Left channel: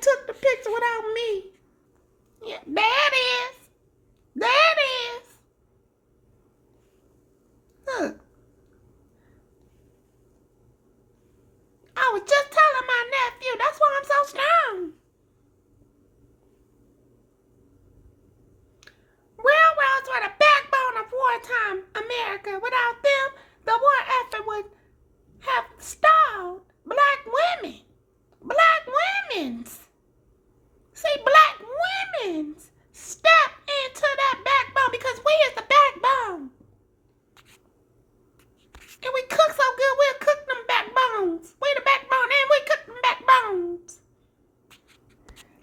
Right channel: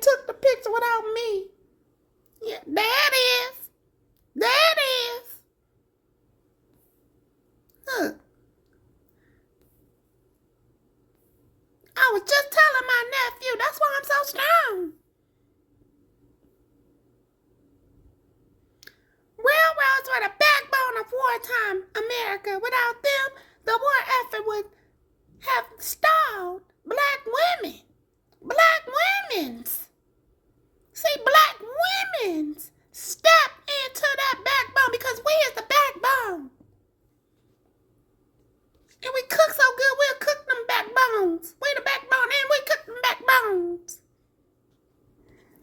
took the picture without me. Yeah, there it is. There it is. Look. I was just telling my nephew, that's why I'm so strong. Railroads were the backbone of wartime America. Without them, the war effort would have stalled. Black women. Black women's. See, black women's step into that backbone because we is the backbone. And we cook so good, we'll cook them backbones. We the backbone and we cook them backbones.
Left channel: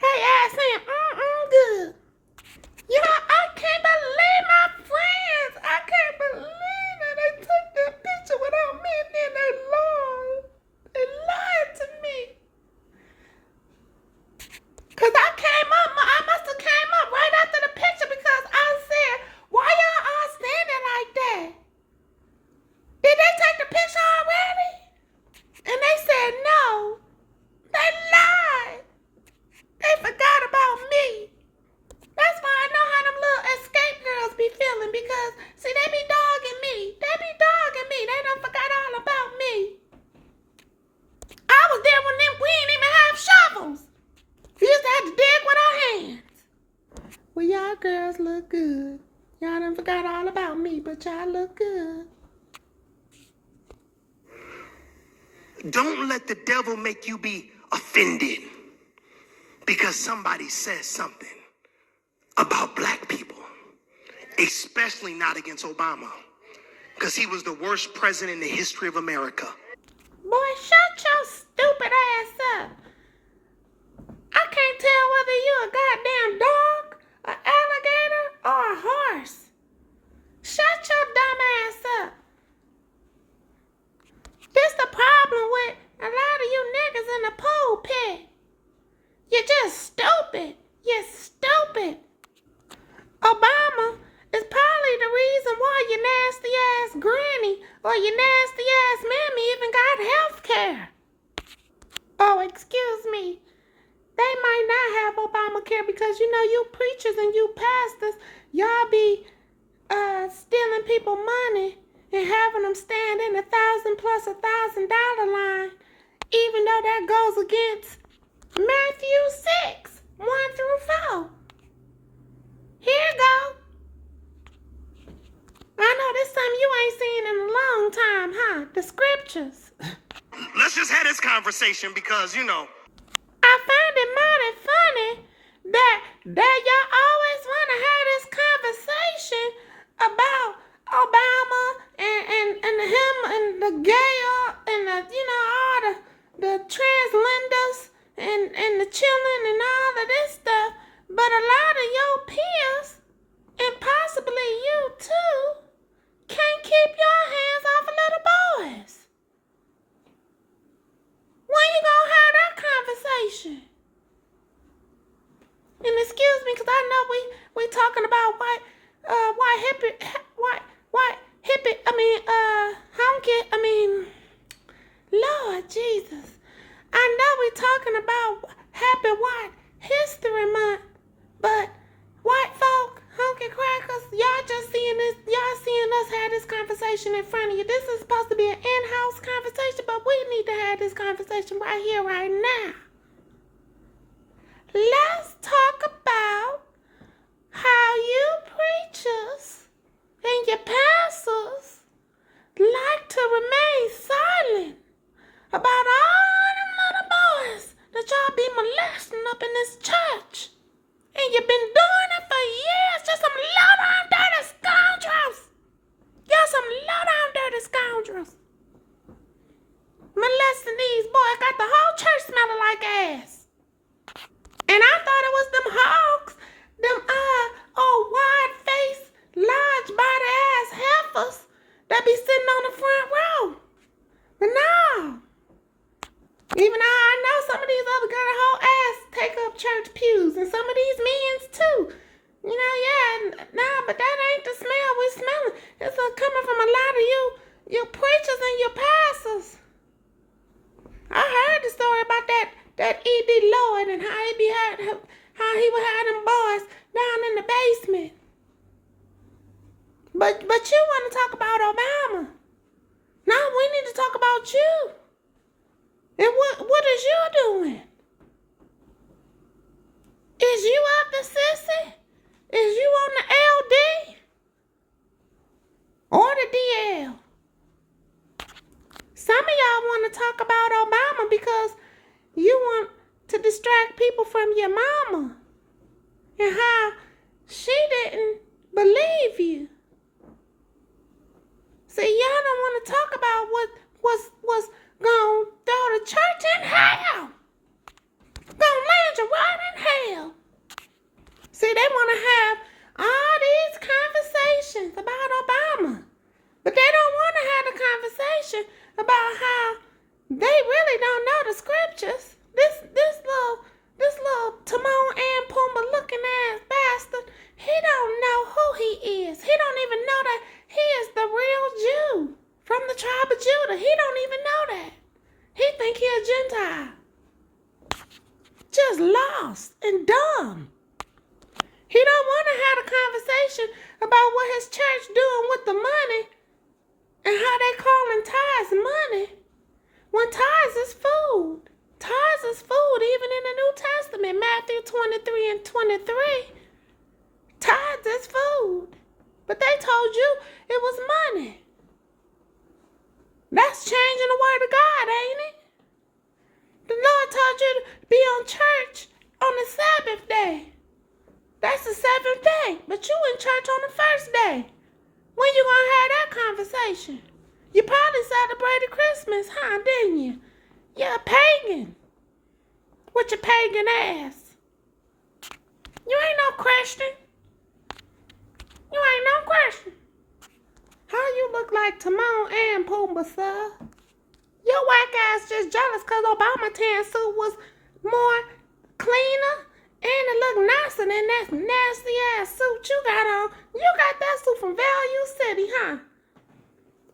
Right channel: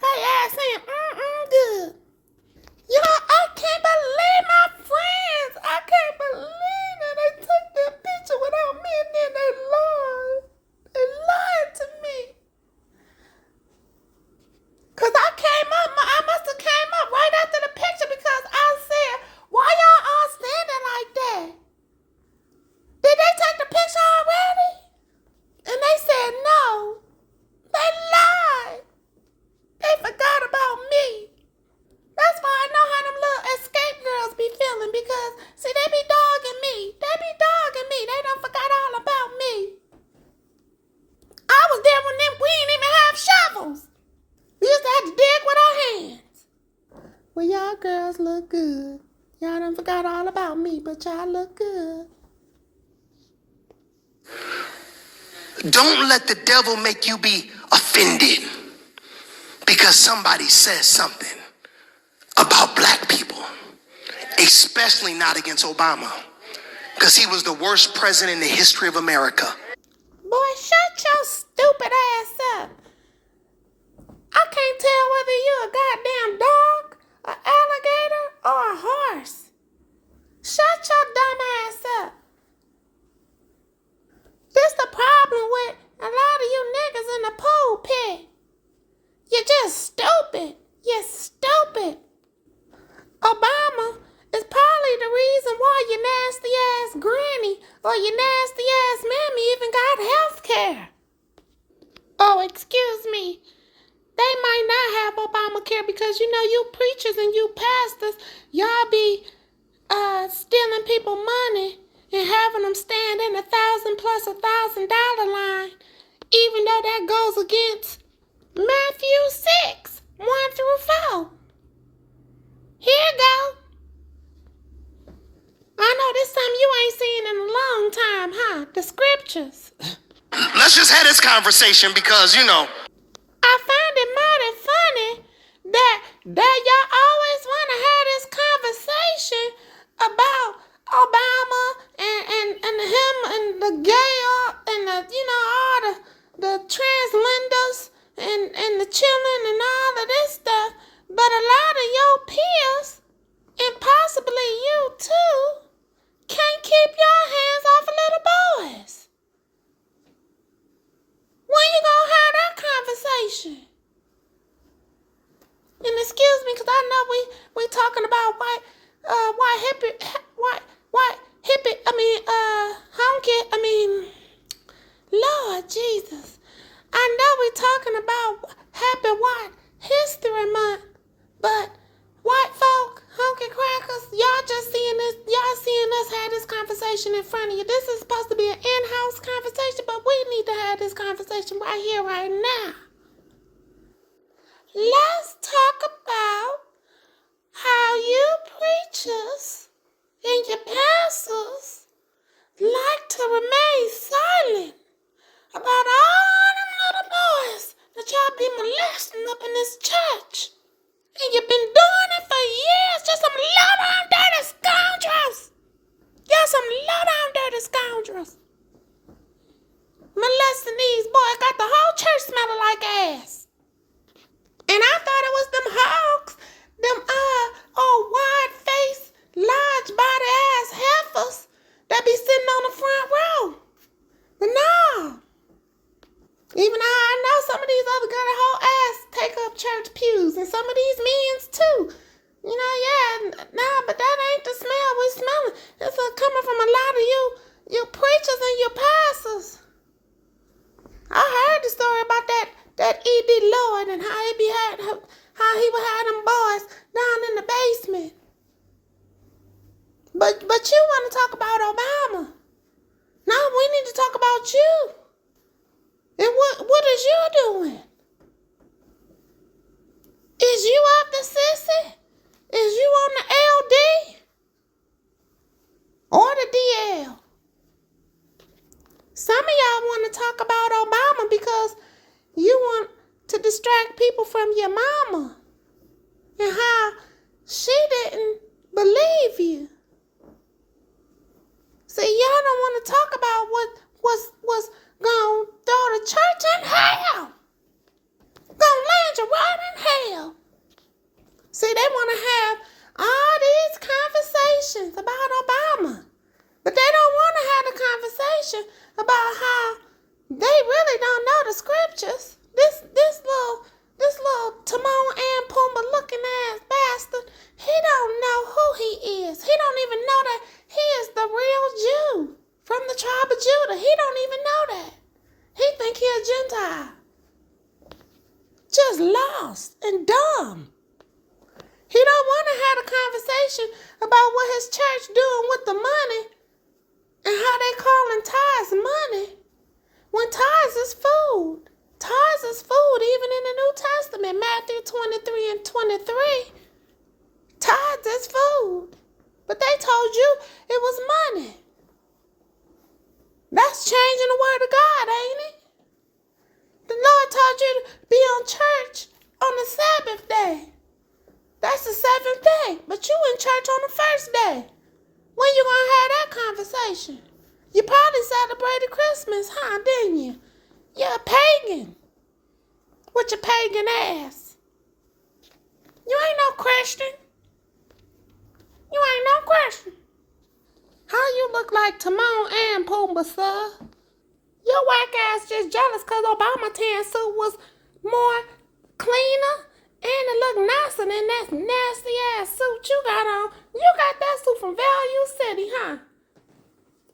Hey, ass saying, good. You know, I can't believe my friends. I can't believe that they took that picture without me and then they lied. They lied to me. Because I must have came up right after the picture because I said, why y'all all standing like that? Did they take the picture already? And they said no. They lied. They forgot about me. That's why I know how them little escape girls be feeling because, see, they be dogging me. They be dogging me. They done forgot all about me. I was there when we didn't even have shovels. We used to have to dig with our hands. Well, y'all girls look good. Y'all done forgot all about me, but y'all look good. Don't let the devil make you be offended because somebody says something about black people, especially not against Obama, because he was the worst president in the history of America. Boy, shut your stupid ass up. I can't tell whether you a goddamn dog, an alligator, or a horse. Shut your dumb ass up. This the problem with a lot of you niggas in the pulpit. You're just stupid. You're stupid. Obama is probably the reason why your nasty ass granny or your nasty ass mammy even got health care. Oh, excuse me. They might not have Obamacare because, you know, you preachers and you pastors, y'all be stealing people money and having them stand in $1,000 plus $1,000 line, even though that goes against Matthew 6, 1 through 4. Here you go. I know this something you ain't seen in a long time, huh? The scriptures. Let's just have this conversation because, you know. I find it mighty funny that y'all always want to have this conversation about Obama and him and the gay and the, you know, all the translenders and the children and all of this stuff. But a lot of your peers, and possibly you too, can't keep your hands off of little boys. When you gonna have that conversation? And excuse me, cause I know we talking about Lord Jesus. I know we talking about Happy White History Month, but white folk, honky crackers, y'all seeing us have this conversation in front of you. This is supposed to be an in-house conversation, but we need to have this conversation right here, right now. Let's talk about how you preachers and your pastors like to remain silent about all them little boys that y'all be molesting up in this church. And you've been doing it for years. Just some low-down dirty scoundrels. Y'all some low-down dirty scoundrels. Molesting these boys. Got the whole church smelling like ass. And I thought it was them hogs. Them old wide-faced, large-body-ass heifers that be sitting on the front row. But no. Even though I know some of these other girls' whole ass take up church pews, and some of these men's too. You know, but that ain't the smell we smelling. It's coming from a lot of you preachers and your pastors. I heard the story about that that E.D. Lloyd and how he would have them boys down in the basement. But you want to talk about Obama. No, we need to talk about you. And what is you doing? Is you up the sissy? Is you on the LD? Or the DL? Some of y'all want to talk about Obama because you want to distract people from your mama and how she didn't believe you. See, y'all don't want to talk about what was going to throw the church in hell. Going to land you right in hell. See, they want to have all these conversations about Obama. But they don't want to have the conversation about how they really don't know the scriptures. This little Timon and Pumbaa looking ass bastard, he don't know who he is. He don't even know that he is the real Jew from the tribe of Judah. He don't even know that. He think he a Gentile. Just lost and dumb. He don't want to have a conversation about what his church doing with the money and how they calling tithes money when tithes is food. Tithes is food even in the New Testament, Matthew 23 and 23. Tithes is food. But they told you it was money. That's changing the word of God, ain't it? The Lord told you to be on church on the Sabbath day. That's the seventh day. But you in church on the first day. When you gonna have that conversation? You probably celebrated Christmas, huh, didn't you? You're a pagan. With your pagan ass. You ain't no Christian. You ain't no Christian. How you look like Timon and Pumbaa, sir? Your whack ass just jealous because Obama tan suit was more cleaner and it looked nicer than that nasty ass suit you got on. You got that suit from Value City, huh?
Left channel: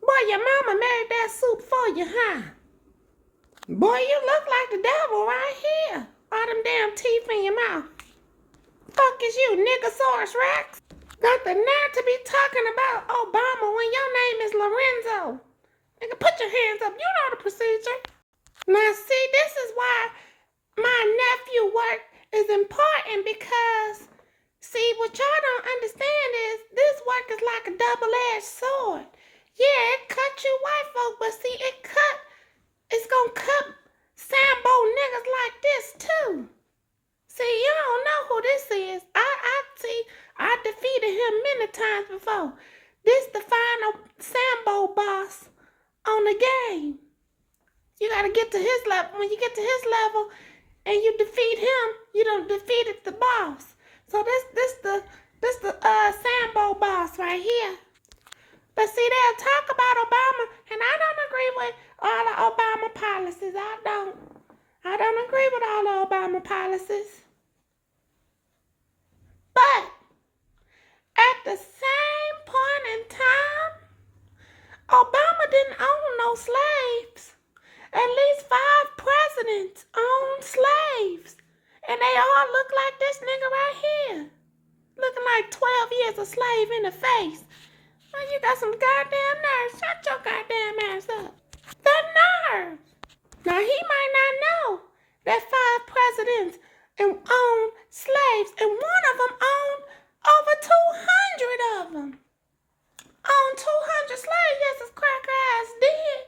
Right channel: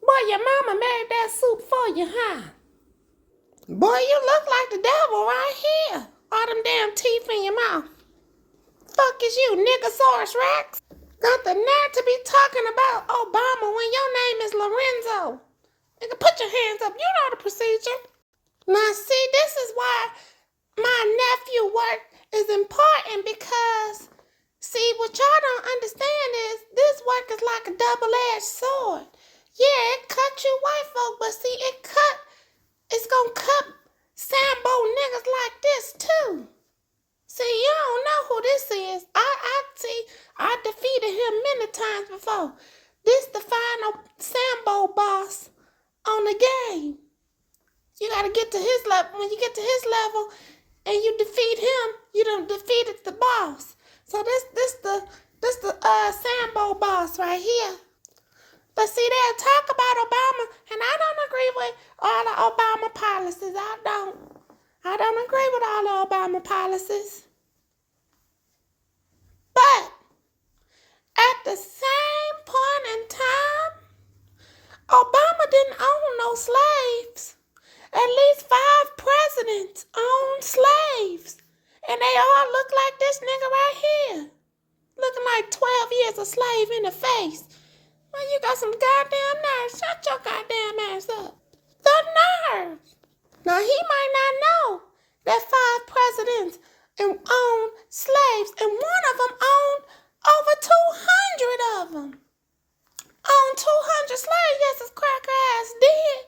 Boy, your mama made that suit for you, huh? Boy, you look like the devil right here. All them damn teeth in your mouth. Fuck is you, Niggasaurus Rex? Got the nerve to be talking about Obama when your name is Lorenzo. Nigga, put your hands up. You know the procedure. Now, see, this is why my nephew work is important because, see, what y'all don't understand is this work is like a double-edged sword. Yeah, it cut you white folk, but see, it's gonna cut Sambo niggas like this too. See, you don't know who this is. I defeated him many times before. This the final Sambo boss on the game. You gotta get to his level. When you get to his level and you defeat him, you done defeated the boss. So this the Sambo boss right here. But see, they'll talk about Obama, and I don't agree with all the Obama policies. I don't agree with all the Obama policies. But at the same point in time, Obama didn't own no slaves. At least 5 presidents owned slaves. And they all look like this nigga right here. Looking like 12 years a slave in the face. Well, you got some goddamn nerve. Shut your goddamn ass up. The nerve. Now, he might not know that 5 presidents owned slaves. And one of them owned over 200 of them. Owned 200 slaves. Yes, his cracker ass did.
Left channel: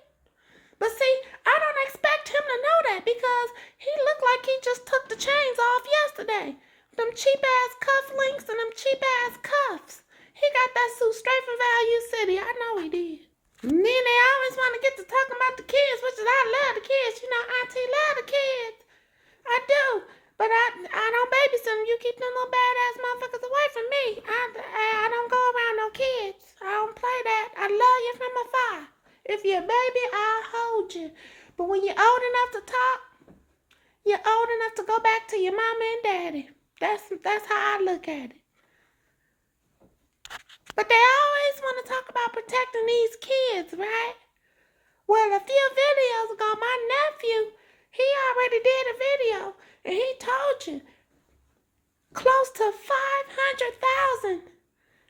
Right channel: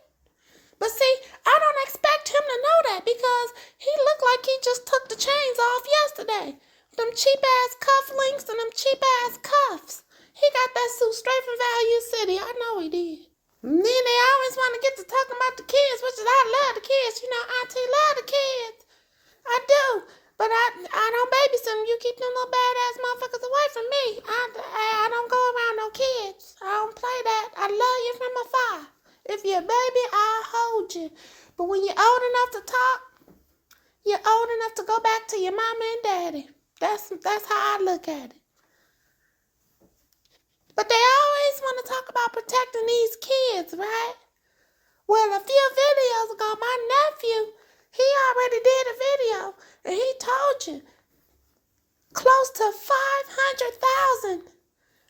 But see, I don't expect him to know that because he looked like he just took the chains off yesterday. Them cheap ass cufflinks and them cheap ass cuffs. He got that suit straight from Value City. I know he did. And then they always want to get to talking about the kids, which is I love the kids. You know, Auntie love the kids. I do. But I don't babysit them. You keep them little badass motherfuckers away from me. I don't go around no kids. I don't play that. I love you from afar. If you're a baby, I'll hold you. But when you're old enough to talk, you're old enough to go back to your mama and daddy. That's how I look at it. But they always want to talk about protecting these kids, right? Well, a few videos ago, my nephew, He already did a video, and he told you close to 500,000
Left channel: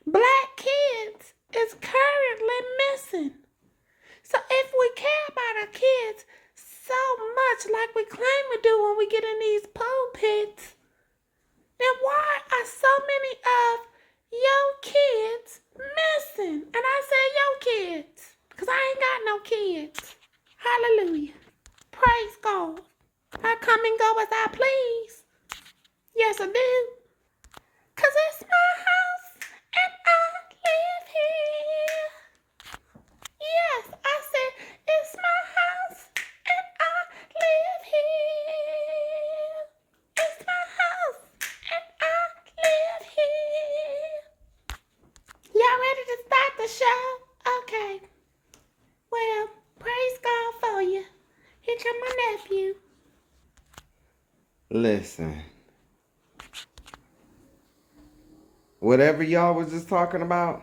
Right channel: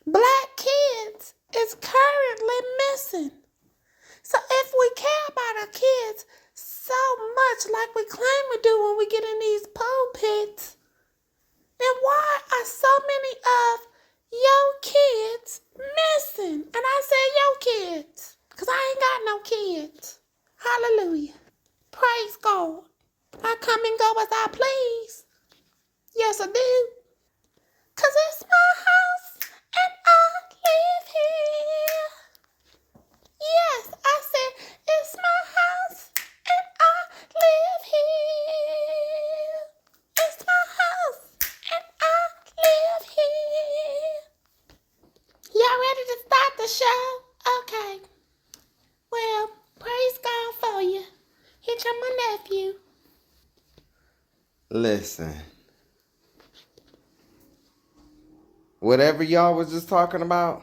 black kids is currently missing. So if we care about our kids so much like we claim we do when we get in these pulpits, then why are so many of your kids missing? And I said your kids, because I ain't got no kids. Hallelujah. Praise God. I come and go as I please. Yes, I do. Because it's my house and I live here. Yes, I said it's my house and I live here. It's my house and I live here. Y'all ready to start the show? Okay. Well, praise God for you. Here come my nephew. Listen. Whatever y'all was just talking about,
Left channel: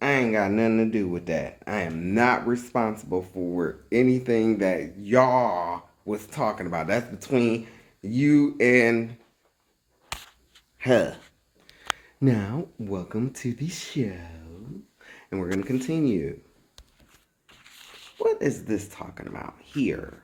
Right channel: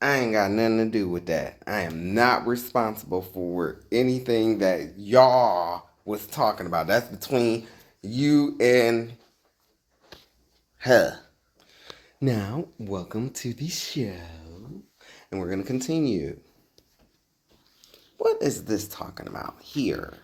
I ain't got nothing to do with that. I am not responsible for anything that y'all was talking about. That's between you and her. Now, welcome to the show. And we're going to continue. What is this talking about here?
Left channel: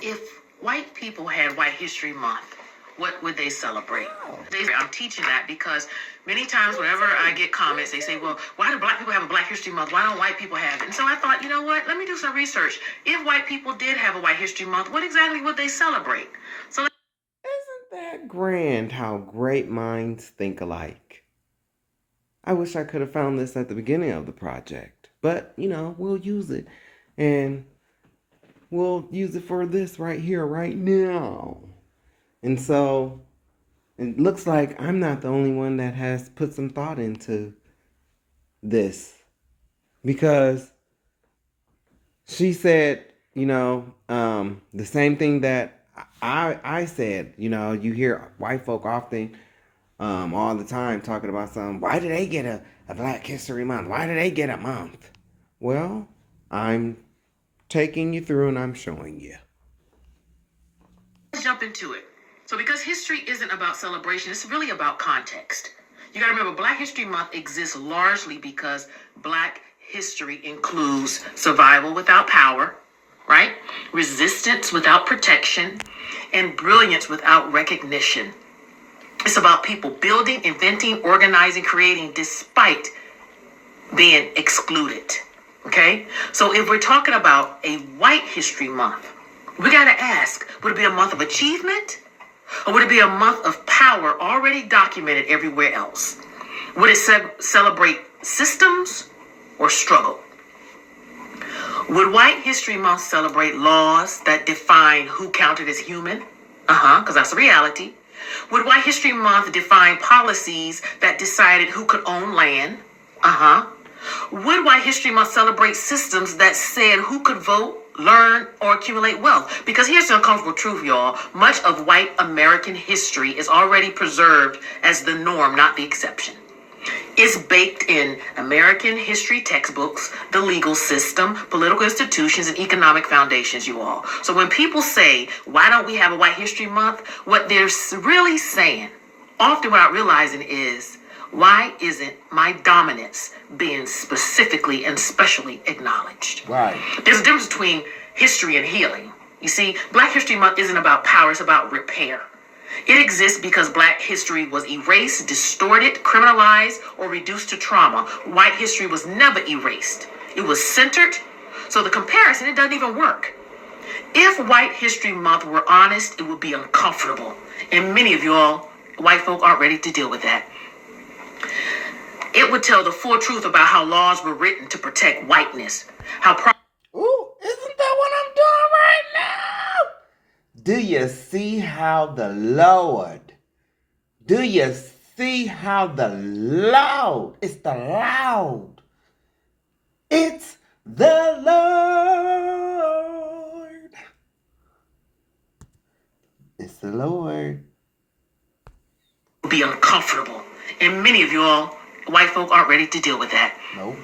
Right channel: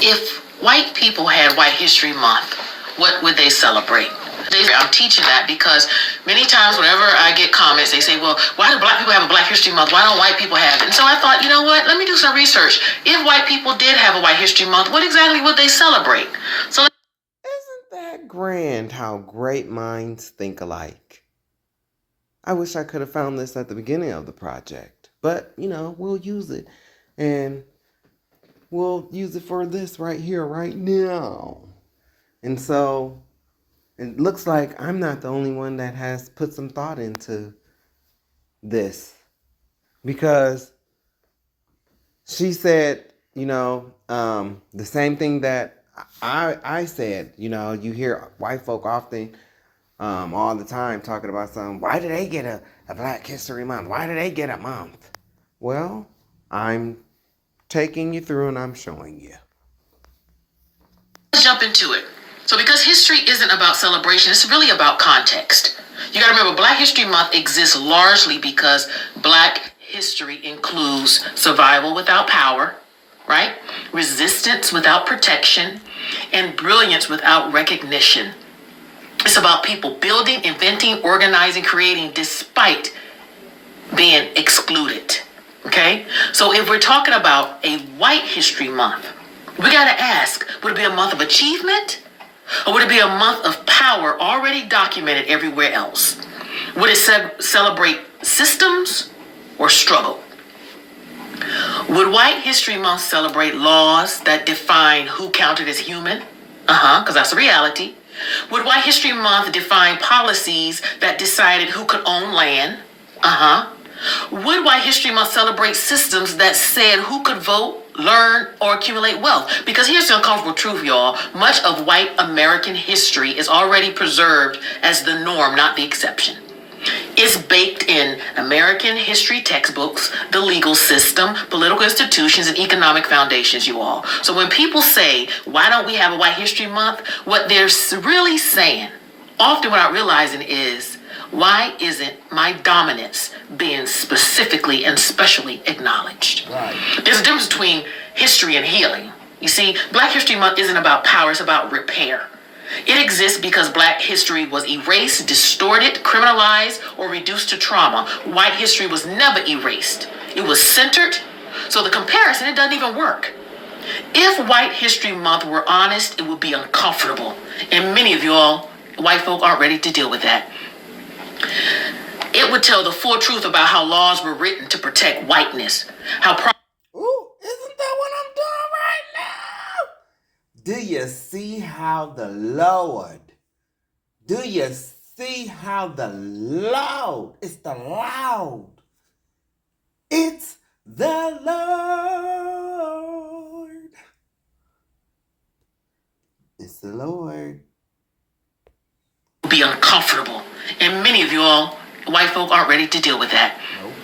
If white people had White History Month, what would they celebrate? I'm teaching that because many times whenever I get comments, they say, well, why do black people have a Black History Month? Why don't white people have it? And so I thought, you know what? Let me do some research. If white people did have a White History Month, what exactly would they celebrate? So Isn't that grand how great minds think alike? I wish I could have found this at the beginning of the project. But, we'll use it. And we'll use it for this right here, right now. And so it looks like I'm not the only one that has put some thought into this. Because she said, the same thing that I said. You hear white folk often all the time talking about why do they get a Black History Month? Why do they get a month? Well, I'm taking you through and I'm showing you. let's jump into it. So because history isn't about celebration, it's really about context. You got to remember, Black History Month exists largely because Black history includes survival without power, right? Resistance without protection, and brilliance without recognition. It's about people building, inventing, organizing, creating despite being excluded. Okay? So if we're talking about a White History Month, we got to ask, would it be a month of achievement? Or would it be a month of power already documented everywhere else? Would it celebrate systems or struggle? Would White History Month celebrate laws that define who counted as human? Because that's a reality. Would White History Month define policies that decided who could own land? Would White History Month celebrate systems that said who could vote, learn, or accumulate wealth? Because here's the uncomfortable truth, y'all. Much of white American history is already preserved as the norm, not the exception. It's baked in American history textbooks, the legal system, political institutions, and economic foundations, you all. So when people say, why don't we have a White History Month? What they're really saying, often without realizing, is, why isn't my dominance being specifically and specially acknowledged? Right. There's a difference between history and healing. You see, Black History Month isn't about power, it's about repair. It exists because Black history was erased, distorted, criminalized, or reduced to trauma. White history was never erased. It was centered. So the comparison, it doesn't even work. If White History Month were honest, it would be uncomfortable. And many of y'all, white folk, aren't ready to deal with that. It would tell the full truth about how laws were written to protect whiteness. Ooh, isn't that what I'm doing right now? Do you see how the Lord, it's the Lord. It's the Lord. It's the Lord. Be uncomfortable. And many of y'all, white folk, aren't ready to deal with that. Nope.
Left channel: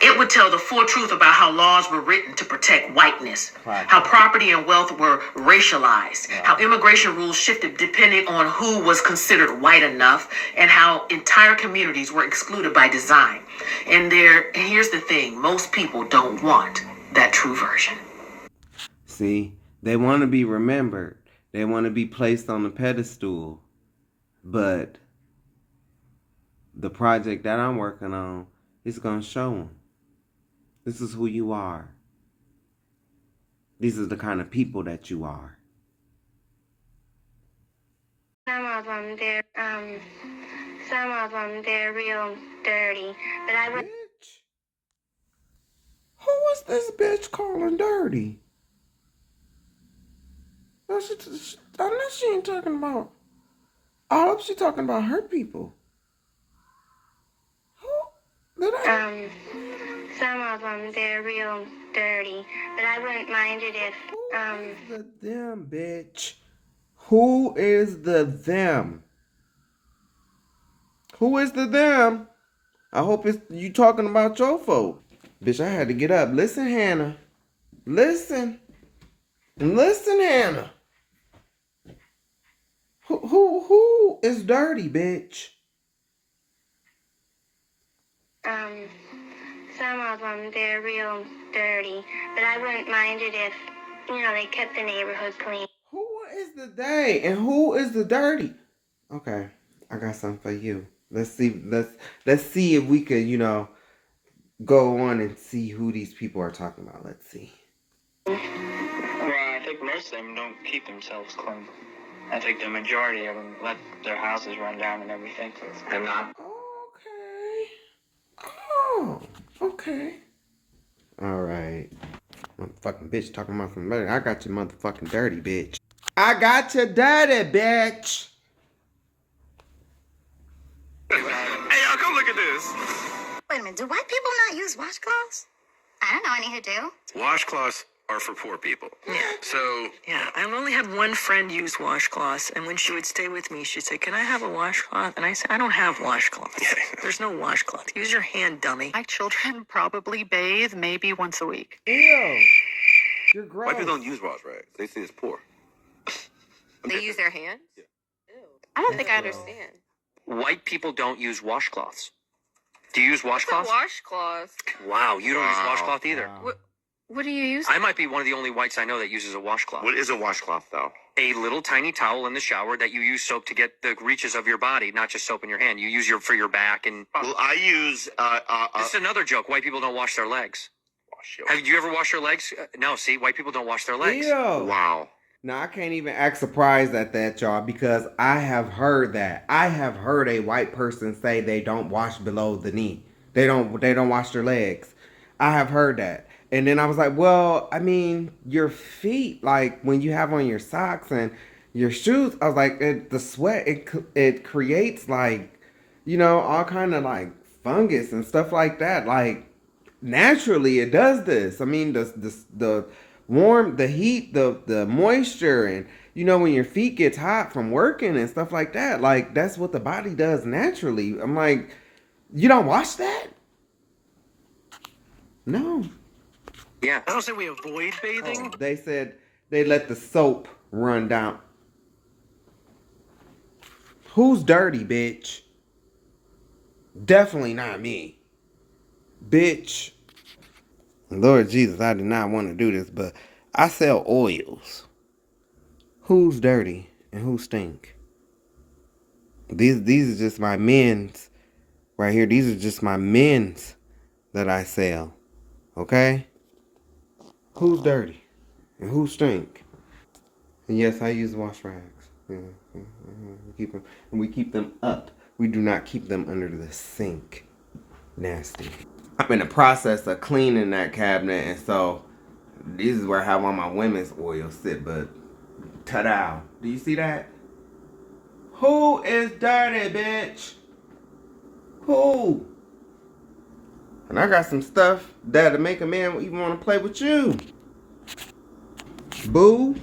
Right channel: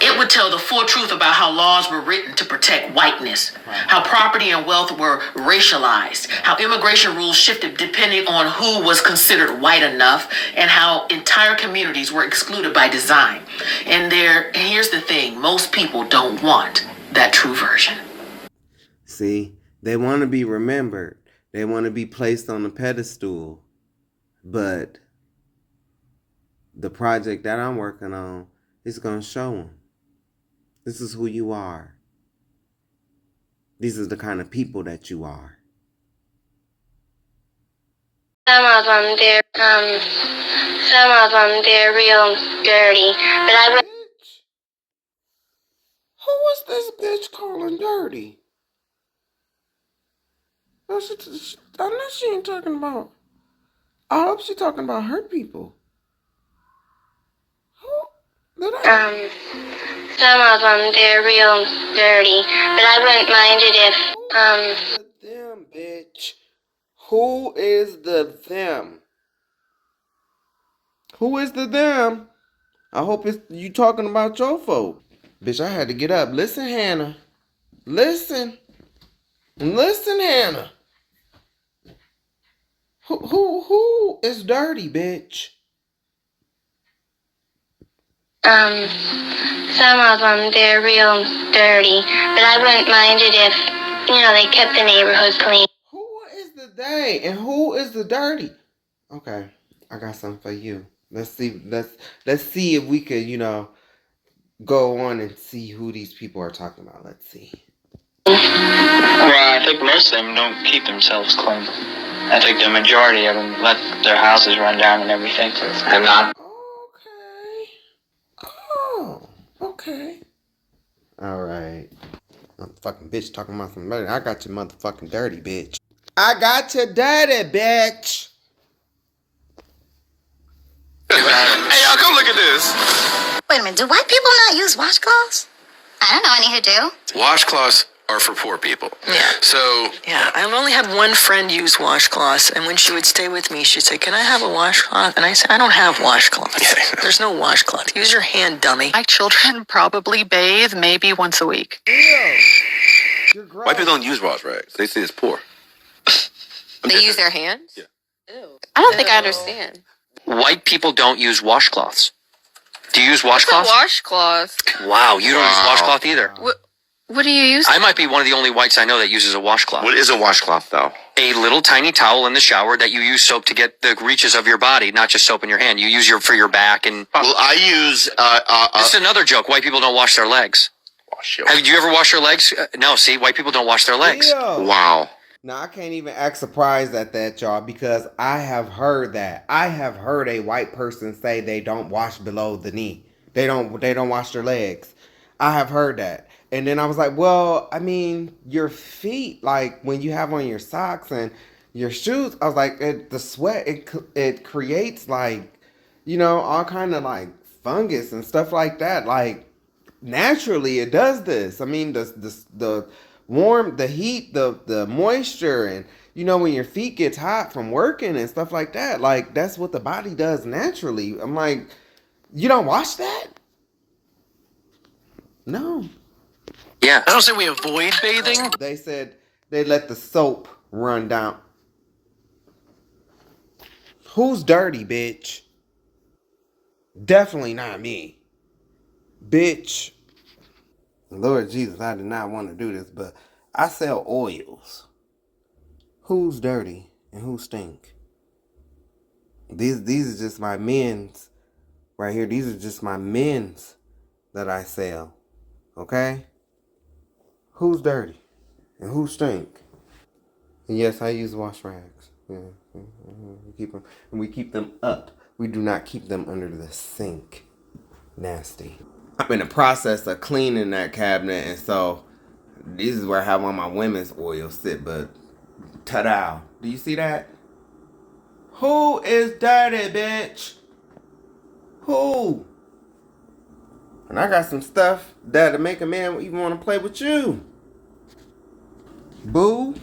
It would tell the full truth about how laws were written to protect whiteness, how property and wealth were racialized, how immigration rules shifted depending on who was considered white enough, and how entire communities were excluded by design. And here's the thing, most people don't want that true version. See, they want to be remembered. They want to be placed on the pedestal. But the project that I'm working on is going to show them. This is who you are. These are the kind of people that you are. Some of them, they're real dirty. But I would. Bitch? Who is this bitch calling dirty? Unless she ain't talking about. I hope she's talking about her people. Some of them, they're real dirty. But I wouldn't mind it if, Who is the them, bitch? Who is the them? Who is the them? I hope it's you talking about your folk. Bitch, I had to get up. Listen, Hannah. Listen. Listen, Hannah. Who is dirty, bitch? some of them, they're real dirty. But I wouldn't mind it if, they kept the neighborhood clean. Who is the they and who is the dirty? Okay, I got something for you. Let's see if we could, go on and see who these people are talking about. Let's see. Well, I think most of them don't keep themselves clean. I think the majority of them let their houses run down and everything. They're not. Okay. Oh, okay. All right. Motherfucking bitch talking about some dirty. I got your motherfucking dirty, bitch. I got your dirty, bitch. Hey, y'all, come look at this. Wait a minute, do white people not use washcloths? I don't know any who do. Washcloths are for poor people. Yeah. So. Yeah, I've only had one friend use washcloths, and when she would stay with me, she'd say, "Can I have a washcloth?" And I said, "I don't have washcloths. There's no washcloth. Use your hand, dummy." My children probably bathe maybe once a week. Ew. You're gross. White people don't use wash rags. They say it's poor. They use their hands? Yeah. Ew. I don't think I understand. White people don't use washcloths. Do you use What's a washcloths? washcloth? Wow, you don't use washcloth either. What do you use? I might be one of the only whites I know that uses a washcloth. What is a washcloth, though? A little tiny towel in the shower that you use soap to get the reaches of your body, not just soap in your hand. You use for your back and. Well, I use. This is another joke. White people don't wash their legs. Have you ever washed your legs? No. See, white people don't wash their legs. Ew. Wow. Now, I can't even act surprised at that, y'all, because I have heard that. I have heard a white person say they don't wash below the knee. They don't wash their legs. I have heard that. And then I was like, well, I mean, your feet, like when you have on your socks and your shoes, I was like, the sweat, it creates like, all kind of like fungus and stuff like that. Like naturally it does this. I mean, the warm, the heat, the moisture, and when your feet gets hot from working and stuff like that, like that's what the body does naturally. I'm like, you don't wash that? No. Yeah. I don't say we avoid bathing. They said they let the soap run down. Who's dirty, bitch? Definitely not me. Bitch. Lord Jesus, I did not want to do this, but I sell oils. Who's dirty and who stink? These are just my men's right here. These are just my men's that I sell. Okay? Who's dirty and who stink? And yes, I use wash rags. Yeah. We keep them up. We do not keep them under the sink. Nasty. I'm in the process of cleaning that cabinet, and so this is where I have all my women's oils sit, but ta-da. Do you see that? Who is dirty, bitch? Who? And I got some stuff that'll make a man even want to play with you. Boo.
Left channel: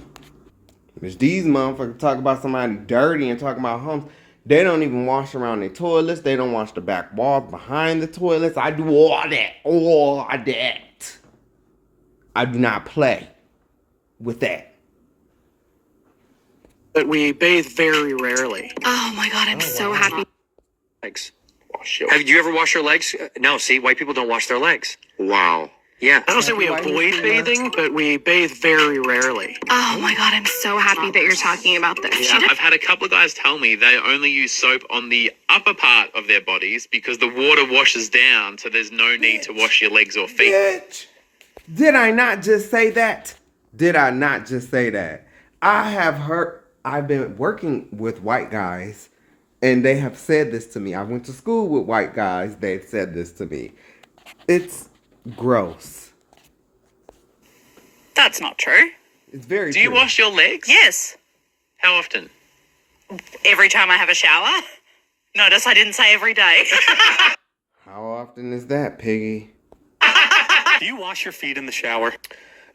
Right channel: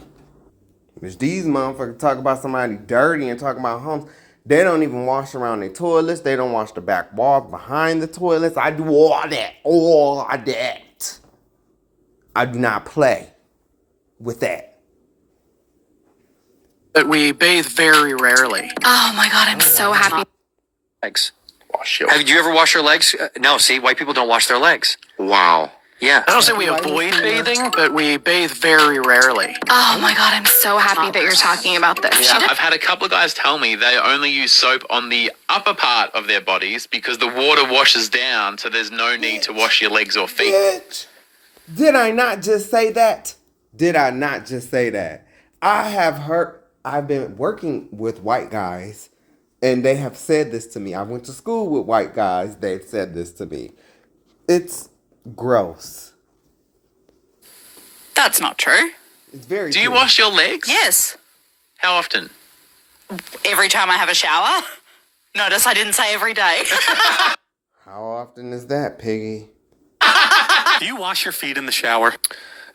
Which these motherfuckers talk about somebody dirty and talk about homes. They don't even wash around their toilets. They don't wash the back walls behind the toilets. I do all that. All of that. I do not play with that. But we bathe very rarely. Oh my god, I'm so happy. Legs. Wash your. Have you ever washed your legs? No, see, white people don't wash their legs. Wow. Yeah. I don't say we Happy avoid white history bathing, but we bathe very rarely. Oh my god, I'm so happy that you're talking about this. Yeah, I've had a couple of guys tell me they only use soap on the upper part of their bodies because the water washes down, so there's no need to wash your legs or feet. Bitch. Did I not just say that? Did I not just say that? I have heard, I've been working with white guys, and they have said this to me. I went to school with white guys. They've said this to me. It's gross. That's not true. It's very Do true. you wash your legs? Yes. How often? Every time I have a shower. Notice I didn't say every day. How often is that, Piggy? Do you wash your feet in the shower?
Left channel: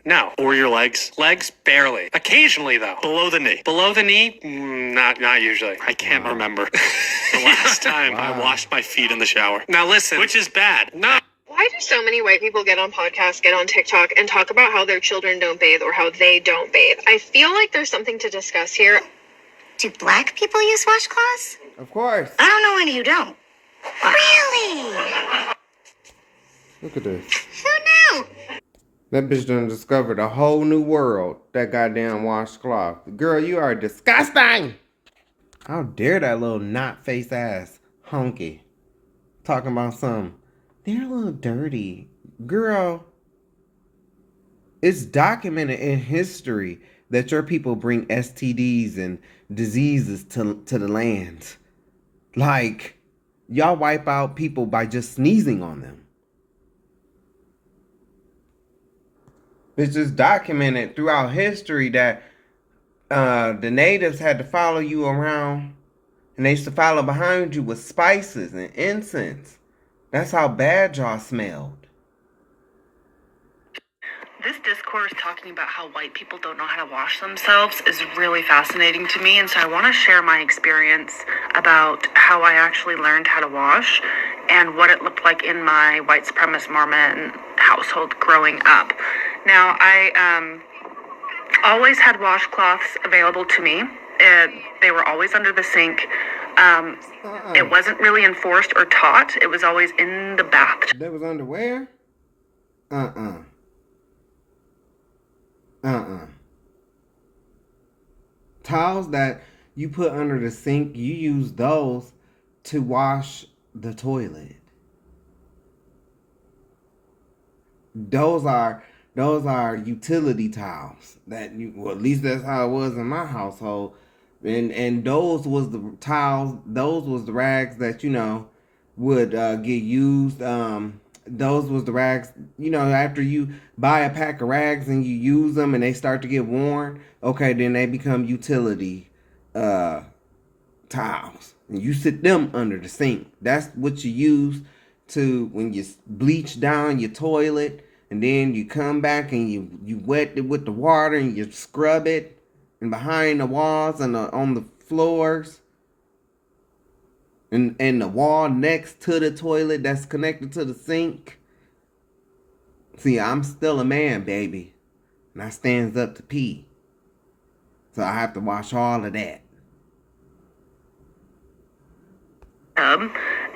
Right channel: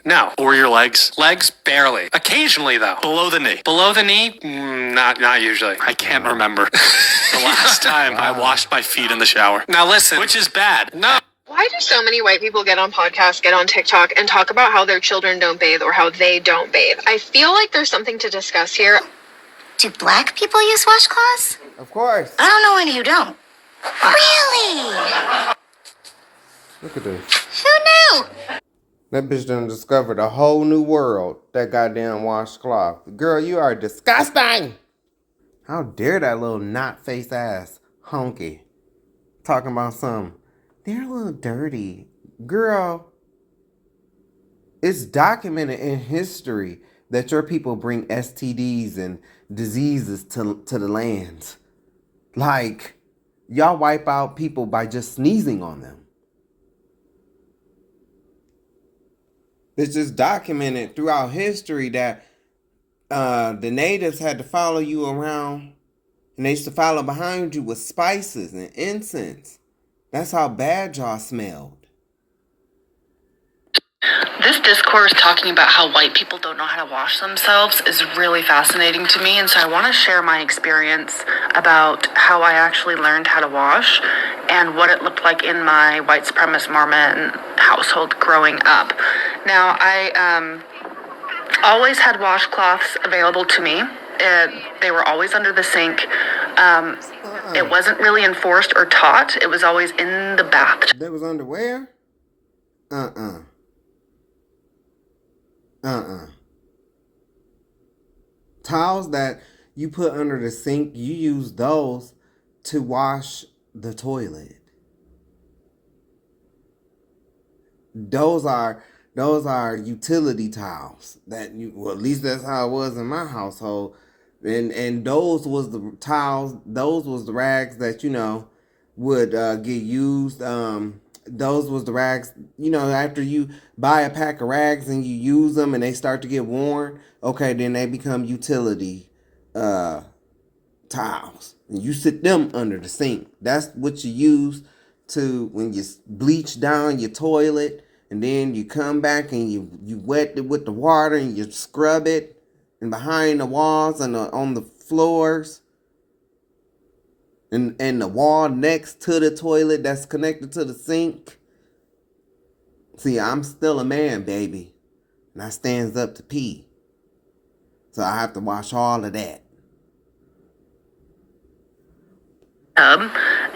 No. Or your legs? Legs, barely. Occasionally, though. Below the knee. Below the knee? Not usually. I can't remember the last time I washed my feet in the shower. Now listen. Which is bad. No. Why do so many white people get on podcasts, get on TikTok, and talk about how their children don't bathe or how they don't bathe? I feel like there's something to discuss here. Do black people use washcloths? Of course. I don't know any who don't. Really? Look at this. Who knew? That bitch done discovered a whole new world. That goddamn washcloth. Girl, you are disgusting. How dare that little knot-faced ass honky talking about something. They're a little dirty. Girl, it's documented in history that your people bring STDs and diseases to the land. Like, y'all wipe out people by just sneezing on them. It's just documented throughout history that the natives had to follow you around, and they used to follow behind you with spices and incense. That's how bad y'all smelled. This discourse talking about how white people don't know how to wash themselves is really fascinating to me, and so I want to share my experience about how I actually learned how to wash and what it looked like in my white supremacist Mormon household growing up. Now, I always had washcloths available to me. They were always under the sink. It wasn't really enforced or taught. It was always in the bathtub. That was underwear? Towels that you put under the sink, you use those to wash the toilet. Those are utility towels that you, well, at least that's how it was in my household. And those was the towels, those was the rags that, would get used. Those was the rags, after you buy a pack of rags and you use them and they start to get worn, okay, then they become utility towels. And you sit them under the sink. That's what you use to when you bleach down your toilet, and then you come back and you wet it with the water and you scrub it, and behind the walls and on the floors, and the wall next to the toilet that's connected to the sink. See, I'm still a man, baby, and I stands up to pee, so I have to wash all of that.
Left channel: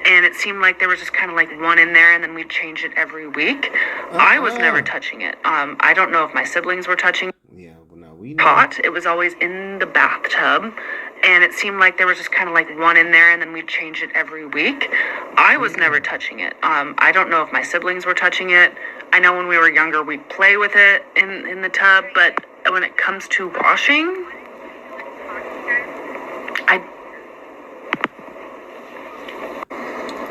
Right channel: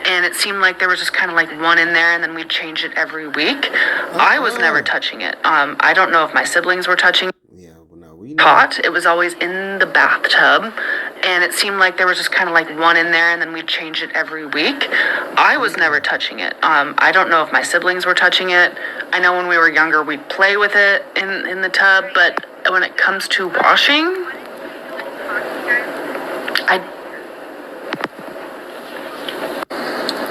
And it seemed like there was just kind of like one in there, and then we'd change it every week. I was never touching it. I don't know if my siblings were touching it. Yeah, well, no, we know. Pot. It was always in the bathtub, and it seemed like there was just kind of like one in there, and then we'd change it every week. I was never touching it. I don't know if my siblings were touching it. I know when we were younger, we'd play with it in the tub, but when it comes to washing,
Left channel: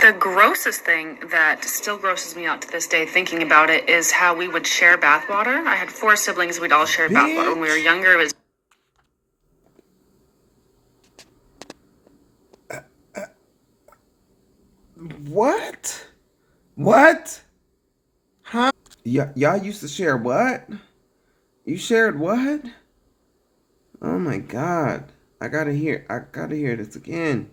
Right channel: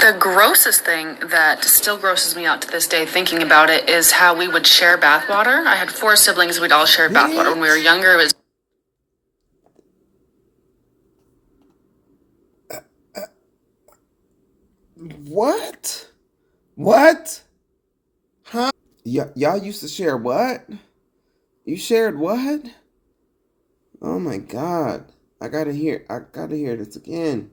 the grossest thing that still grosses me out to this day thinking about it is how we would share bathwater. I had 4 siblings. We'd all share bathwater. When we were younger, it was... What? What? Huh? Y'all used to share what? You shared what? Oh my God. I gotta hear this again.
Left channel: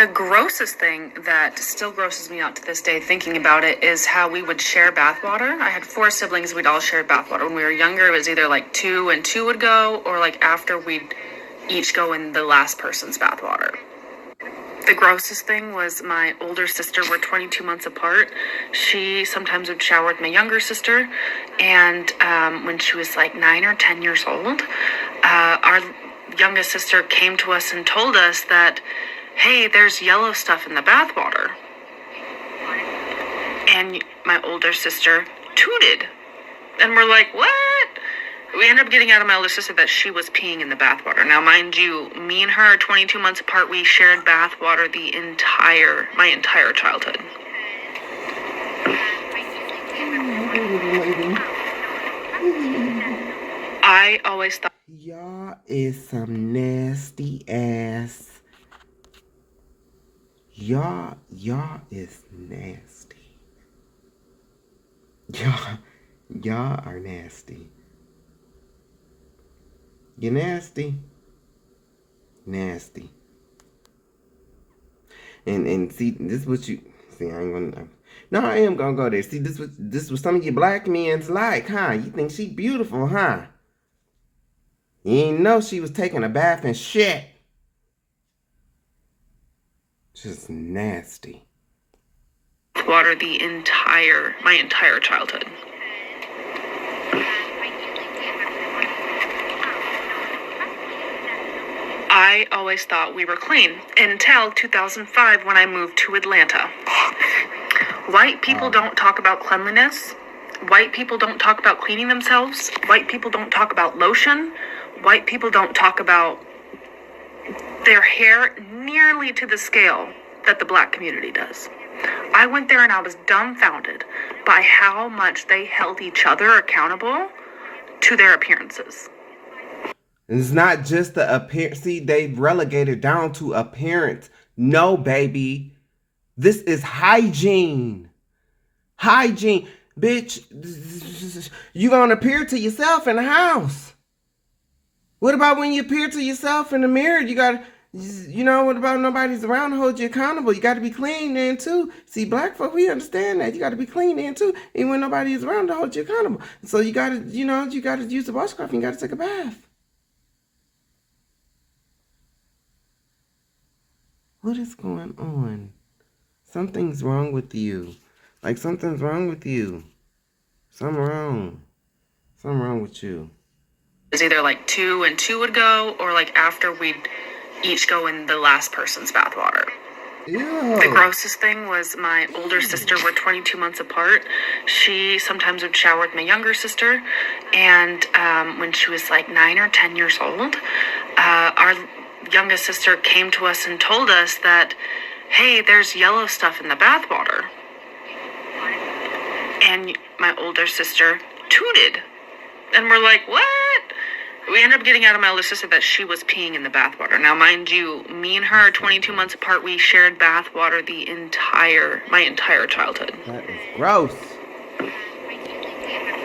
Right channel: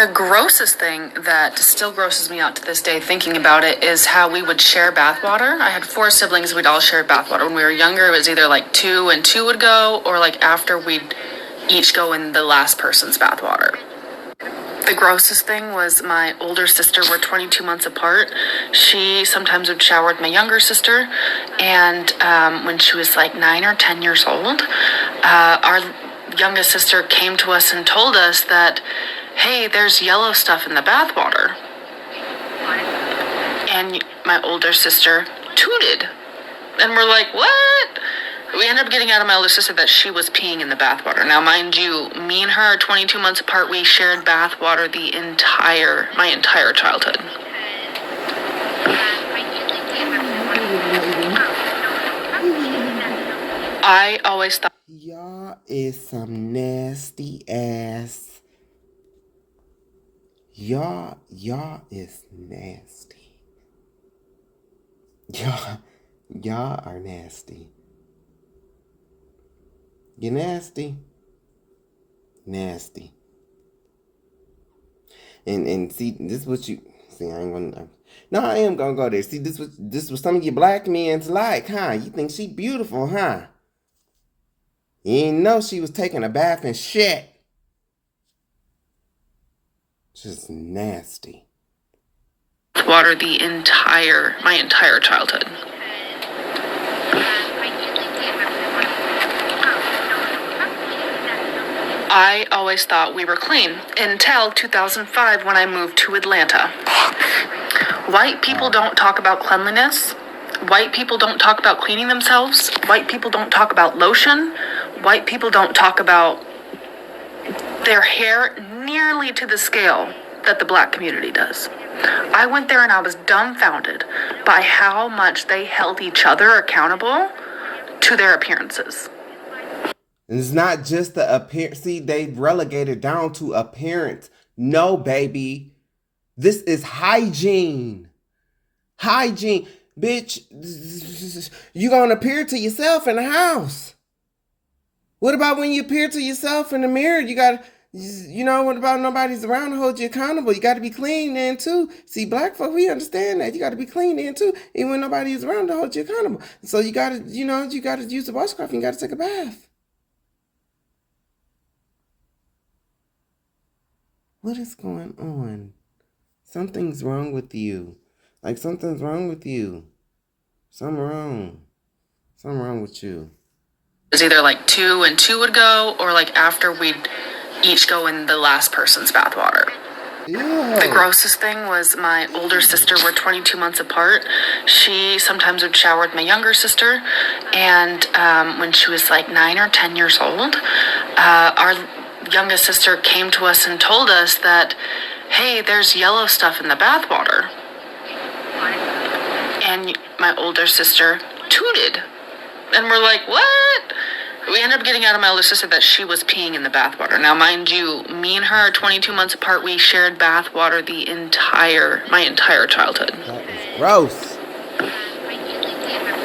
The grossest thing that still grosses me out to this day thinking about it is how we would share bathwater. I had 4 siblings, we'd all share bathwater. When we were younger, it was either like 2 and 2 would go, or like after we'd each go in the last person's bathwater. The grossest thing was my older sister. We're 22 months apart. She sometimes would shower with my younger sister, and when she was like 9 or 10 years old, our youngest sister came to us and told us that, hey, there's yellow stuff in the bathwater. And my older sister tooted. And we're like, what? We ended up getting out of my older sister that she was peeing in the bathwater. Now, mind you, me and her are 22 months apart. We shared bathwater my entire childhood. I always thought... Y'all is some nasty ass. Y'all is nasty. Y'all are nasty. You nasty. Nasty. And see, this is what you see, I am gonna go there. See, this was some of you black men's like, huh? You think she beautiful, huh? You didn't know she was taking a bath and shit. Just nasty. Water my entire childhood. I always thought we were clean until 2005 when I moved to Atlanta. White people don't talk about cleanliness. White people don't talk about cleaning themselves. White people don't talk about lotion. White people don't talk about their hair nearly to the scale that the black community does. I went there and I was dumbfounded by how much they held each other accountable to their appearances. It's not just the appearance. See, they've relegated down to appearance. No, baby. This is hygiene. Hygiene. Bitch, you gonna appear to yourself in the house. What about when you appear to yourself in the mirror? What about nobody's around to hold you accountable? You got to be clean then too. See, black folk, we understand that. You got to be clean then too, even when nobody is around to hold you accountable. So you got to use the washcloth and you got to take a bath. What is going on? Something's wrong with you. Like something's wrong with you. Something wrong. Something wrong with you. It was either like 2 and 2 would go, or like after we'd each go in the last person's bathwater. Ew. The grossest thing was my older sister. We're 22 months apart. She sometimes would shower with my younger sister, and when she was like 9 or 10 years old, our youngest sister came to us and told us that, hey, there's yellow stuff in the bathwater. And my older sister tooted. And we're like, what? We ended up getting out of my older sister that she was peeing in the bathwater. Now, mind you, me and her are 22 months apart. We shared bathwater my entire childhood. That is gross.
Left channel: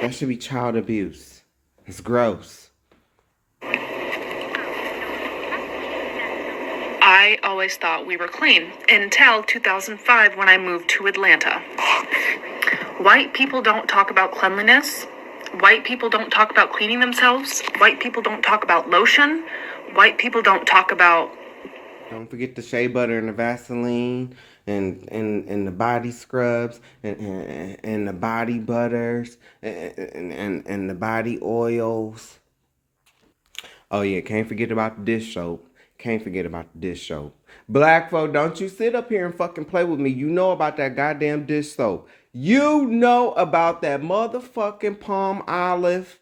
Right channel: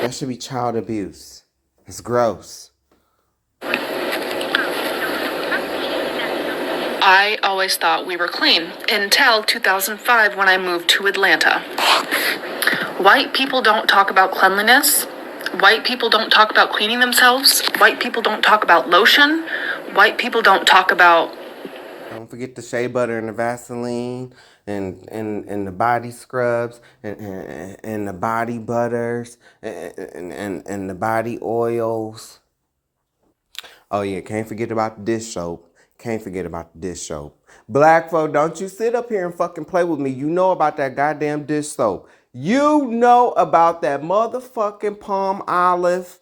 That should be child abuse. It's gross. I always thought we were clean until 2005 when I moved to Atlanta. White people don't talk about cleanliness. White people don't talk about cleaning themselves. White people don't talk about lotion. White people don't talk about... Don't forget the shea butter and the Vaseline and the body scrubs and the body butters and the body oils. Oh yeah, can't forget about the dish soap. Can't forget about the dish soap. Black folk, don't you sit up here and fucking play with me. You know about that goddamn dish soap. You know about that motherfucking Palm Olive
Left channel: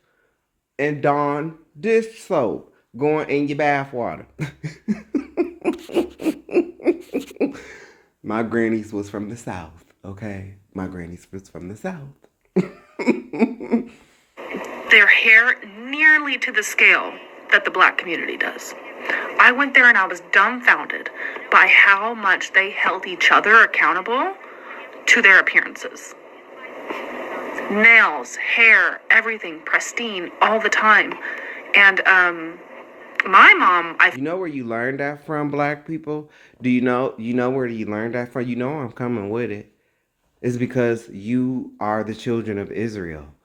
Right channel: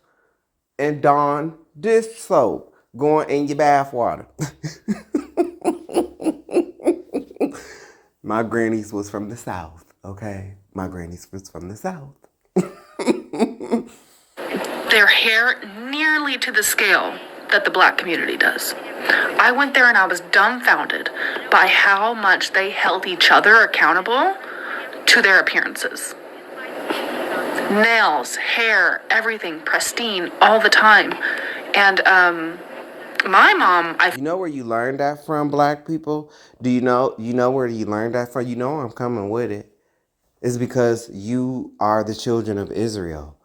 and Dawn dish soap going in your bath water. My grannies was from the South, okay? My grannies was from the South. Their hair nearly to the scale that the black community does. I went there and I was dumbfounded by how much they held each other accountable to their appearances. Nails, hair, everything pristine all the time. And My mom, You know where you learned that from, black people? Do you know where you learned that from? You know I'm coming with it. It's because you are the children of Israel.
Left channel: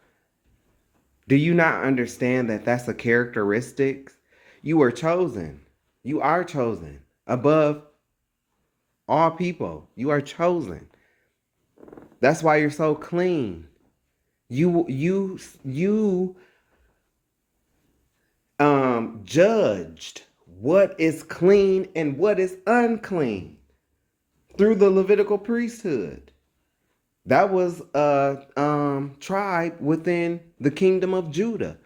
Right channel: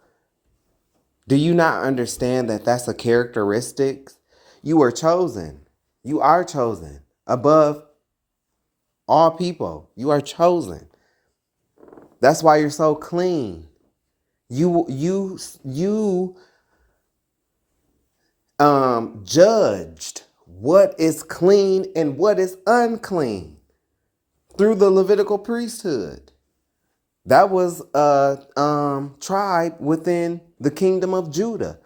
Do you not understand that that's a characteristic? You are chosen. You are chosen above all people. You are chosen. That's why you're so clean. You judged what is clean and what is unclean through the Levitical priesthood. That was a tribe within the kingdom of Judah.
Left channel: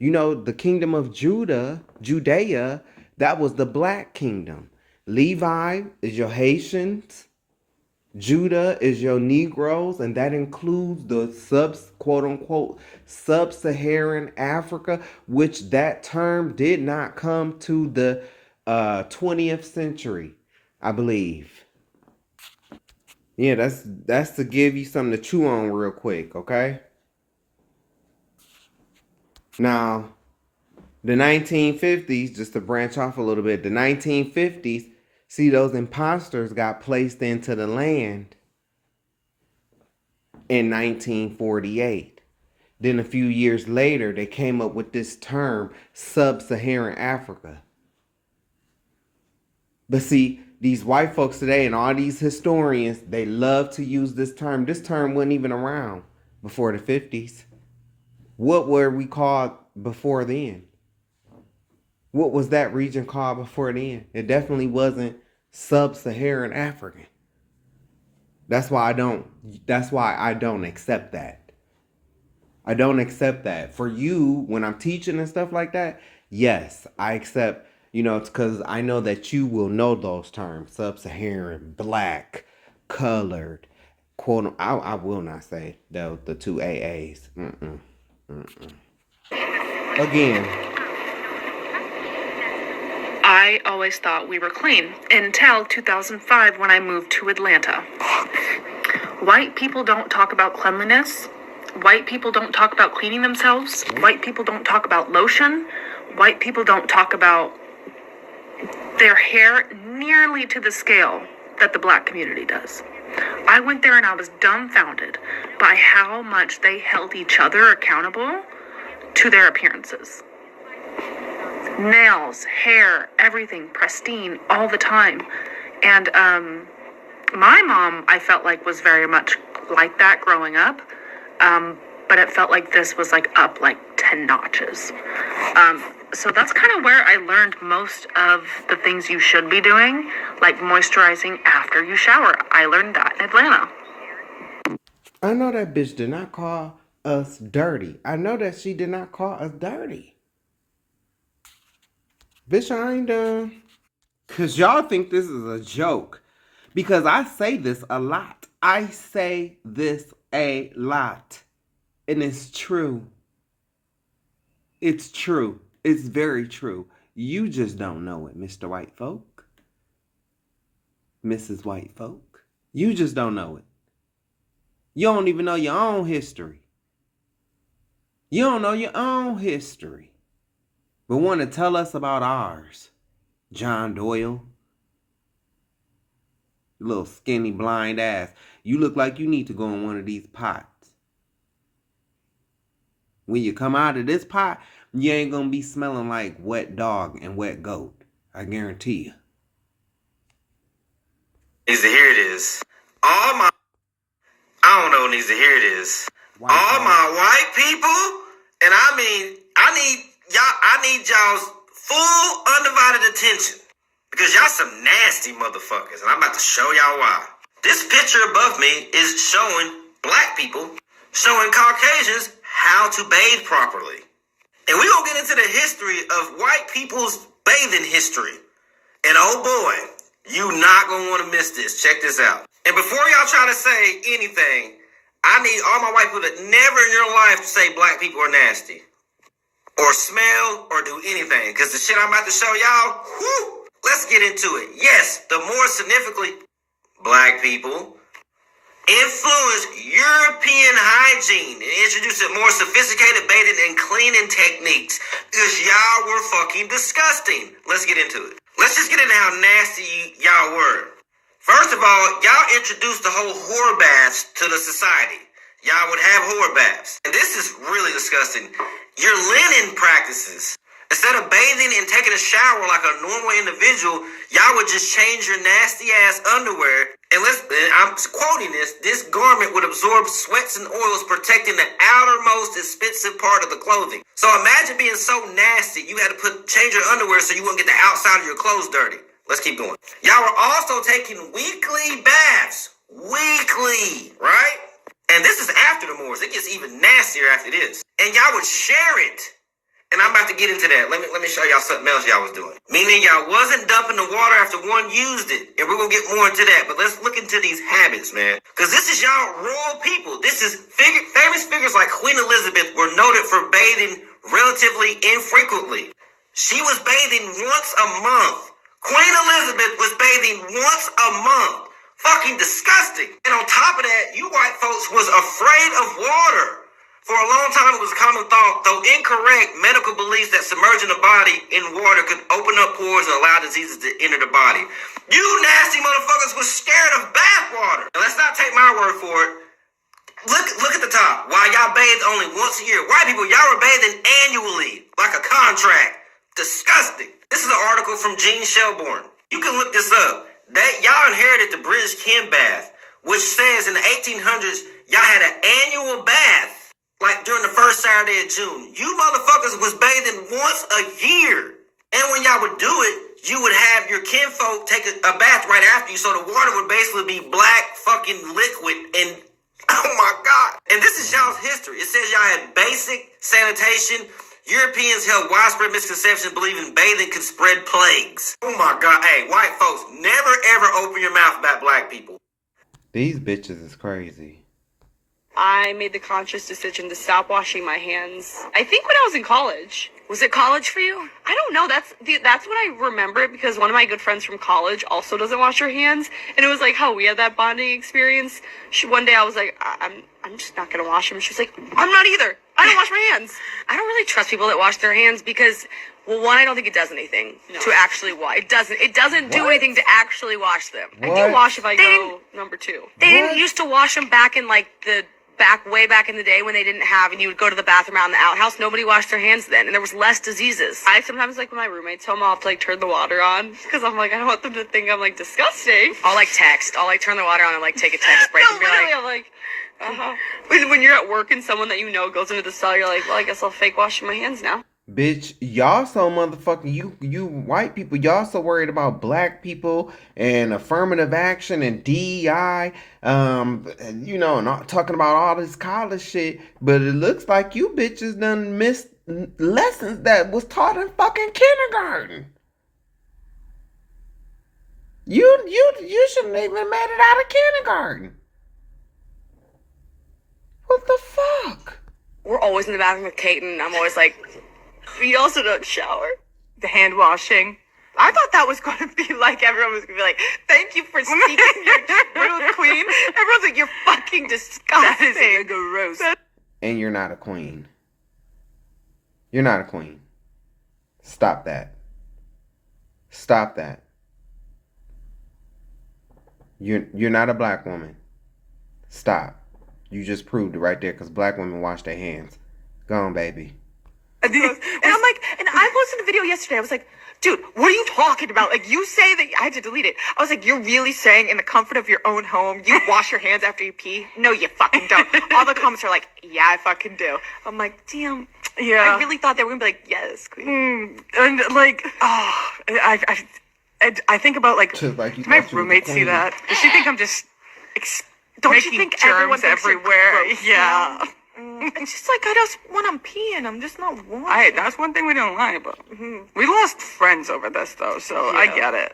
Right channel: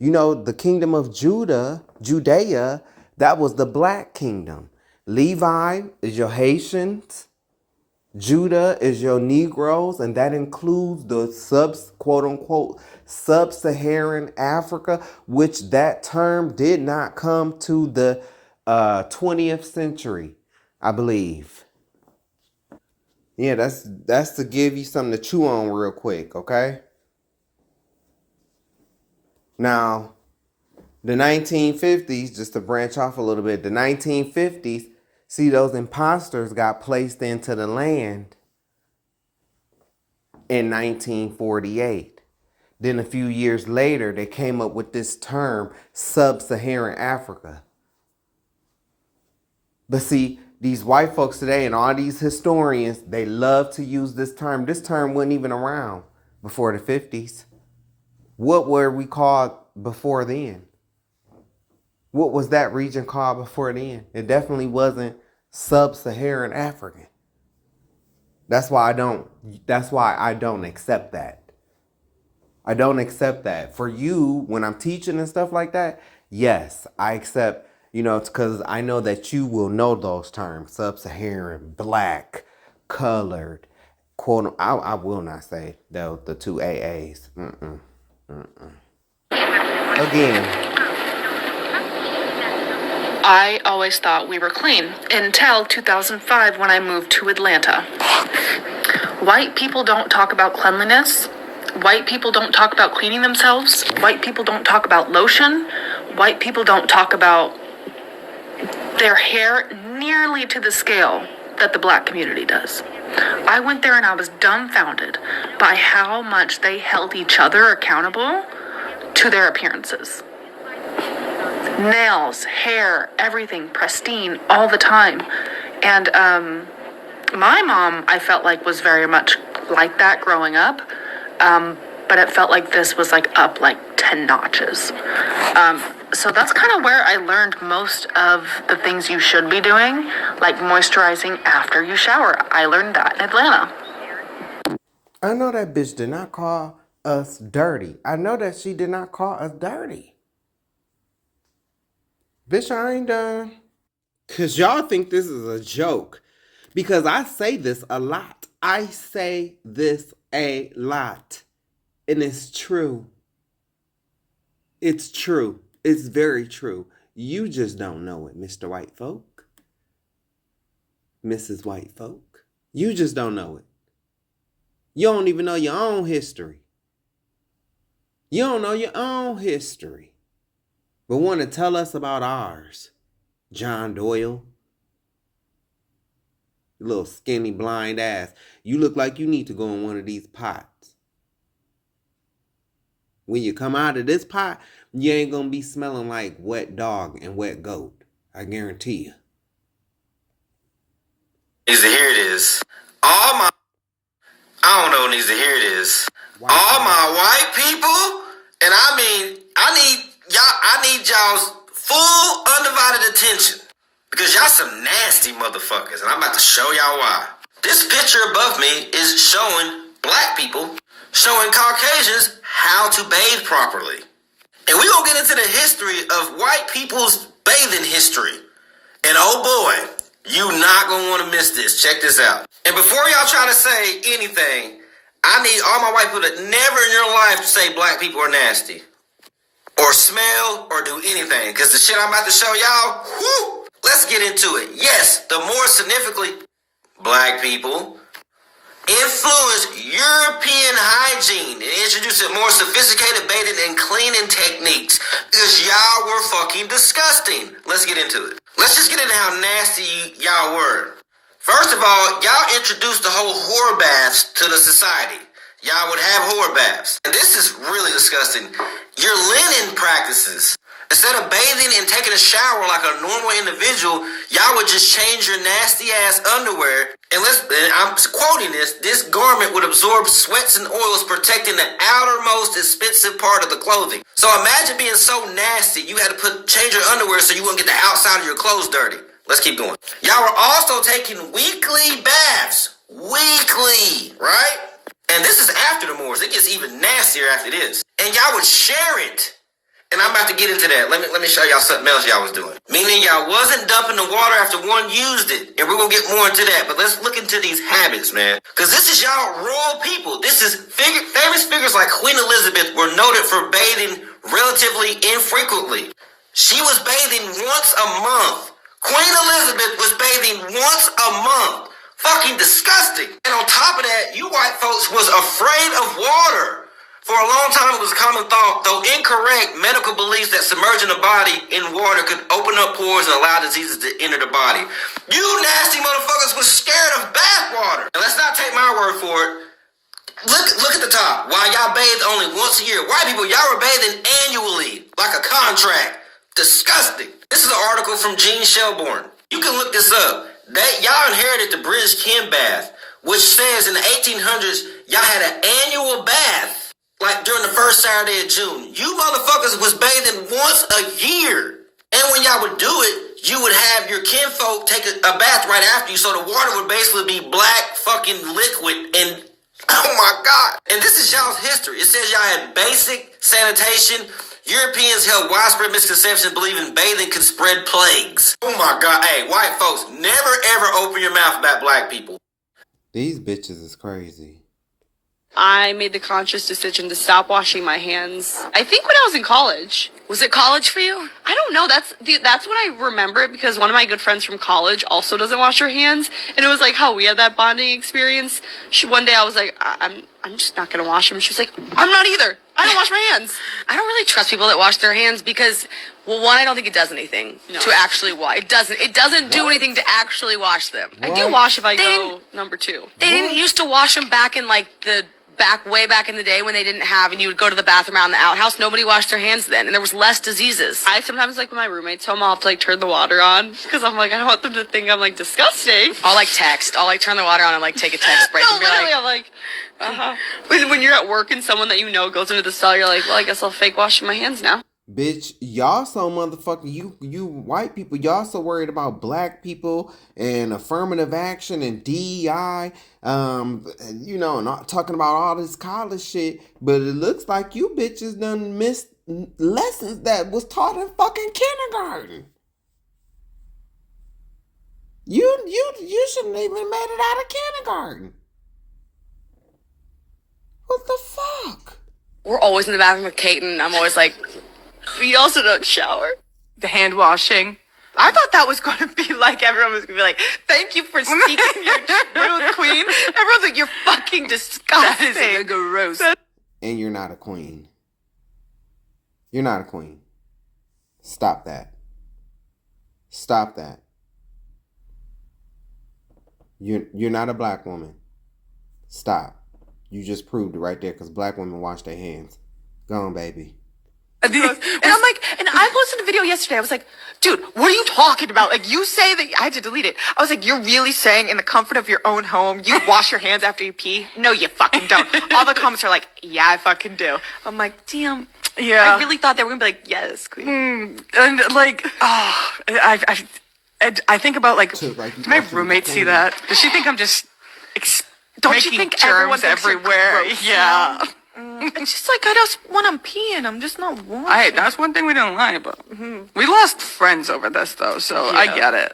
You know, the kingdom of Judea, that was the black kingdom. Levi is your Haitians. Judah is your Negroes, and that includes the quote unquote sub-Saharan Africa, which that term did not come to the 20th century, I believe. Yeah, that's to give you something to chew on real quick, okay? Now, the 1950s, just to branch off a little bit, the 1950s, see, those imposters got placed into the land in 1948. Then a few years later, they came up with this term, sub-Saharan Africa. But see, these white folks today and all these historians, they love to use this term. This term wasn't even around before the 50s. What were we called before then? What was that region called before then? It definitely wasn't sub-Saharan African. That's why I don't accept that. I don't accept that. For you, when I'm teaching and stuff like that, yes, I accept, it's because I know that you will know those terms. Sub-Saharan, black, colored, quote, I will not say the two AAs. Again. I always thought we were clean until 2005 when I moved to Atlanta. White people don't talk about cleanliness. White people don't talk about cleaning themselves. White people don't talk about lotion. White people don't talk about their hair nearly to the scale that the black community does. I went there and I was dumbfounded by how much they held each other accountable to their appearances. Nails, hair, everything pristine all the time. And my mom, I felt like, was very much like that growing up. But it felt like this was like up like 10 notches. So that's kind of where I learned most of the things you should be doing, like moisturizing after you shower. I learned that in Atlanta. I know that bitch did not call us dirty. I know that she did not call us dirty. Bitch, I ain't done. Because y'all think this is a joke. Because I say this a lot. I say this a lot. And it's true. It's true. It's very true. You just don't know it, Mr. White Folk. Mrs. White Folk. You just don't know it. You don't even know your own history. You don't know your own history. But want to tell us about ours. John Doyle. You little skinny blind ass. You look like you need to go in one of these pots. When you come out of this pot, you ain't gonna be smelling like wet dog and wet goat. I guarantee you. Here it is. I don't know, needs to hear it is. White All folk. my white people, and I need y'all's full undivided attention. Because y'all some nasty motherfuckers, and I'm about to show y'all why. This picture above me is showing black people, showing Caucasians how to bathe properly. And we're going to get into the history of white people's bathing history. And oh boy, you not going to want to miss this. Check this out. And before y'all try to say anything, I need all my white people to never in your life say black people are nasty. Or smell or do anything. Because the shit I'm about to show y'all, whoo, let's get into it. Yes, the more significantly black people influenced European hygiene and introduced more sophisticated bathing and cleaning techniques because y'all were fucking disgusting. Let's get into it. Let's just get into how nasty y'all were. First of all, y'all introduced the whole whore baths to the society. Y'all would have whore baths. And this is really disgusting. Your linen practices. Instead of bathing and taking a shower like a normal individual, y'all would just change your nasty ass underwear. And I'm quoting this garment would absorb sweats and oils, protecting the outermost expensive part of the clothing. So imagine being so nasty, you had to change your underwear so you wouldn't get the outside of your clothes dirty. Let's keep going. Y'all were also taking weekly baths. Weekly, right? And this is after the Moors. It gets even nastier after this. And y'all would share it. And I'm about to get into that. Let me show y'all something else y'all was doing. Meaning y'all wasn't dumping the water after one used it. And we're going to get more into that. But let's look into these habits, man. Because this is y'all royal people. This is famous figures like Queen Elizabeth were noted for bathing relatively infrequently. She was bathing once a month. Queen Elizabeth was bathing once a month. Fucking disgusting. And on top of that, you white folks was afraid of water. For a long time, it was a common thought, though incorrect, medical beliefs that submerging the body in water could open up pores and allow diseases to enter the body. You nasty motherfuckers was scared of bath water. And let's not take my word for it. Look at the top. Why y'all bathed only once a year? White people, y'all were bathing annually, like a contract. Disgusting. This is an article from Gene Shelbourne. You can look this up. Y'all inherited the British Ken bath, which says in the 1800s, y'all had an annual bath. Like during the first Saturday of June. You motherfuckers was bathing once a year. And when y'all would do it, you would have your kinfolk take a bath right after you. So the water would basically be black fucking liquid. And oh my God. And this is y'all's history. It says y'all had basic sanitation. Europeans held widespread misconceptions believing bathing could spread plagues. Oh my God. Hey, white folks, never ever open your mouth about black people. These bitches is crazy. I made the conscious decision to stop washing my hands. I think when I was in college. Was it college for you? I don't know. That's when I remember it because one of my good friends from college also doesn't wash her hands, and it was like how we had that bonding experience. One day I was like, I'm just not gonna wash them. She was like, I'm not either. I don't wash my hands. I don't really trust people that wash their hands because, well, one, I don't think it does anything to actually wash. It doesn't do anything to actually wash them. I do wash if I go number 2. They didn't used to wash them back in like the way back in the day when they didn't have, and you would go to the bathroom out in the outhouse. Nobody washed their hands then, and there was less diseases. I sometimes, like, when my roommate's home, I'll have to, like, turn the water on because I'm like, I don't want them to think I'm, like, disgusting. I'll, like, text. I'll, like, turn the water on and, like, take a text break. No, and be literally, like, I'm like, when you're at work and someone that you know goes into the stall, you're like, well, I guess I'll fake wash my hands now. Bitch, y'all so motherfucking, you white people, y'all so worried about black people and affirmative action and DEI, and talking about all this college shit, but it looks like you bitches done missed lessons that was taught in fucking kindergarten. You shouldn't even made it out of kindergarten. What the fuck? We're always in the bathroom with Kate, and I'm always like, we also don't shower. The hand washing. I thought that was going to be like, everyone was going to be like, thank you for speaking your truth, queen. Everyone's like, you're fucking disgusting. that is gross. And you're not a queen. You're not a queen. Stop that. Stop that. You're not a black woman. Stop. You just proved it right there because black women wash their hands. Go on, baby. And I'm like, and I posted a video yesterday. I was like, dude, what are you talking about? Like, you say that, I had to delete it. I was like, you're really saying in the comfort of your own home, you wash your hands after you pee? No, you fucking don't. All the comments are like, yeah, I fucking do. I'm like, damn. Yeah. I really thought they were going to be like, yes, queen. And like, I think about like, my roommate see that? Does she think I'm just don't you think everyone thinks everywhere? Yeah. It's just like I just when I'm peeing, I'm just not washing. That's one thing we don't lie about. We lost friends over this though, so I get it.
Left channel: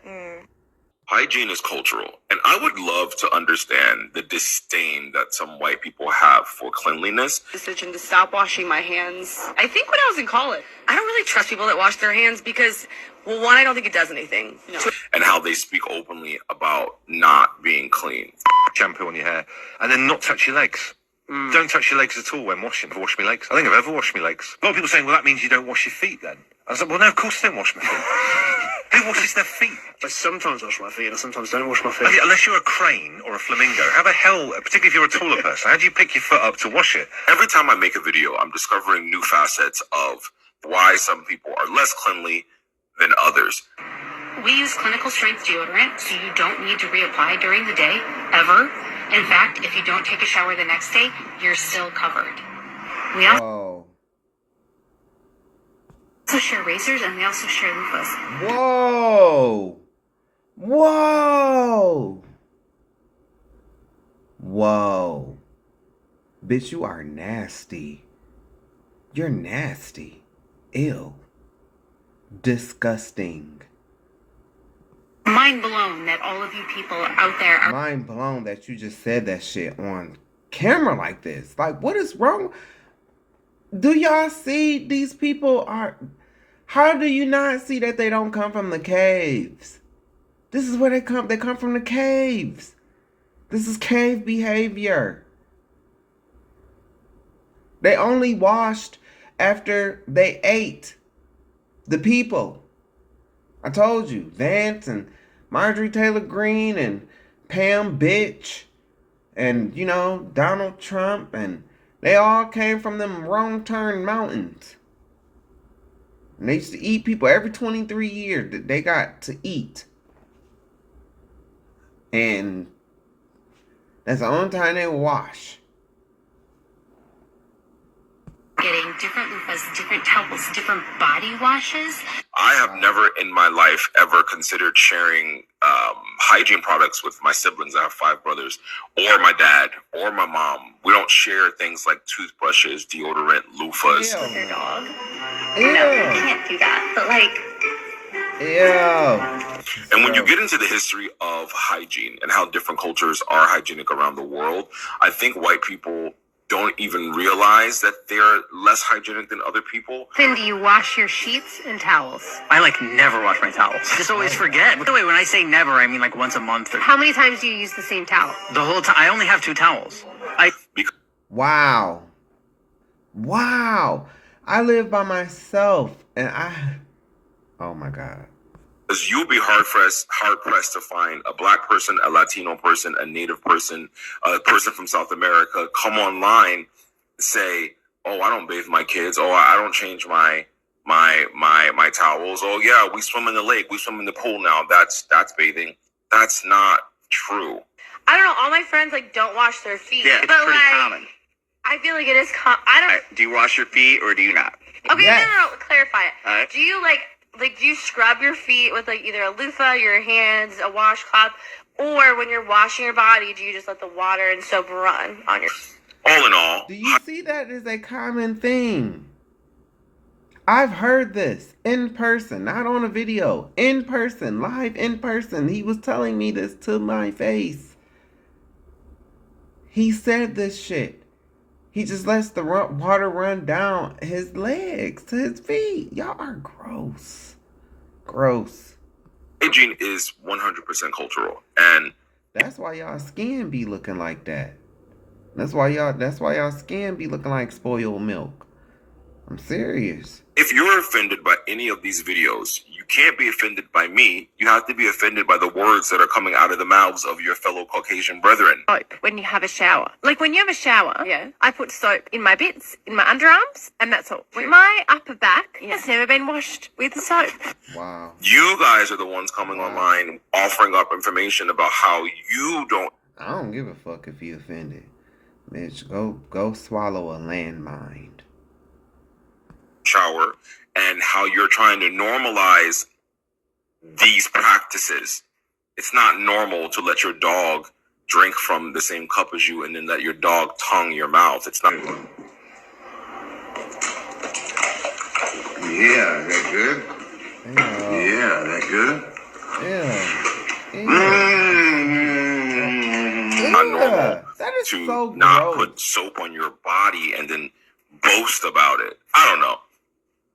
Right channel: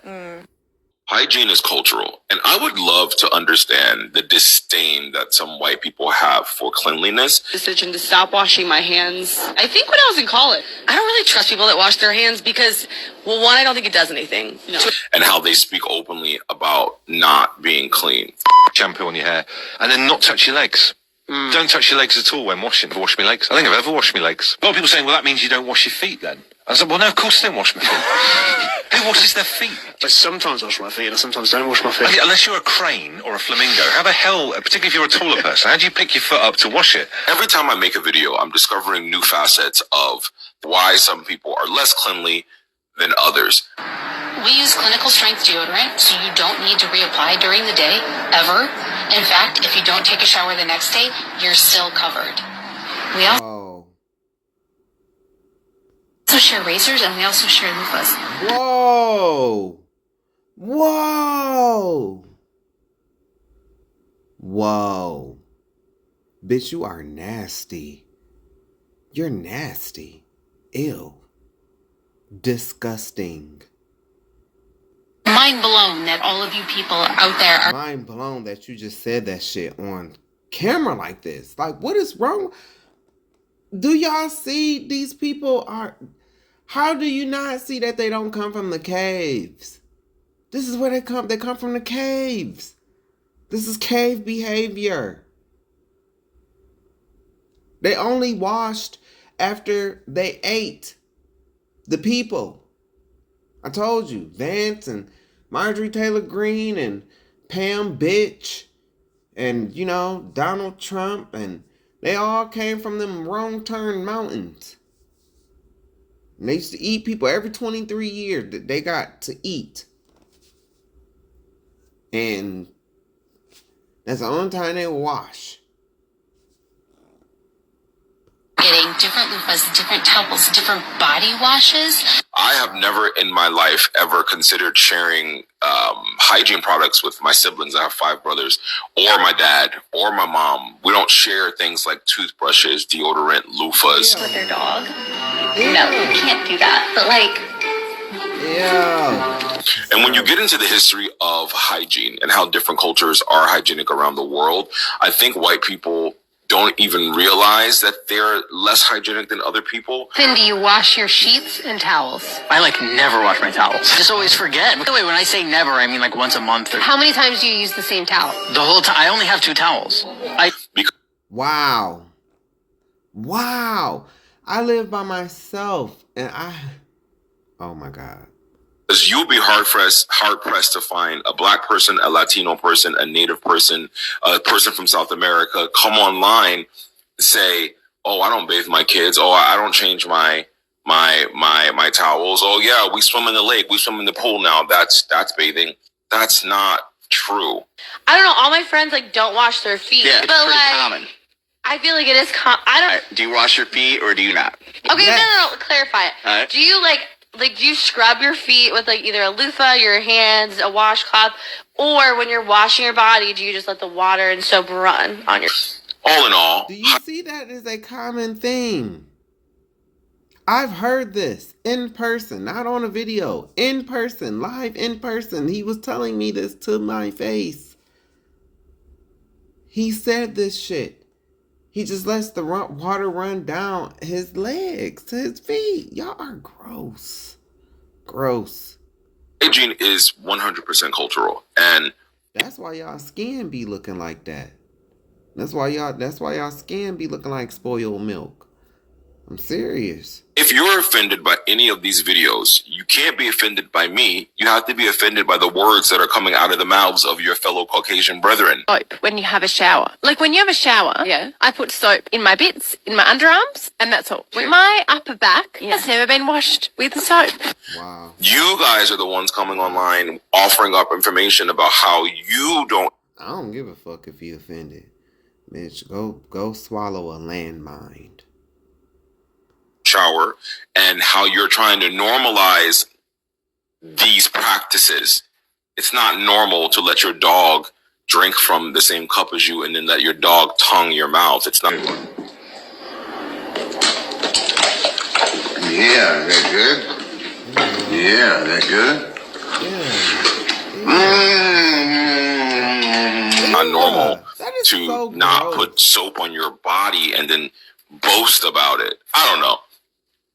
Hygiene is cultural, and I would love to understand the disdain that some white people have for cleanliness. Decision to stop washing my hands. I think when I was in college, I don't really trust people that wash their hands because, well, one, I don't think it does anything. No. And how they speak openly about not being clean. Shampoo on your hair, and then not touch your legs. Don't touch your legs at all when washing. Wash my legs. I think I've ever washed my legs. A lot of people saying, well, that means you don't wash your feet then. I was like, well, no, of course I don't wash my feet. Who washes their feet? I sometimes wash my feet and I sometimes don't wash my feet. I mean, unless you're a crane or a flamingo, how the hell, particularly if you're a taller person, how do you pick your foot up to wash it? Every time I make a video, I'm discovering new facets of why some people are less cleanly than others. We use clinical strength deodorant, so you don't need to reapply during the day, ever. In fact, if you don't take a shower the next day, you're still covered. We also share razors, and we also share loofahs. Whoa! Whoa! Whoa. Bitch, you are nasty. You're nasty. Ew. Disgusting. Mind blown that all of you people out there are... Mind blown that you just said that shit on camera like this. Like, what is wrong? Do y'all see these people are... How do you not see that they don't come from the caves? This is where they come. They come from the caves. This is cave behavior. They only washed after they ate. The people. I told you. Vance and Marjorie Taylor Greene and Pam Bitch and, you know, Donald Trump, and they all came from them wrong turn mountains. And they used to eat people every 23 years that they got to eat. And that's the only time they wash. Getting different loofahs, different towels, different body washes. I have never in my life ever considered sharing hygiene products with my siblings. I have 5 brothers, or my dad, or my mom. We don't share things like toothbrushes, deodorant, loofahs. With their dog? Ew. No, you can't do that. But like... Yeah. And when you get into the history of hygiene and how different cultures are hygienic around the world, I think white people don't even realize that they're less hygienic than other people. Then do you wash your sheets and towels? I never wash my towels. I just always forget. By the way, when I say never, I mean once a month. How many times do you use the same towel? The whole time. I only have 2 towels. Wow. Wow. I live by myself and oh my God. Because you'll be hard pressed to find a black person, a Latino person, a native person, a person from South America come online and say, "Oh, I don't bathe my kids. Oh, I don't change my towels. Oh yeah, we swim in the lake. We swim in the pool now. That's bathing." That's not true. I don't know. All my friends don't wash their feet. Yeah, it's but pretty common. I feel like it is Do you wash your feet or do you not? Okay, Yes. no. Clarify it. All right. Do you do you scrub your feet with either a loofah, your hands, a washcloth, or when you're washing your body, do you just let the water and soap run on your... All in all, Do you see that as a common thing? I've heard this in person, not on a video, in person, live in person. He was telling me this to my face. He said this shit. He just lets the water run down his legs to his feet. Y'all are gross. Gross. hygiene is 100% cultural, and that's why y'all skin be looking like that. That's why y'all skin be looking like spoiled milk. I'm serious. if you're offended by any of these videos, you can't be offended by me. You have to be offended by the words that are coming out of the mouths of your fellow Caucasian brethren. Soap when you have a shower. Like when you have a shower, I put soap in my bits, in my underarms, and that's all. My upper back has never been washed with soap. Wow. You guys are the ones coming online offering up information about how you don't. I don't give a fuck if you offended. Bitch, go swallow a landmine. Shower, and how you're trying to normalize these practices. It's not normal to let your dog drink from the same cup as you and then let your dog tongue your mouth. It's not. Yeah, that good? Yeah, that good? Yeah. to so not gross. put soap on your body and then boast about it. I don't know.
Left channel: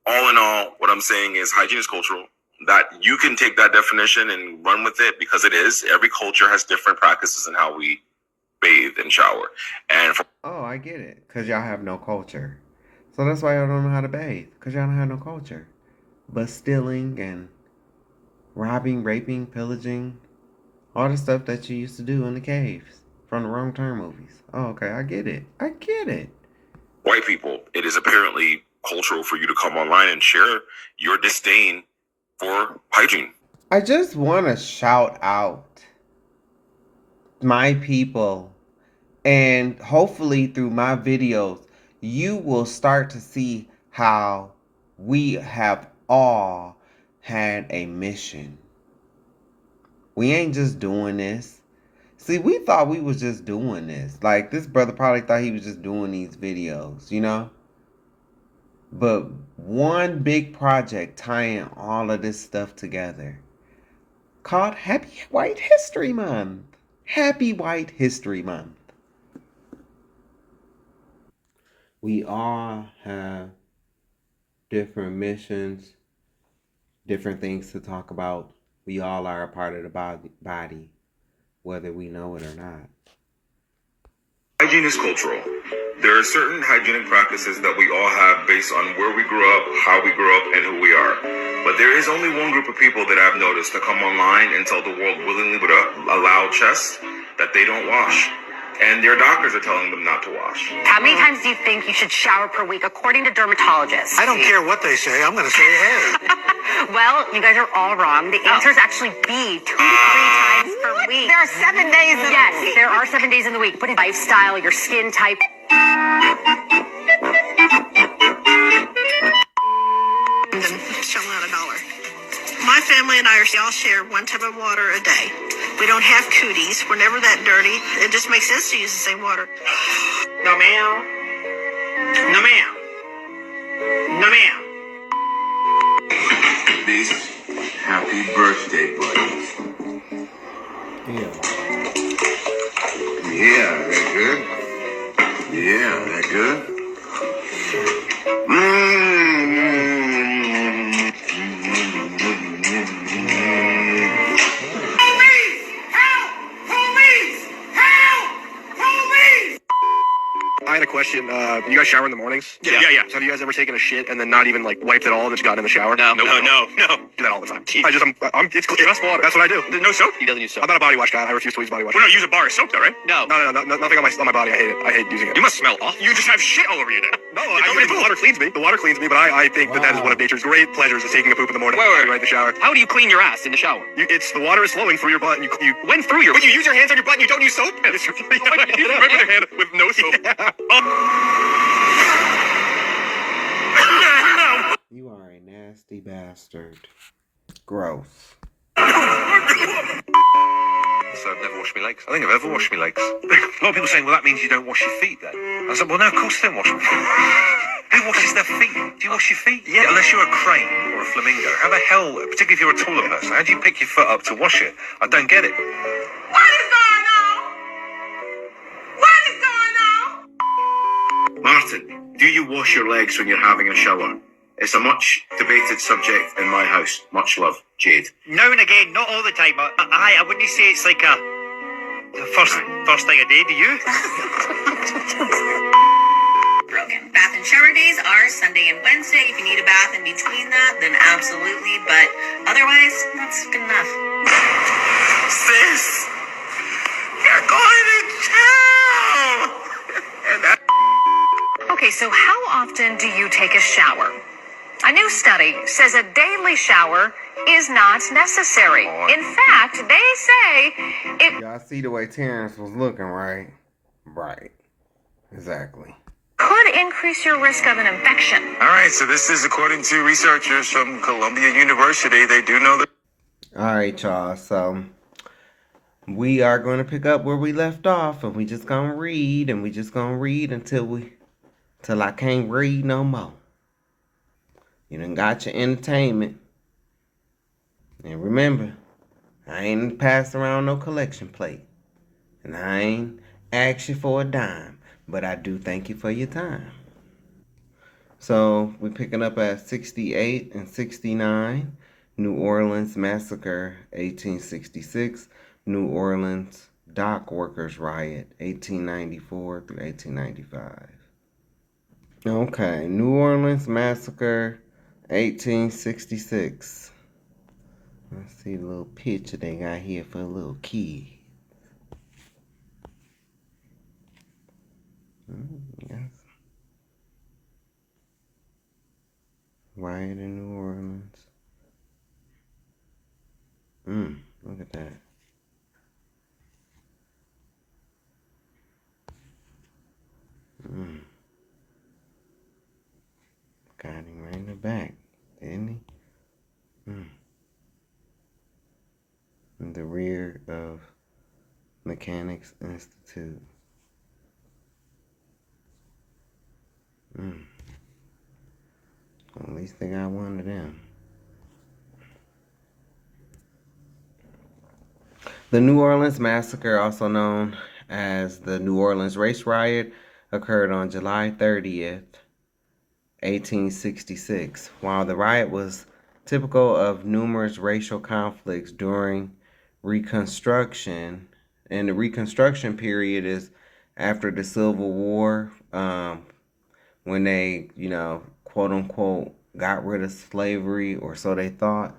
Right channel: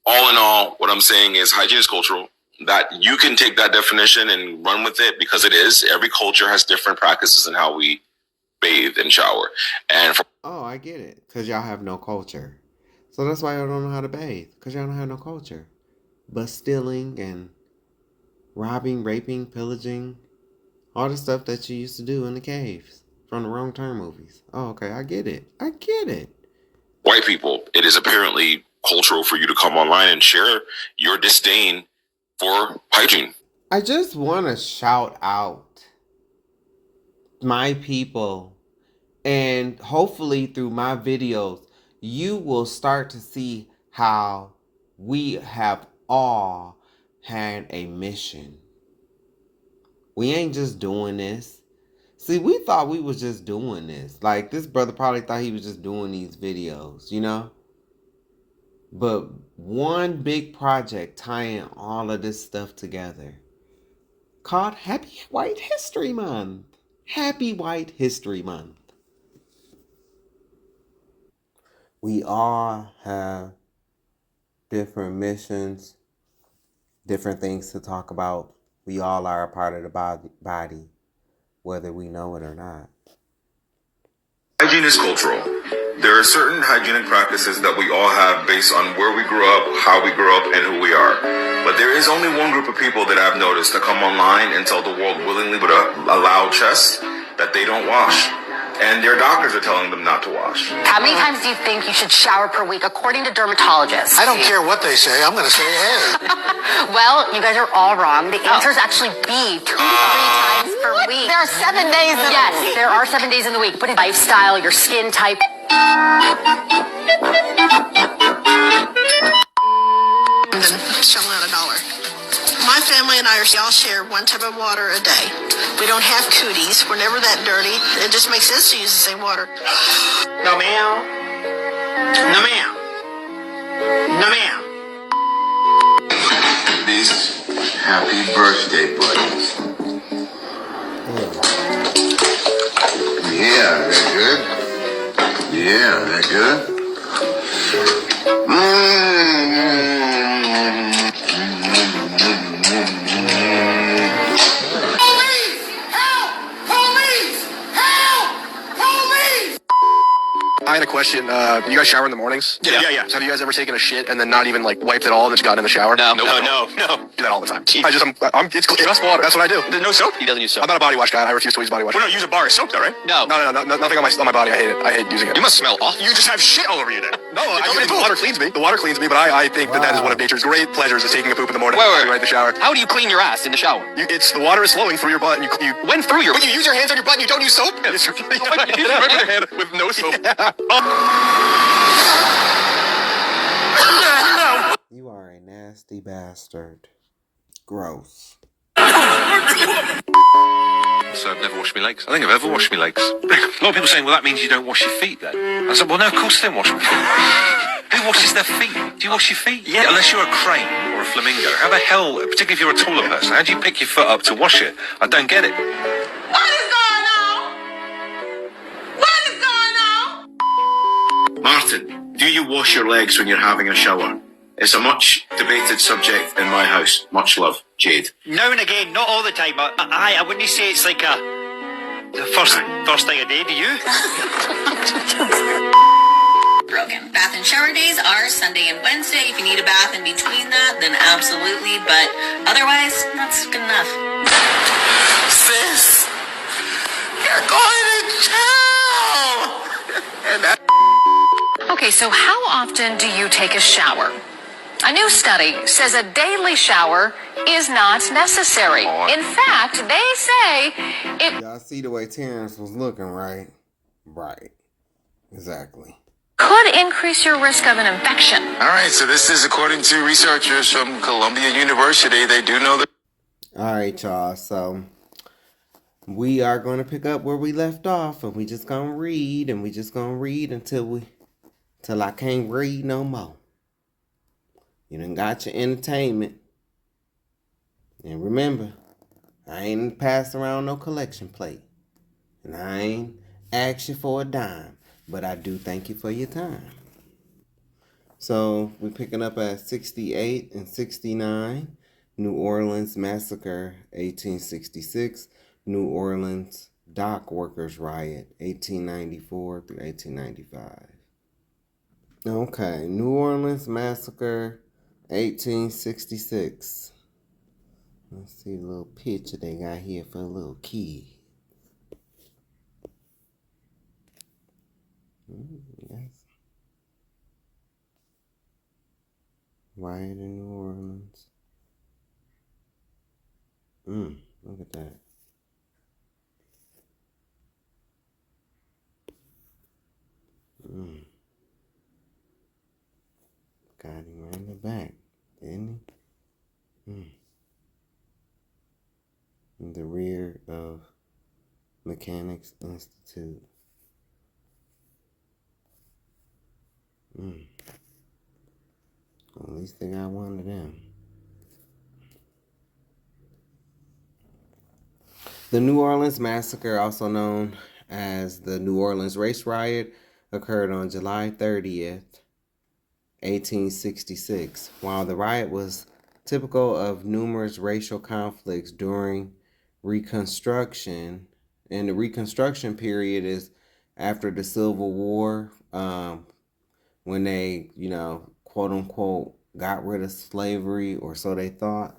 All in all, what I'm saying is hygiene is cultural. That you can take that definition and run with it because it is. Every culture has different practices in how we bathe and shower. And Oh, I get it. Because y'all have no culture. So that's why y'all don't know how to bathe. Because y'all don't have no culture. But stealing and robbing, raping, pillaging, all the stuff that you used to do in the caves from the Wrong Turn movies. Oh, okay. I get it. I get it. white people, it is apparently cultural for you to come online and share your disdain for hygiene. I just want to shout out my people, and hopefully through my videos, you will start to see how we have all had a mission. We ain't just doing this. See, we thought we was just doing this. Like, this brother probably thought he was just doing these videos, you know? But one big project tying all of this stuff together called Happy White History Month. Happy White History Month. We all have different missions, different things to talk about. We all are a part of the body, whether we know it or not. Hygiene is cultural. There are certain hygienic practices that we all have based on where we grew up, how we grew up, and who we are. But there is only one group of people that I've noticed to come online and tell the world willingly with a loud chest that they don't wash. And their doctors are telling them not to wash. How many times do you think you should shower per week, according to dermatologists? I don't care what they say. I'm going to say, hey. Well, you guys are all wrong. The answer is actually B, 2 to 3 times per week. There are 7 days in the week. Yes, there are 7 days in the week. But lifestyle, your skin type. Shelling out $1. My family and I all share one tub of water a day. We don't have cooties. We're never that dirty. It just makes sense to use the same water. No, ma'am. No, ma'am. No, ma'am. These happy birthday buddies. Yeah, they're good. Yeah, they're good. I had a question. You guys shower in the mornings? Yeah. So have you guys ever taken a shit and then not even like wiped it all and just got in the shower? No. Do that all the time. It's just water. That's what I do. No soap? He doesn't use soap. I'm not a body wash guy. I refuse to use body wash. Well, no, use a bar of soap though, right? No, nothing on my body. I hate it. I hate using it. You must smell awful. You just have shit all over you then. No, the water cleans me. The water cleans me, but I think that is one of nature's great pleasures is taking a poop in the morning. Wait. Right in the shower. How do you clean your ass in the shower? It's the water is flowing through your butt and you when through your When you use your hands on your butt and you don't use soap? It's rubbing your hand with no soap. You are a nasty bastard. Gross. So I've never washed my legs. I think I've ever washed my legs. A lot of people saying, well, that means you don't wash your feet then. I said, well, no, of course I don't wash my feet. Who washes their feet? Do you wash your feet? Yeah. Unless you're a crane or a flamingo. How the hell, particularly if you're a taller person, how do you pick your foot up to wash it? I don't get it. What is going on? What is going on? Martin, do you wash your legs when you're having a shower? It's a much debated subject in my house. Much love, Jade. Now and again, not all the time. I wouldn't say it's like the first thing a day. Do you? Broken. Bath and shower days are Sunday and Wednesday. If you need a bath in between that, then absolutely. But otherwise, that's good enough. Sis, you're going to jail! Okay, so how often do you take a shower? A new study says a daily shower is not necessary. In fact, they say it Y'all see the way Terrence was looking, right? Right. Exactly. could increase your risk of an infection. All right, so this is according to researchers from Columbia University. They do know that. All right, y'all. So we are going to pick up where we left off, and we just gonna read, and we just gonna read until I can't read no more. You done got your entertainment. And remember, I ain't passed around no collection plate. And I ain't ask you for a dime, but I do thank you for your time. So we're picking up at 68 and 69. New Orleans Massacre, 1866. New Orleans Dock Workers Riot, 1894 through 1895. Okay, New Orleans Massacre, 1866. Let's see the little picture they got here for a little kid. Yes. Riot in New Orleans. Look at that. Got him right in the back, didn't he? In the rear of Mechanics Institute. At least they got one of them. The New Orleans Massacre, also known as the New Orleans Race Riot, occurred on July 30th, 1866. While the riot was typical of numerous racial conflicts during Reconstruction, and the Reconstruction period is after the Civil War, when they, quote unquote, got rid of slavery, or so they thought.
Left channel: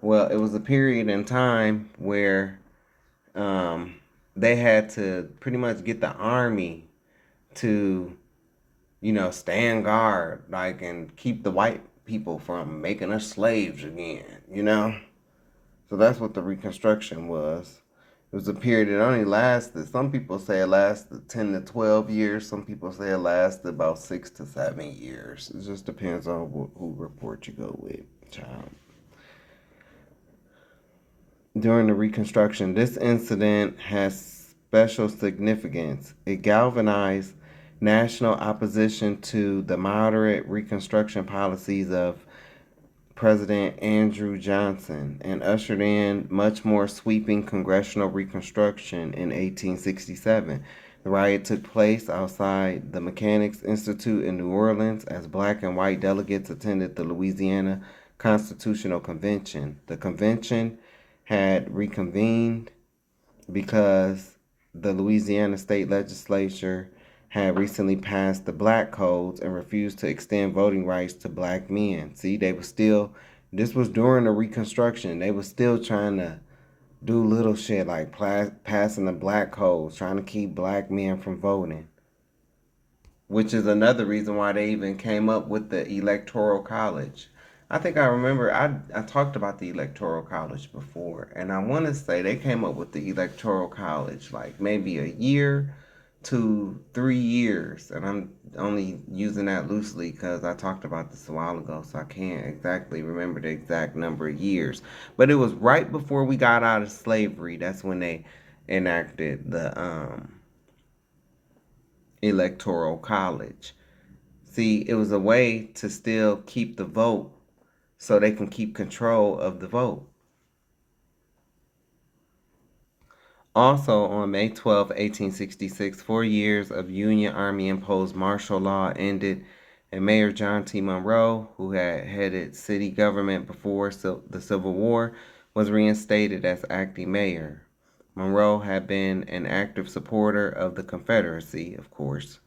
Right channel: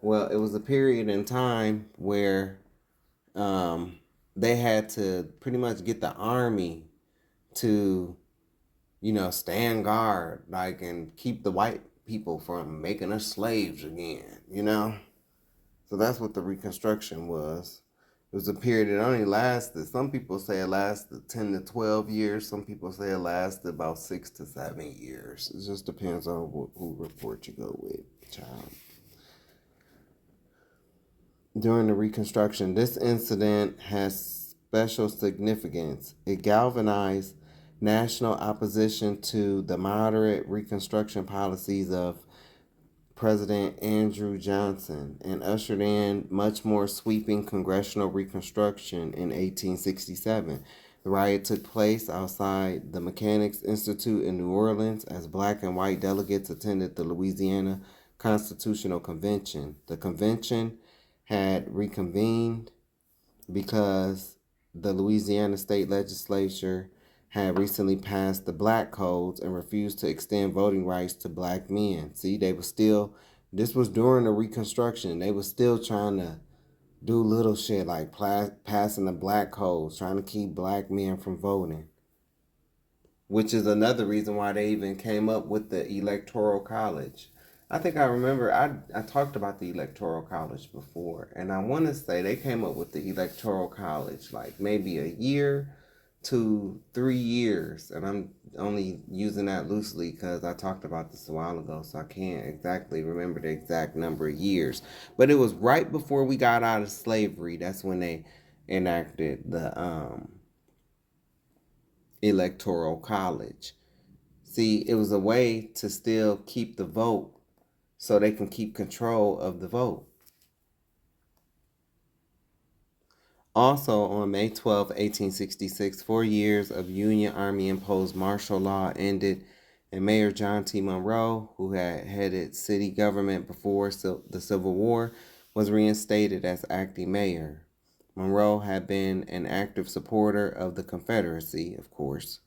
Well, it was a period in time where they had to pretty much get the army to, stand guard, and keep the white people from making us slaves again. So that's what the Reconstruction was. It was a period that only lasted, some people say it lasted 10 to 12 years. Some people say it lasted about 6 to 7 years. It just depends on who report you go with, child. During the Reconstruction, this incident has special significance. It galvanized national opposition to the moderate Reconstruction policies of President Andrew Johnson and ushered in much more sweeping congressional reconstruction in 1867. The riot took place outside the Mechanics Institute in New Orleans as black and white delegates attended the Louisiana Constitutional Convention. The convention had reconvened because the Louisiana state legislature had recently passed the black codes and refused to extend voting rights to black men. See, this was during the Reconstruction. They were still trying to do little shit like passing the black codes, trying to keep black men from voting. Which is another reason why they even came up with the Electoral College. I think I remember I talked about the Electoral College before, and I want to say they came up with the Electoral College like maybe a year to 3 years, and I'm only using that loosely because I talked about this a while ago, so I can't exactly remember the exact number of years. But it was right before we got out of slavery. That's when they enacted the Electoral College. See, it was a way to still keep the vote so they can keep control of the vote. Also, on May 12, 1866, 4 years of Union Army imposed martial law ended, and Mayor John T. Monroe, who had headed city government before the Civil War, was reinstated as acting mayor. Monroe had been an active supporter of the Confederacy, of course.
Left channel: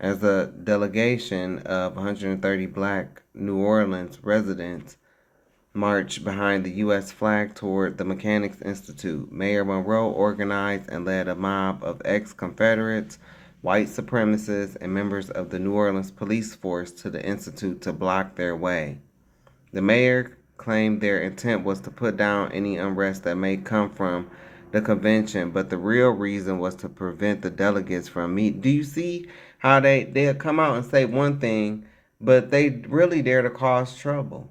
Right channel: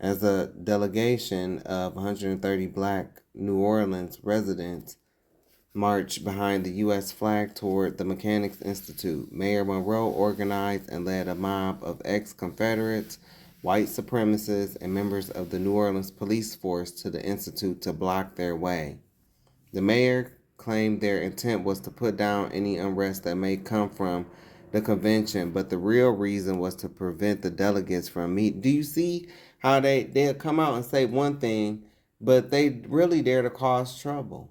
As a delegation of 130 black New Orleans residents marched behind the U.S. flag toward the Mechanics Institute, Mayor Monroe organized and led a mob of ex-Confederates, white supremacists, and members of the New Orleans police force to the Institute to block their way. The mayor claimed their intent was to put down any unrest that may come from the convention, but the real reason was to prevent the delegates from meeting. Do you see how they'll come out and say one thing, but they really there to cause trouble?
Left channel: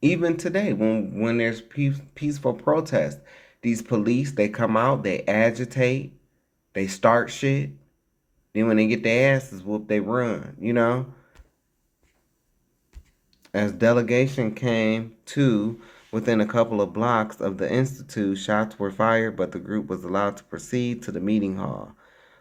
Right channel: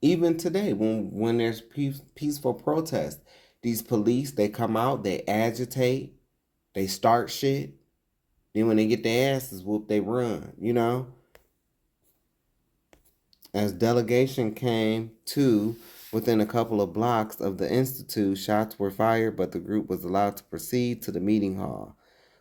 Even today, when there's peaceful protest, these police, they come out, they agitate, they start shit. Then when they get their asses whooped, they run, As delegation came to within a couple of blocks of the Institute, shots were fired, but the group was allowed to proceed to the meeting hall.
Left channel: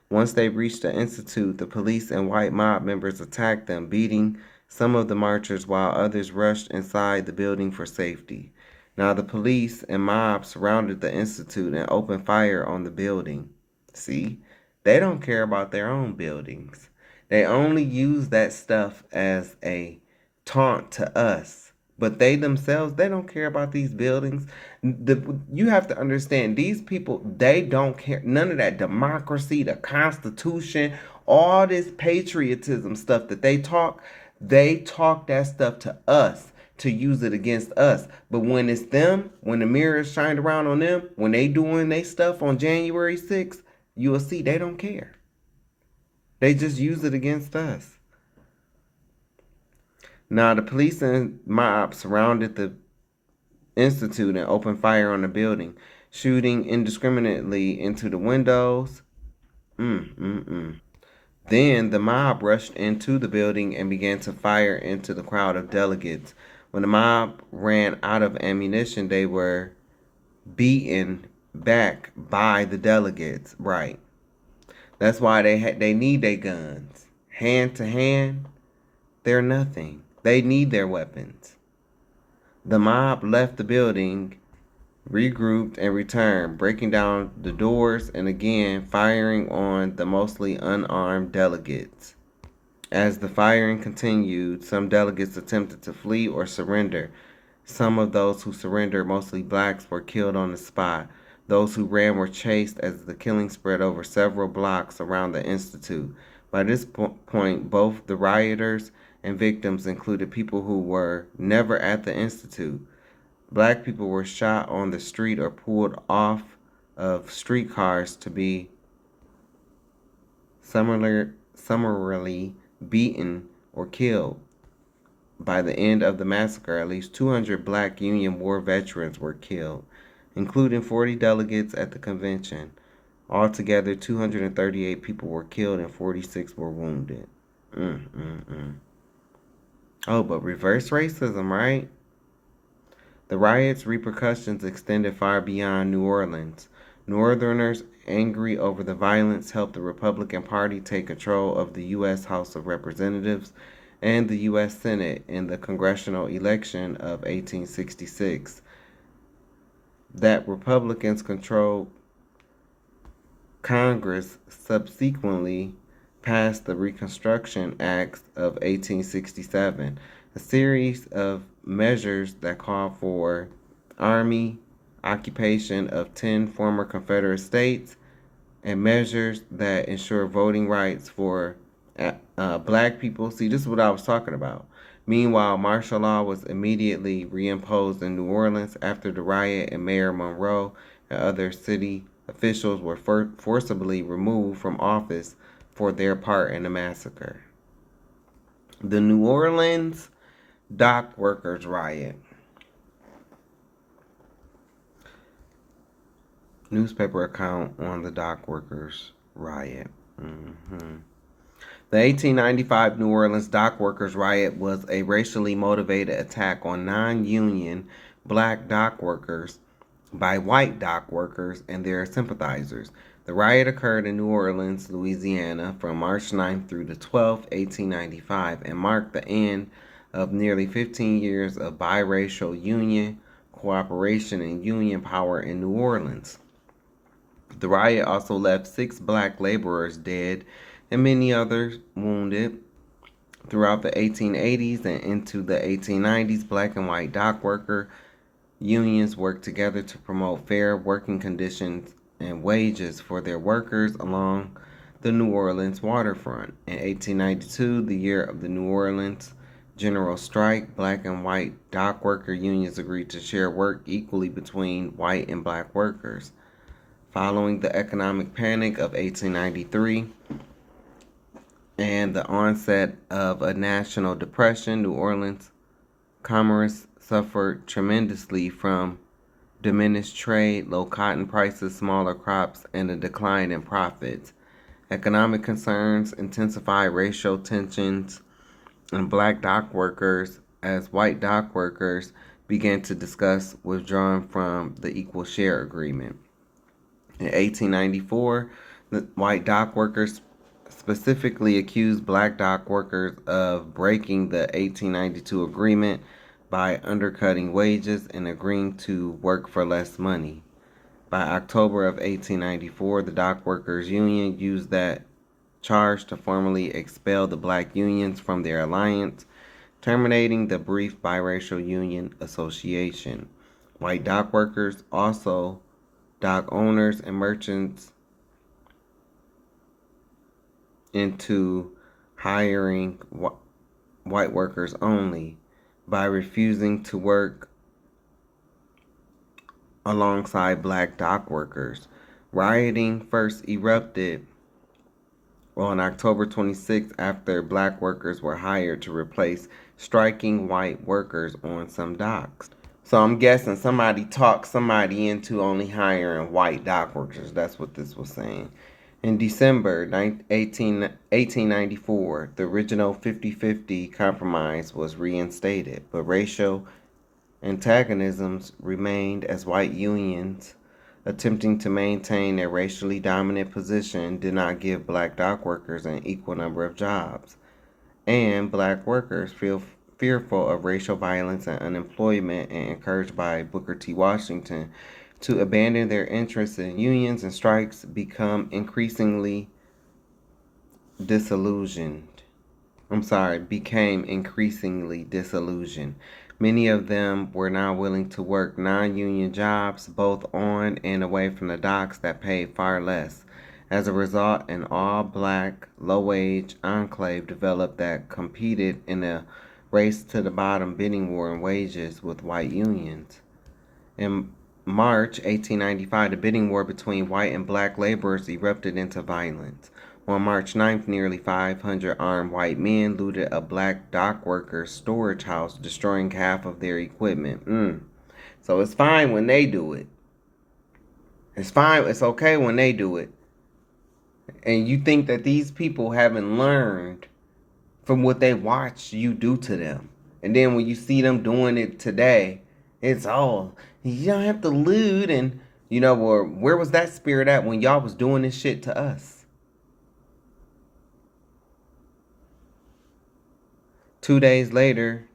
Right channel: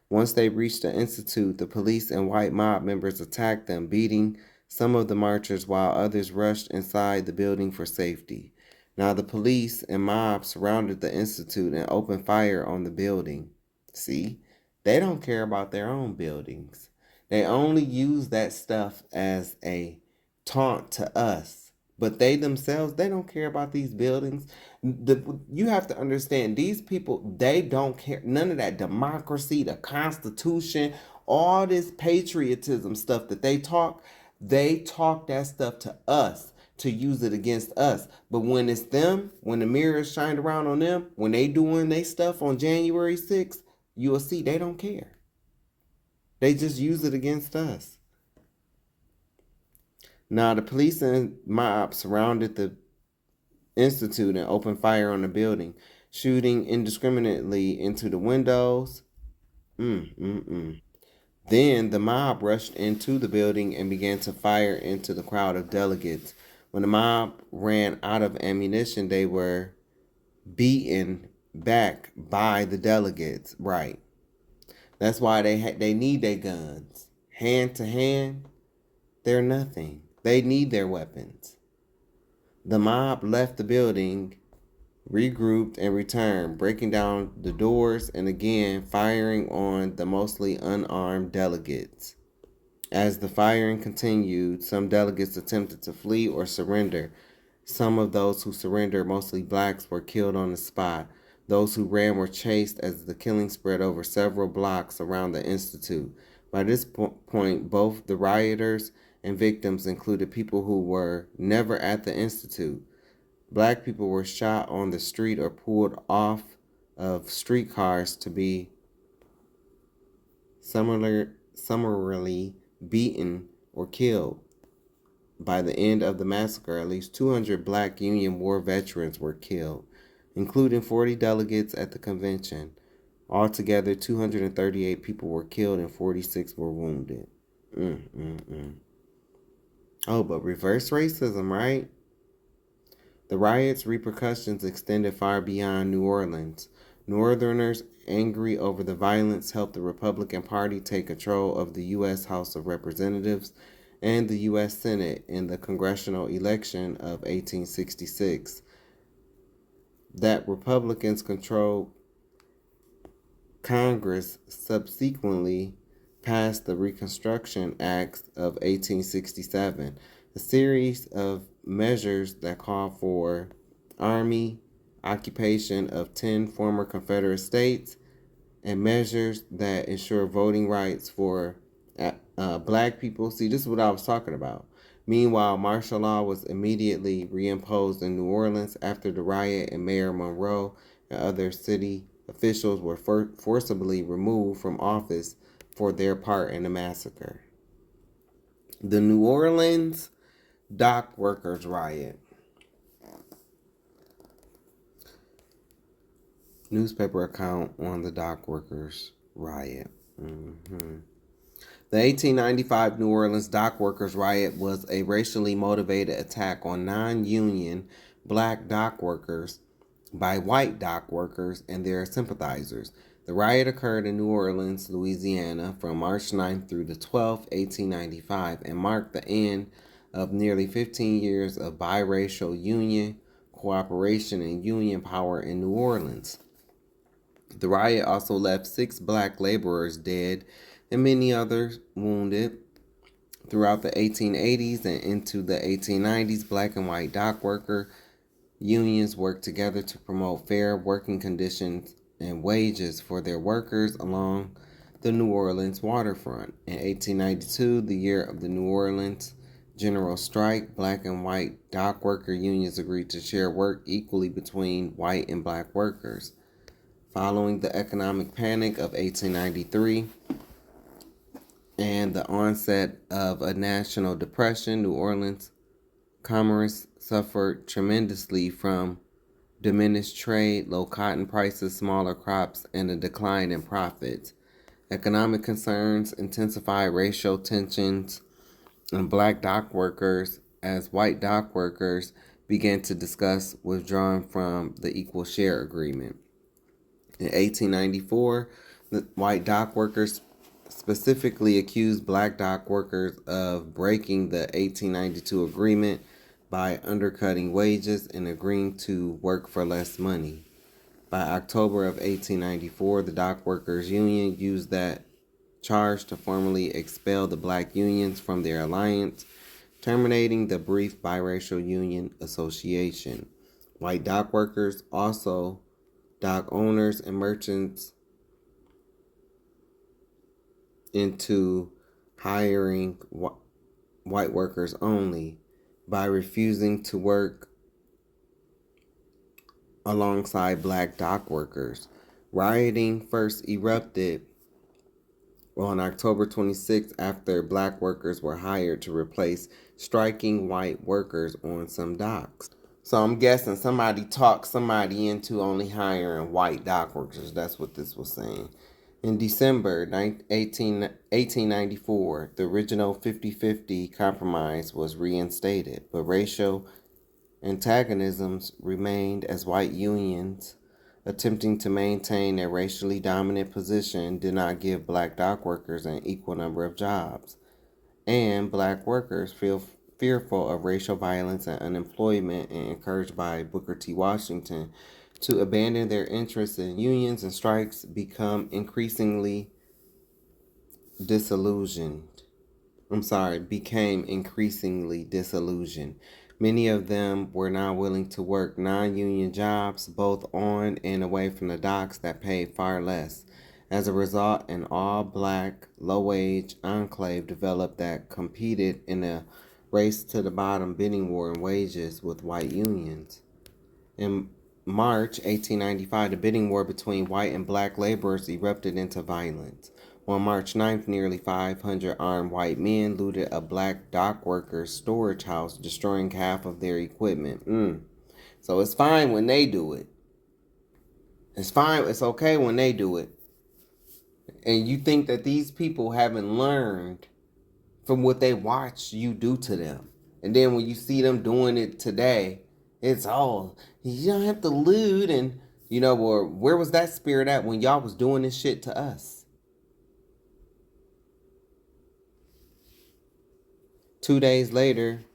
Once they reached the institute, the police and white mob members attacked them, beating some of the marchers while others rushed inside the building for safety. Now the police and mob surrounded the institute and opened fire on the building. See, they don't care about their own buildings. They only use that stuff as a taunt to us. But they themselves, they don't care about these buildings. You have to understand, these people, they don't care. None of that democracy, the Constitution, all this patriotism stuff that they talk that stuff to us to use it against us. But when it's them, when the mirror is shined around on them, when they doing their stuff on January 6th, you will see they don't care. They just use it against us. Now, the police and mob surrounded the institute and opened fire on the building, shooting indiscriminately into the windows. Then the mob rushed into the building and began to fire into the crowd of delegates. When the mob ran out of ammunition, they were beaten back by the delegates. Right. That's why they need their guns. Hand to hand, they're nothing. They need their weapons. The mob left the building, regrouped, and returned, breaking down the doors and again firing on the mostly unarmed delegates. As the firing continued, some delegates attempted to flee or surrender. Some of those who surrendered, mostly blacks, were killed on the spot. Those who ran were chased as the killing spread over several blocks around the institute. By this point, both the rioters and victims included people who were never at the institute. Black people were shot on the street or pulled off of streetcars to be summarily beaten or killed. By the end of the massacre, at least 200 Black Union War veterans were killed, including 40 delegates at the convention. Altogether, 238 people were killed and 46 were wounded. Oh, but reverse racism, right? The riots' repercussions extended far beyond New Orleans. Northerners, angry over the violence, helped the Republican Party take control of the U.S. House of Representatives and the U.S. Senate in the congressional election of 1866. That Republicans controlled Congress subsequently passed the Reconstruction Acts of 1867, a series of measures that called for army occupation of 10 former Confederate states and measures that ensure voting rights for Black people. See, this is what I was talking about. Meanwhile, martial law was immediately reimposed in New Orleans after the riot, and Mayor Monroe and other city officials were forcibly removed from office for their part in the massacre. The New Orleans dock workers riot. Newspaper account on the dock workers riot. The 1895 New Orleans dock workers riot was a racially motivated attack on non-union Black dock workers by white dock workers and their sympathizers. The riot occurred in New Orleans, Louisiana, from March 9th through the 12th, 1895, and marked the end of nearly 15 years of biracial union cooperation and union power in New Orleans. The riot also left 6 Black laborers dead and many others wounded. Throughout the 1880s and into the 1890s, Black and white dock worker unions worked together to promote fair working conditions and wages for their workers along the New Orleans waterfront. In 1892, the year of the New Orleans general strike, Black and white dock worker unions agreed to share work equally between white and Black workers. Following the economic panic of 1893 and the onset of a national depression, New Orleans commerce suffered tremendously from diminished trade, low cotton prices, smaller crops, and a decline in profits. Economic concerns intensified racial tensions in Black dock workers as white dock workers began to discuss withdrawing from the Equal Share Agreement. In 1894, The white dock workers specifically accused black dock workers of breaking the 1892 agreement by undercutting wages and agreeing to work for less money. By October of 1894, the dock workers union used that charge to formally expel the black unions from their alliance, terminating the brief biracial union association. White dock workers, also dock owners and merchants, into hiring white workers only by refusing to work alongside black dock workers. Rioting first erupted on October 26th after black workers were hired to replace striking white workers on some docks. So I'm guessing somebody talked somebody into only hiring white dock workers. That's what this was saying. In December 1894, the original 50-50 compromise was reinstated, but racial antagonisms remained as white unions, attempting to maintain a racially dominant position, did not give black dock workers an equal number of jobs, and black workers fearful of racial violence and unemployment and encouraged by Booker T. Washington to abandon their interests in unions and strikes became increasingly disillusioned. Many of them were now willing to work non-union jobs, both on and away from the docks, that paid far less. As a result, an all-black, low-wage enclave developed that competed in a race-to-the-bottom bidding war in wages with white unions. In March 1895, the bidding war between white and black laborers erupted into violence. On March 9th, nearly 500 armed white men looted a black dock workers' storage house, destroying half of their equipment. So it's fine when they do it. It's fine. It's okay when they do it. And you think that these people haven't learned from what they watched you do to them. And then when you see them doing it today, it's all, you don't have to loot. And, or where was that spirit at when y'all was doing this shit to us? 2 days later,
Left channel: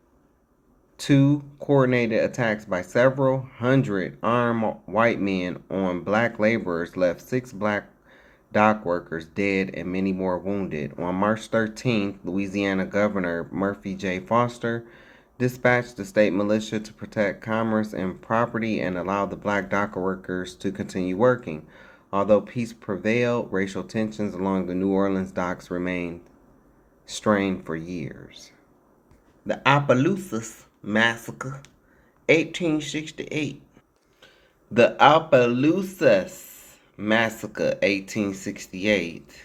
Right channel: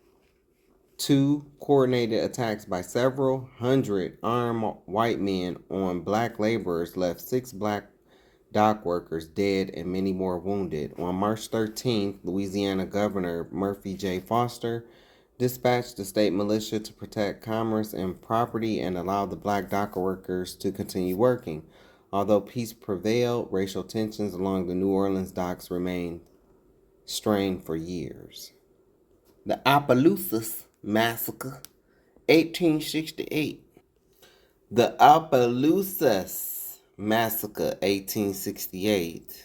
2 coordinated attacks by several hundred armed white men on black laborers left 6 black dock workers dead and many more wounded. On March 13th, Louisiana Governor Murphy J. Foster dispatched the state militia to protect commerce and property and allow the black dock workers to continue working. Although peace prevailed, racial tensions along the New Orleans docks remained strained for years. The Opelousas Massacre, 1868. The Opelousas Massacre, 1868.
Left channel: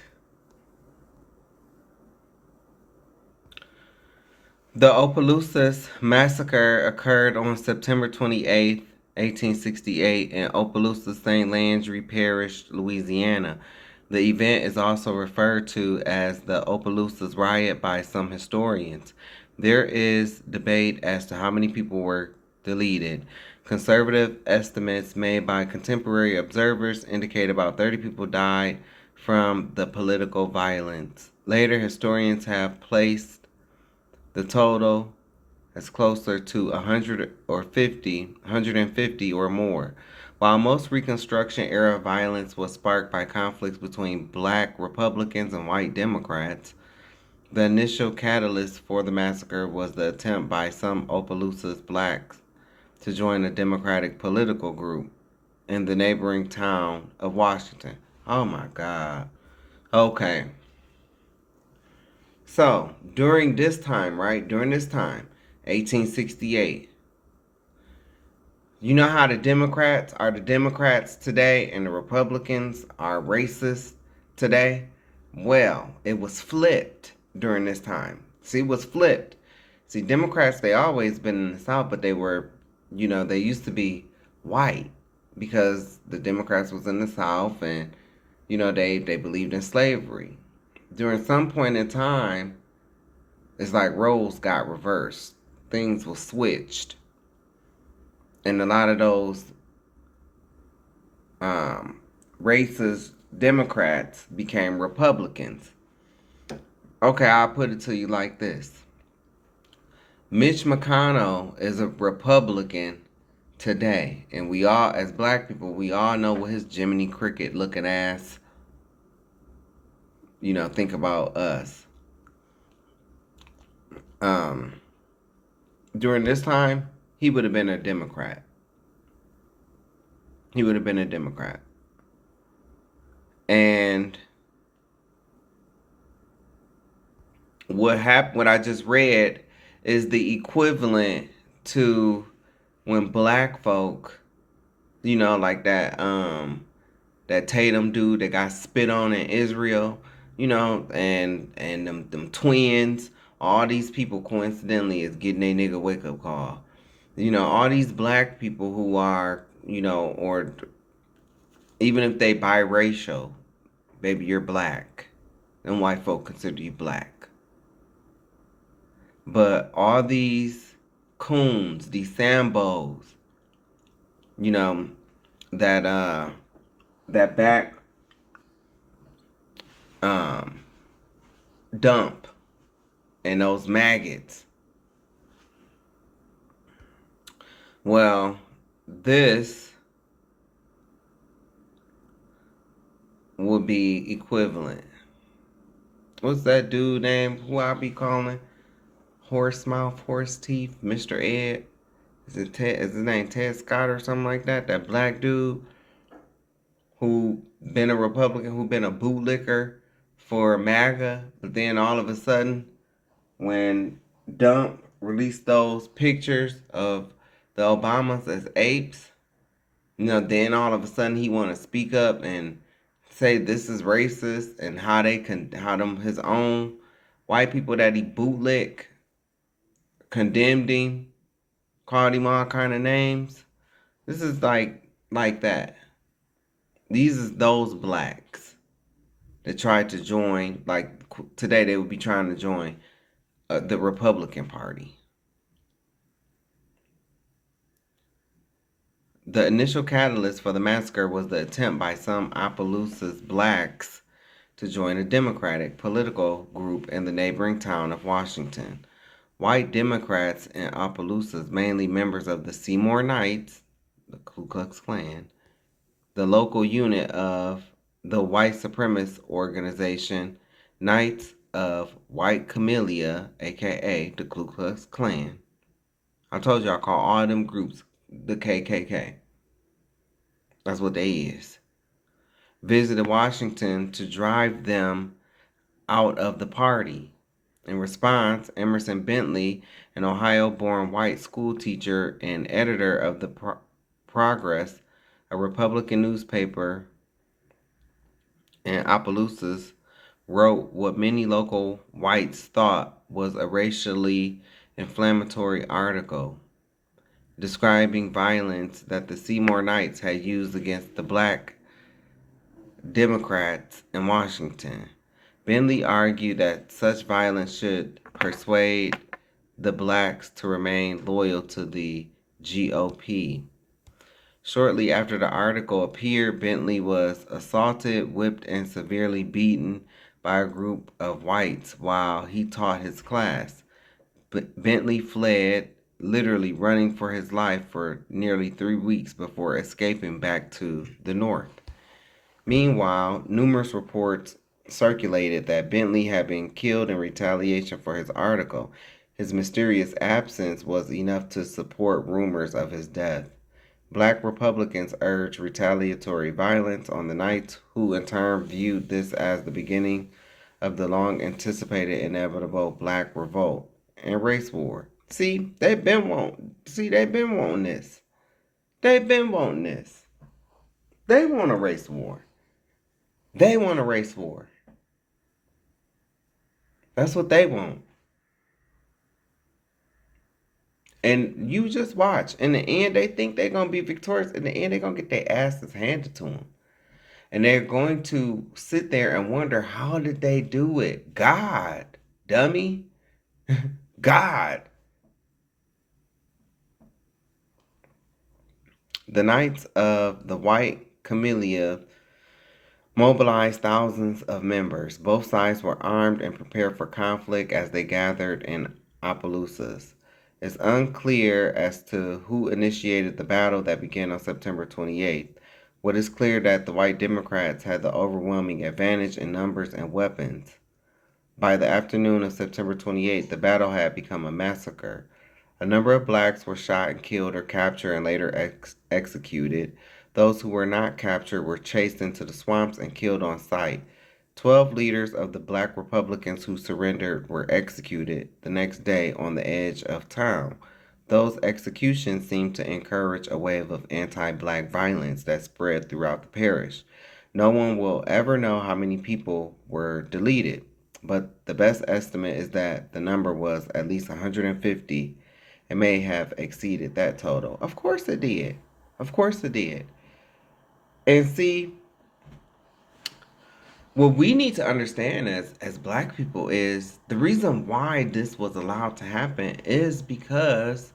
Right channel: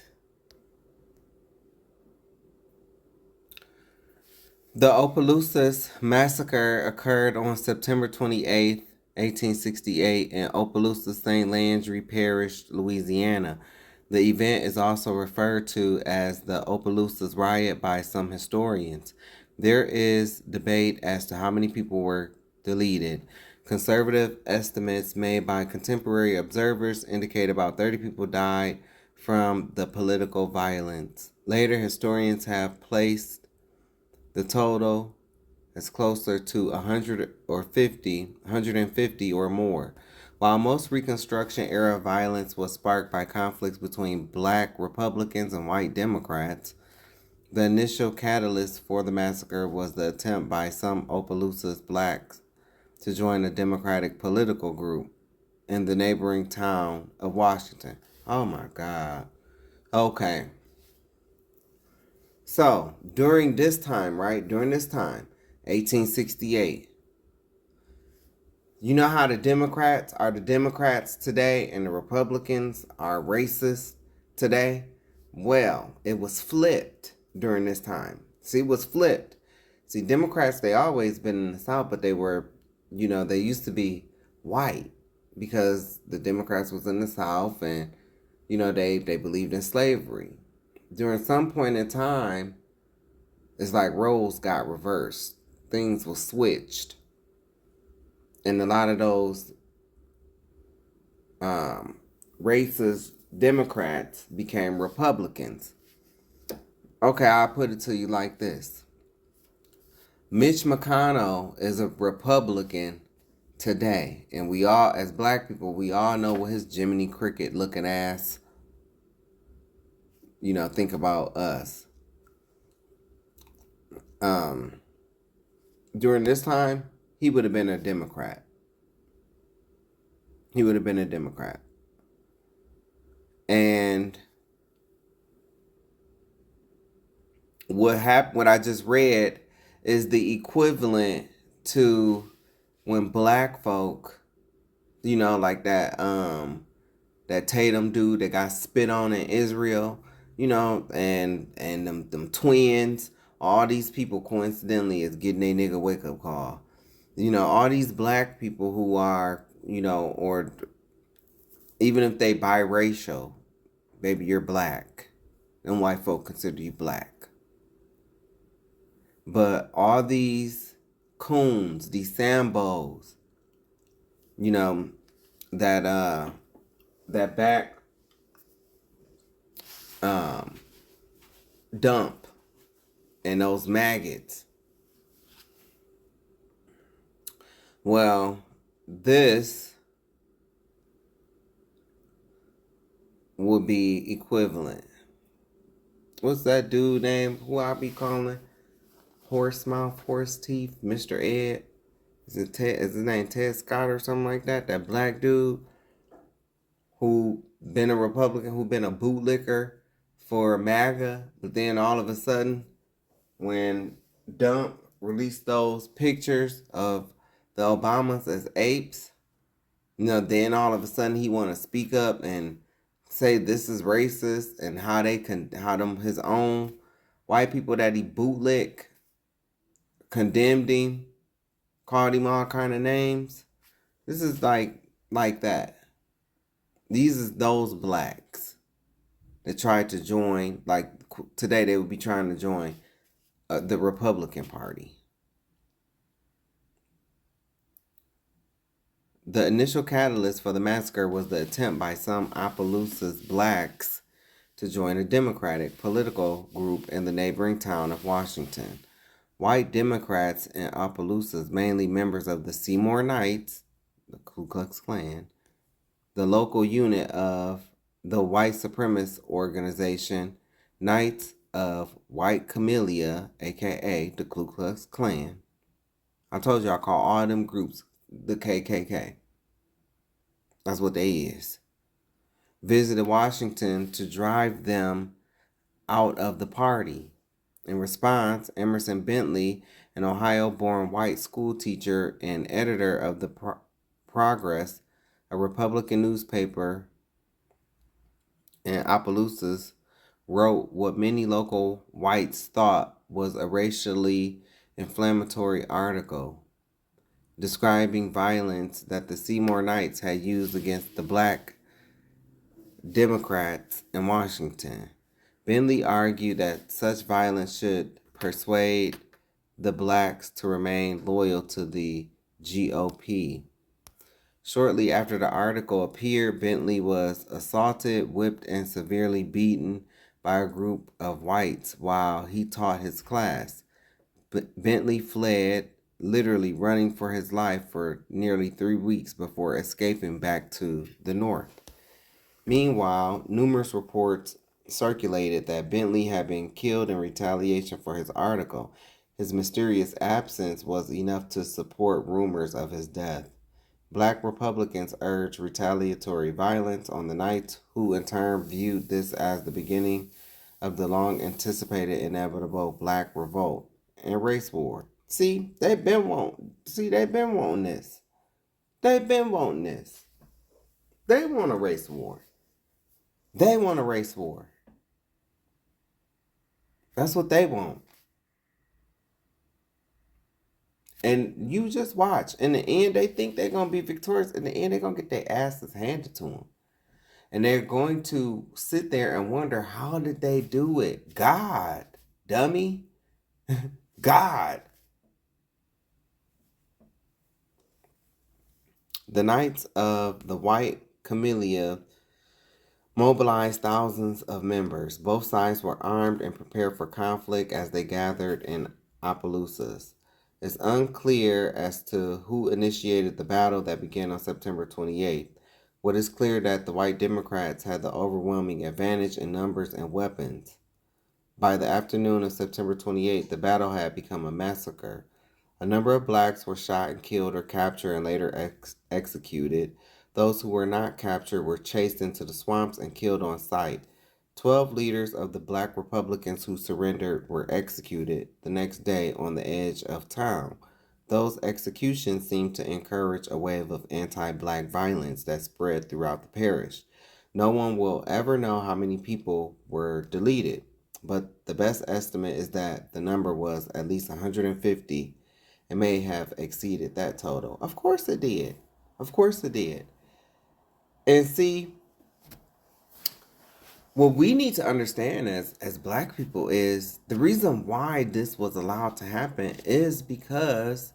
The Opelousas Massacre occurred on September 28, 1868, in Opelousas, St. Landry Parish, Louisiana. The event is also referred to as the Opelousas Riot by some historians. There is debate as to how many people were deleted. Conservative estimates made by contemporary observers indicate about 30 people died from the political violence. Later, historians have placed the total as closer to 150 or more. While most Reconstruction-era violence was sparked by conflicts between black Republicans and white Democrats, the initial catalyst for the massacre was the attempt by some Opelousas blacks to join a Democratic political group in the neighboring town of Washington. Oh my God. Okay. So, during this time, 1868, you know how the Democrats are the Democrats today and the Republicans are racist today? Well, it was flipped during this time. See, it was flipped. See, Democrats, they always been in the South, but they were, they used to be white because the Democrats was in the South and, they believed in slavery. During some point in time, it's like roles got reversed. Things were switched. And a lot of those races Democrats became Republicans. Okay, I'll put it to you like this. Mitch McConnell is a Republican today. And we all, as black people, we all know what his Jiminy Cricket looking ass, think about us. During this time, he would have been a Democrat. He would have been a Democrat. And what I just read is the equivalent to when black folk, like that Tatum dude that got spit on in Israel, and them twins, all these people coincidentally is getting a nigga wake up call. All these black people who are, or even if they biracial, baby, you're black. And white folk consider you black. But all these coons, these Sambos, that back dump and those maggots. Well, this would be equivalent. What's that dude name? Who I be calling? Horse mouth, horse teeth, Mr. Ed. Is his name Ted Scott or something like that? That black dude who been a Republican, who been a bootlicker for MAGA, but then all of a sudden, when Dump released those pictures of the Obamas as apes, then all of a sudden he want to speak up and say this is racist, and how his own white people that he bootlick condemned him, called him all kind of names. This is like that. These is those blacks that tried to join, like today they would be trying to join the Republican Party. The initial catalyst for the massacre was the attempt by some Opelousas blacks to join a Democratic political group in the neighboring town of Washington. White Democrats in Opelousas, mainly members of the Seymour Knights, the Ku Klux Klan, the local unit of the white supremacist organization Knights of White Camellia, aka the Ku Klux Klan. I told you I call all them groups the KKK. That's what they is. Visited Washington to drive them out of the party. In response, Emerson Bentley, an Ohio-born white school teacher and editor of the Progress, a Republican newspaper in Opelousas, wrote what many local whites thought was a racially inflammatory article describing violence that the Seymour Knights had used against the black Democrats in Washington. Bentley argued that such violence should persuade the blacks to remain loyal to the GOP. Shortly after the article appeared, Bentley was assaulted, whipped, and severely beaten by a group of whites while he taught his class. Bentley fled, literally running for his life for nearly 3 weeks before escaping back to the North. Meanwhile, numerous reports circulated that Bentley had been killed in retaliation for his article. His mysterious absence was enough to support rumors of his death. Black Republicans urged retaliatory violence on the Knights, who in turn viewed this as the beginning of the long-anticipated inevitable black revolt and race war. They've been wanting this. They've been wanting this. They want a race war. They want a race war. That's what they want. And you just watch. In the end, they think they're going to be victorious. In the end, they're going to get their asses handed to them. And they're going to sit there and wonder, how did they do it? God, dummy. God. The Knights of the White Camellia mobilized thousands of members. Both sides were armed and prepared for conflict as they gathered in Opelousas. It's unclear as to who initiated the battle that began on September 28th. What is clear that the white Democrats had the overwhelming advantage in numbers and weapons. By the afternoon of September 28th, the battle had become a massacre. A number of blacks were shot and killed or captured and later executed. Those who were not captured were chased into the swamps and killed on sight. 12 leaders of the black Republicans who surrendered were executed the next day on the edge of town. Those executions seemed to encourage a wave of anti-black violence that spread throughout the parish. No one will ever know how many people were deleted, but the best estimate is that the number was at least 150. It may have exceeded that total. Of course it did. Of course it did. And see, what we need to understand as black people is the reason why this was allowed to happen is because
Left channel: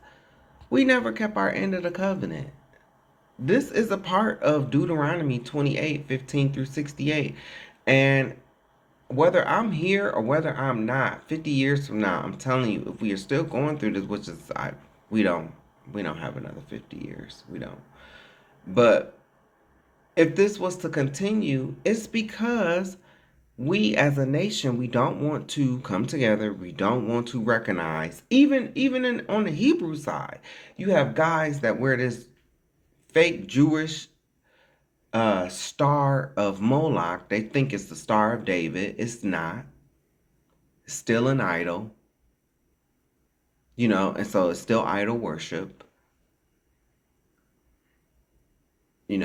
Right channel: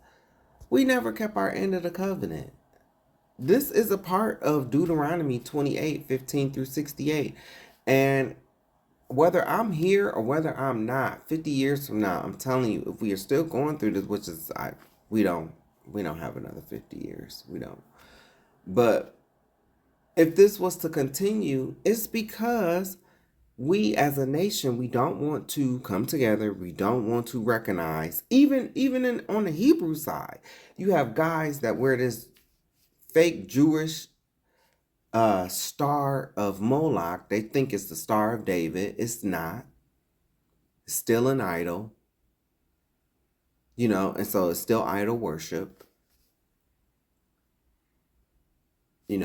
we never kept our end of the covenant. This is a part of Deuteronomy 28:15-68. And whether I'm here or whether I'm not, 50 years from now, I'm telling you, if we are still going through this, which is we don't have another 50 years. We don't. But if this was to continue, it's because we as a nation, we don't want to come together. We don't want to recognize, even on the Hebrew side, you have guys that wear this fake Jewish star of Moloch. They think it's the Star of David. It's not. It's still an idol. And so it's still idol worship. You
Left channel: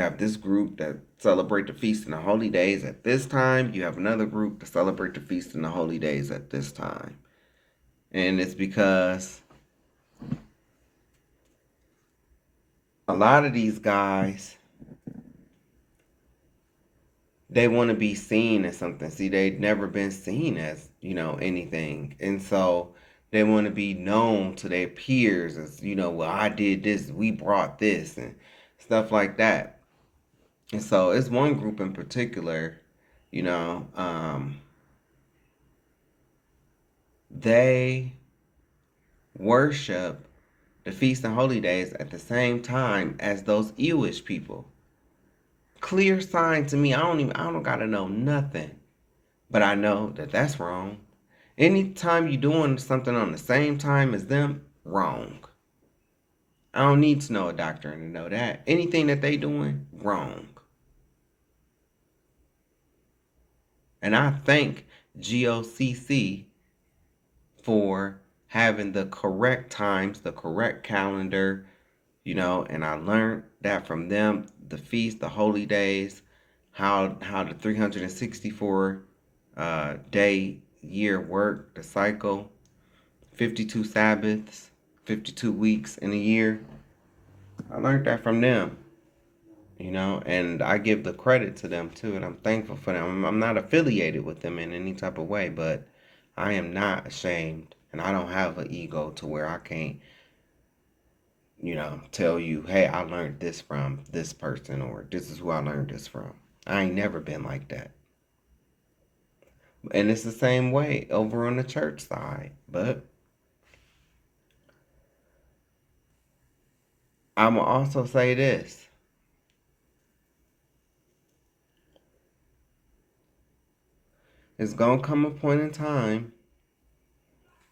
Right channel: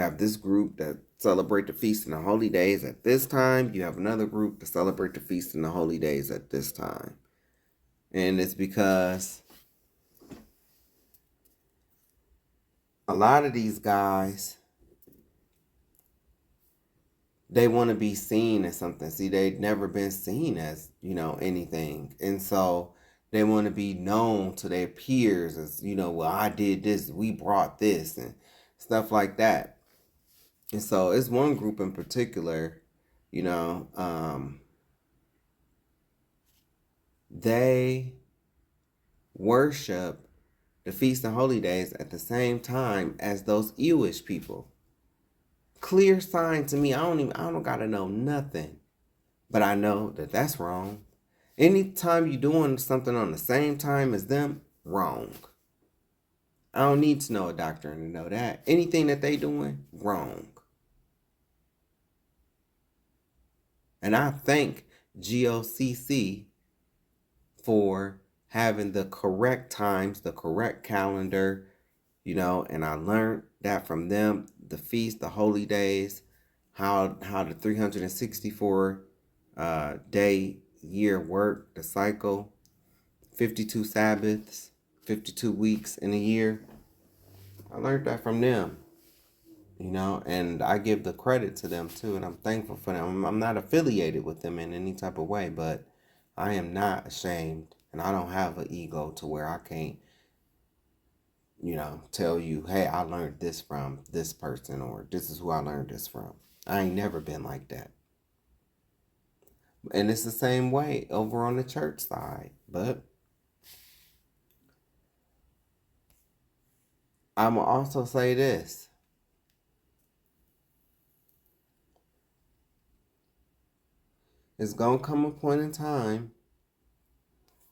have this group that celebrate the feast and the holy days at this time. You have another group that celebrate the feast and the holy days at this time. And it's because a lot of these guys, they want to be seen as something. See, they've never been seen as, anything. And so they want to be known to their peers as, well, I did this, we brought this, and stuff like that. And so it's one group in particular, they worship the feast and holy days at the same time as those Jewish people. Clear sign to me. I don't gotta know nothing, but I know that that's wrong. Anytime you're doing something on the same time as them, wrong. I don't need to know a doctrine to know that. Anything that they doing, wrong. And I thank GOCC for having the correct times, the correct calendar, and I learned that from them, the feast, the holy days, how the 364 day year work, the cycle, 52 Sabbaths, 52 weeks in a year. I learned that from them, and I give the credit to them too, and I'm thankful for them. I'm not affiliated with them in any type of way, but I am not ashamed, and I don't have an ego to where I can't, tell you, hey, I learned this from this person, or this is who I learned this from. I ain't never been like that. And it's the same way over on the church side, but I'm going to also say this. It's going to come a point in time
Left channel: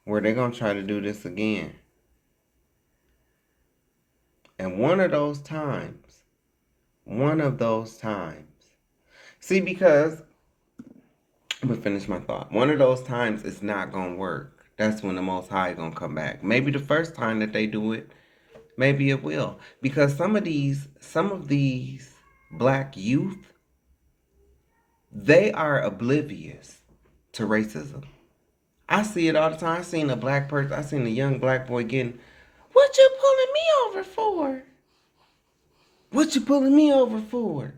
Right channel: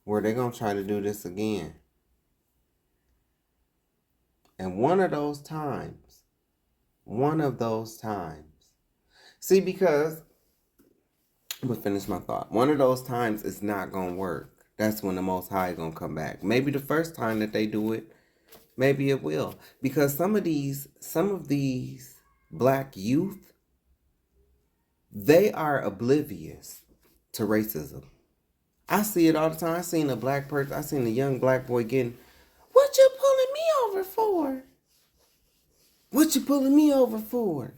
where they're going to try to do this again. And one of those times, see, because, I'm going to finish my thought. One of those times it's not going to work. That's when the Most High is going to come back. Maybe the first time that they do it, maybe it will. Because some of these black youth, they are oblivious to racism. I see it all the time. I seen a black person, I seen a young black boy getting, what you pulling me over for? What you pulling me over for?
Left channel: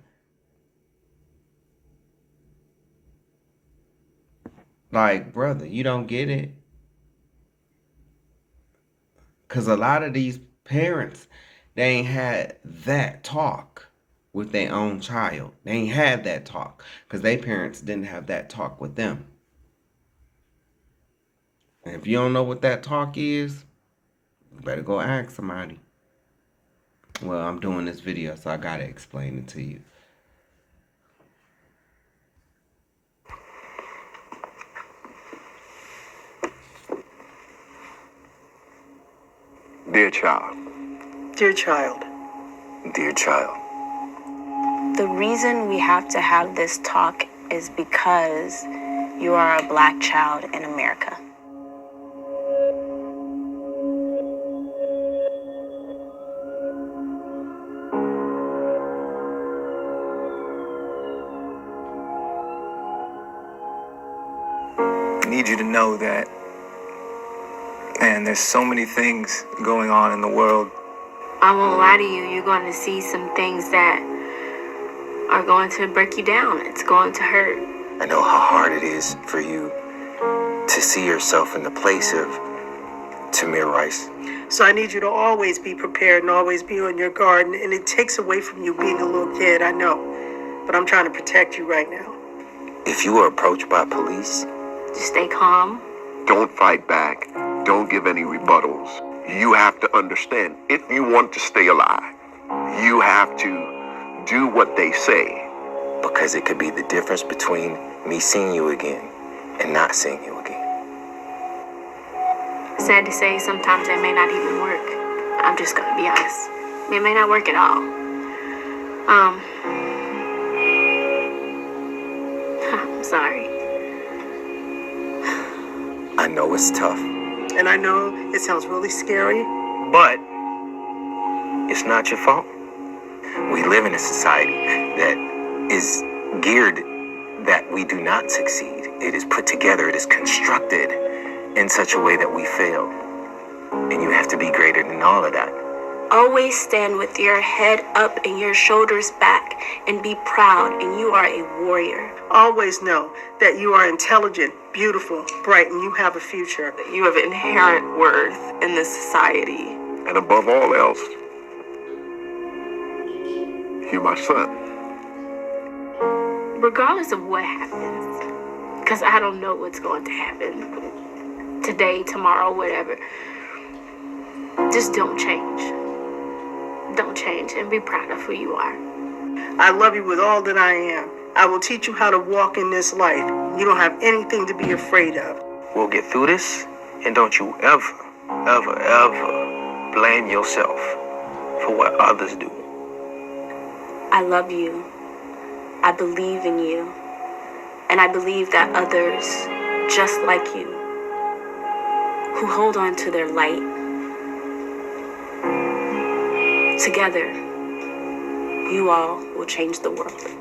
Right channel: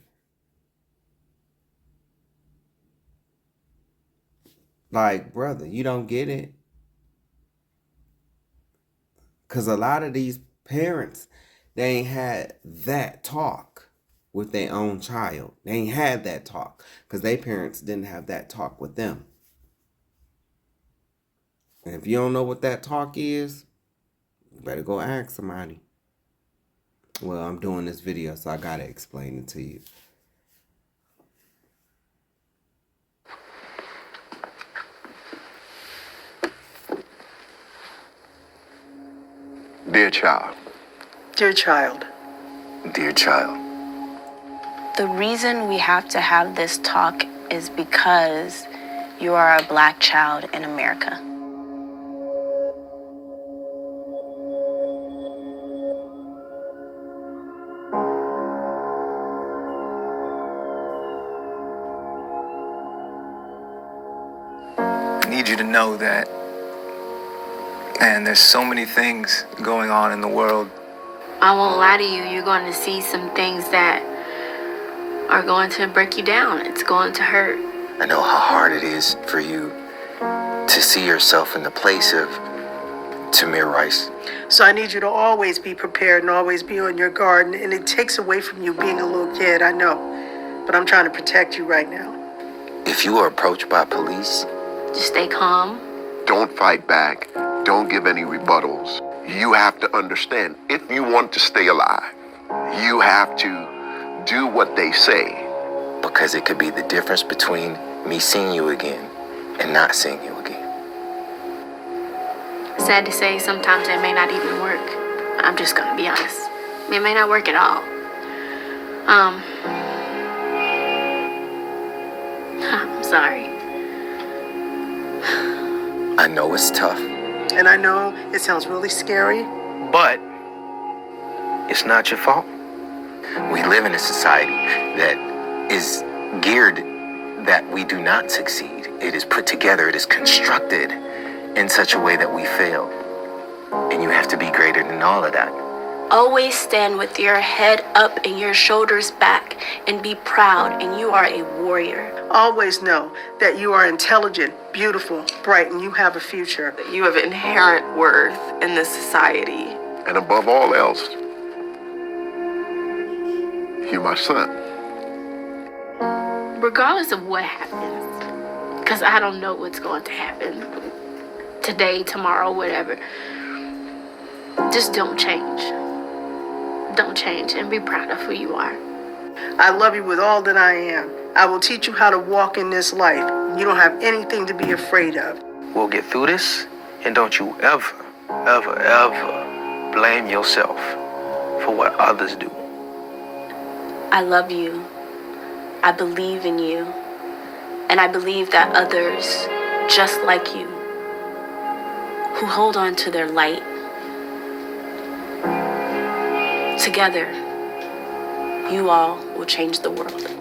Like, brother, you don't get it. Because a lot of these parents, they ain't had that talk with their own child. They ain't had that talk because their parents didn't have that talk with them. And if you don't know what that talk is, you better go ask somebody. Well, I'm doing this video, so I gotta explain it to you. Dear child. Dear child. Dear child. The reason we have to have this talk is because you are a black child in America. I need you to know that, man, there's so many things going on in the world. I won't lie to you, you're going to see some things that are going to break you down. It's going to hurt. I know how hard it is for you to see yourself in the place of Tamir Rice. So I need you to always be prepared and always be on your guard. And it takes away from you being a little kid, I know. But I'm trying to protect you right now. If you are approached by police, just stay calm. Don't fight back. Don't give any rebuttals. You have to understand, if you want to stay alive, you have to do what they say. Because it could be the difference between me seeing you again and not seeing you again. Sad to say, sometimes it may not even work. I'm just gonna be honest. It may not work at all. I'm sorry. I know it's tough. And I know it sounds really scary. But it's not your fault. We live in a society that is geared that we do not succeed. It is put together, it is constructed in such a way that we fail. And you have to be greater than all of that. Always stand with your head up and your shoulders back and be proud, and you are a warrior. Always know that you are intelligent, beautiful, bright, and you have a future. You have inherent worth in this society. And above all else, you're my son. Regardless of what happens, because I don't know what's going to happen today, tomorrow, whatever, just don't change. Don't change and be proud of who you are. I love you with all that I am. I will teach you how to walk in this life. You don't have anything to be afraid of. We'll get through this, and don't you ever, ever, ever blame yourself for what others do. I love you. I believe in you. And I believe that others, just like you, who hold on to their light, together, you all will change the world.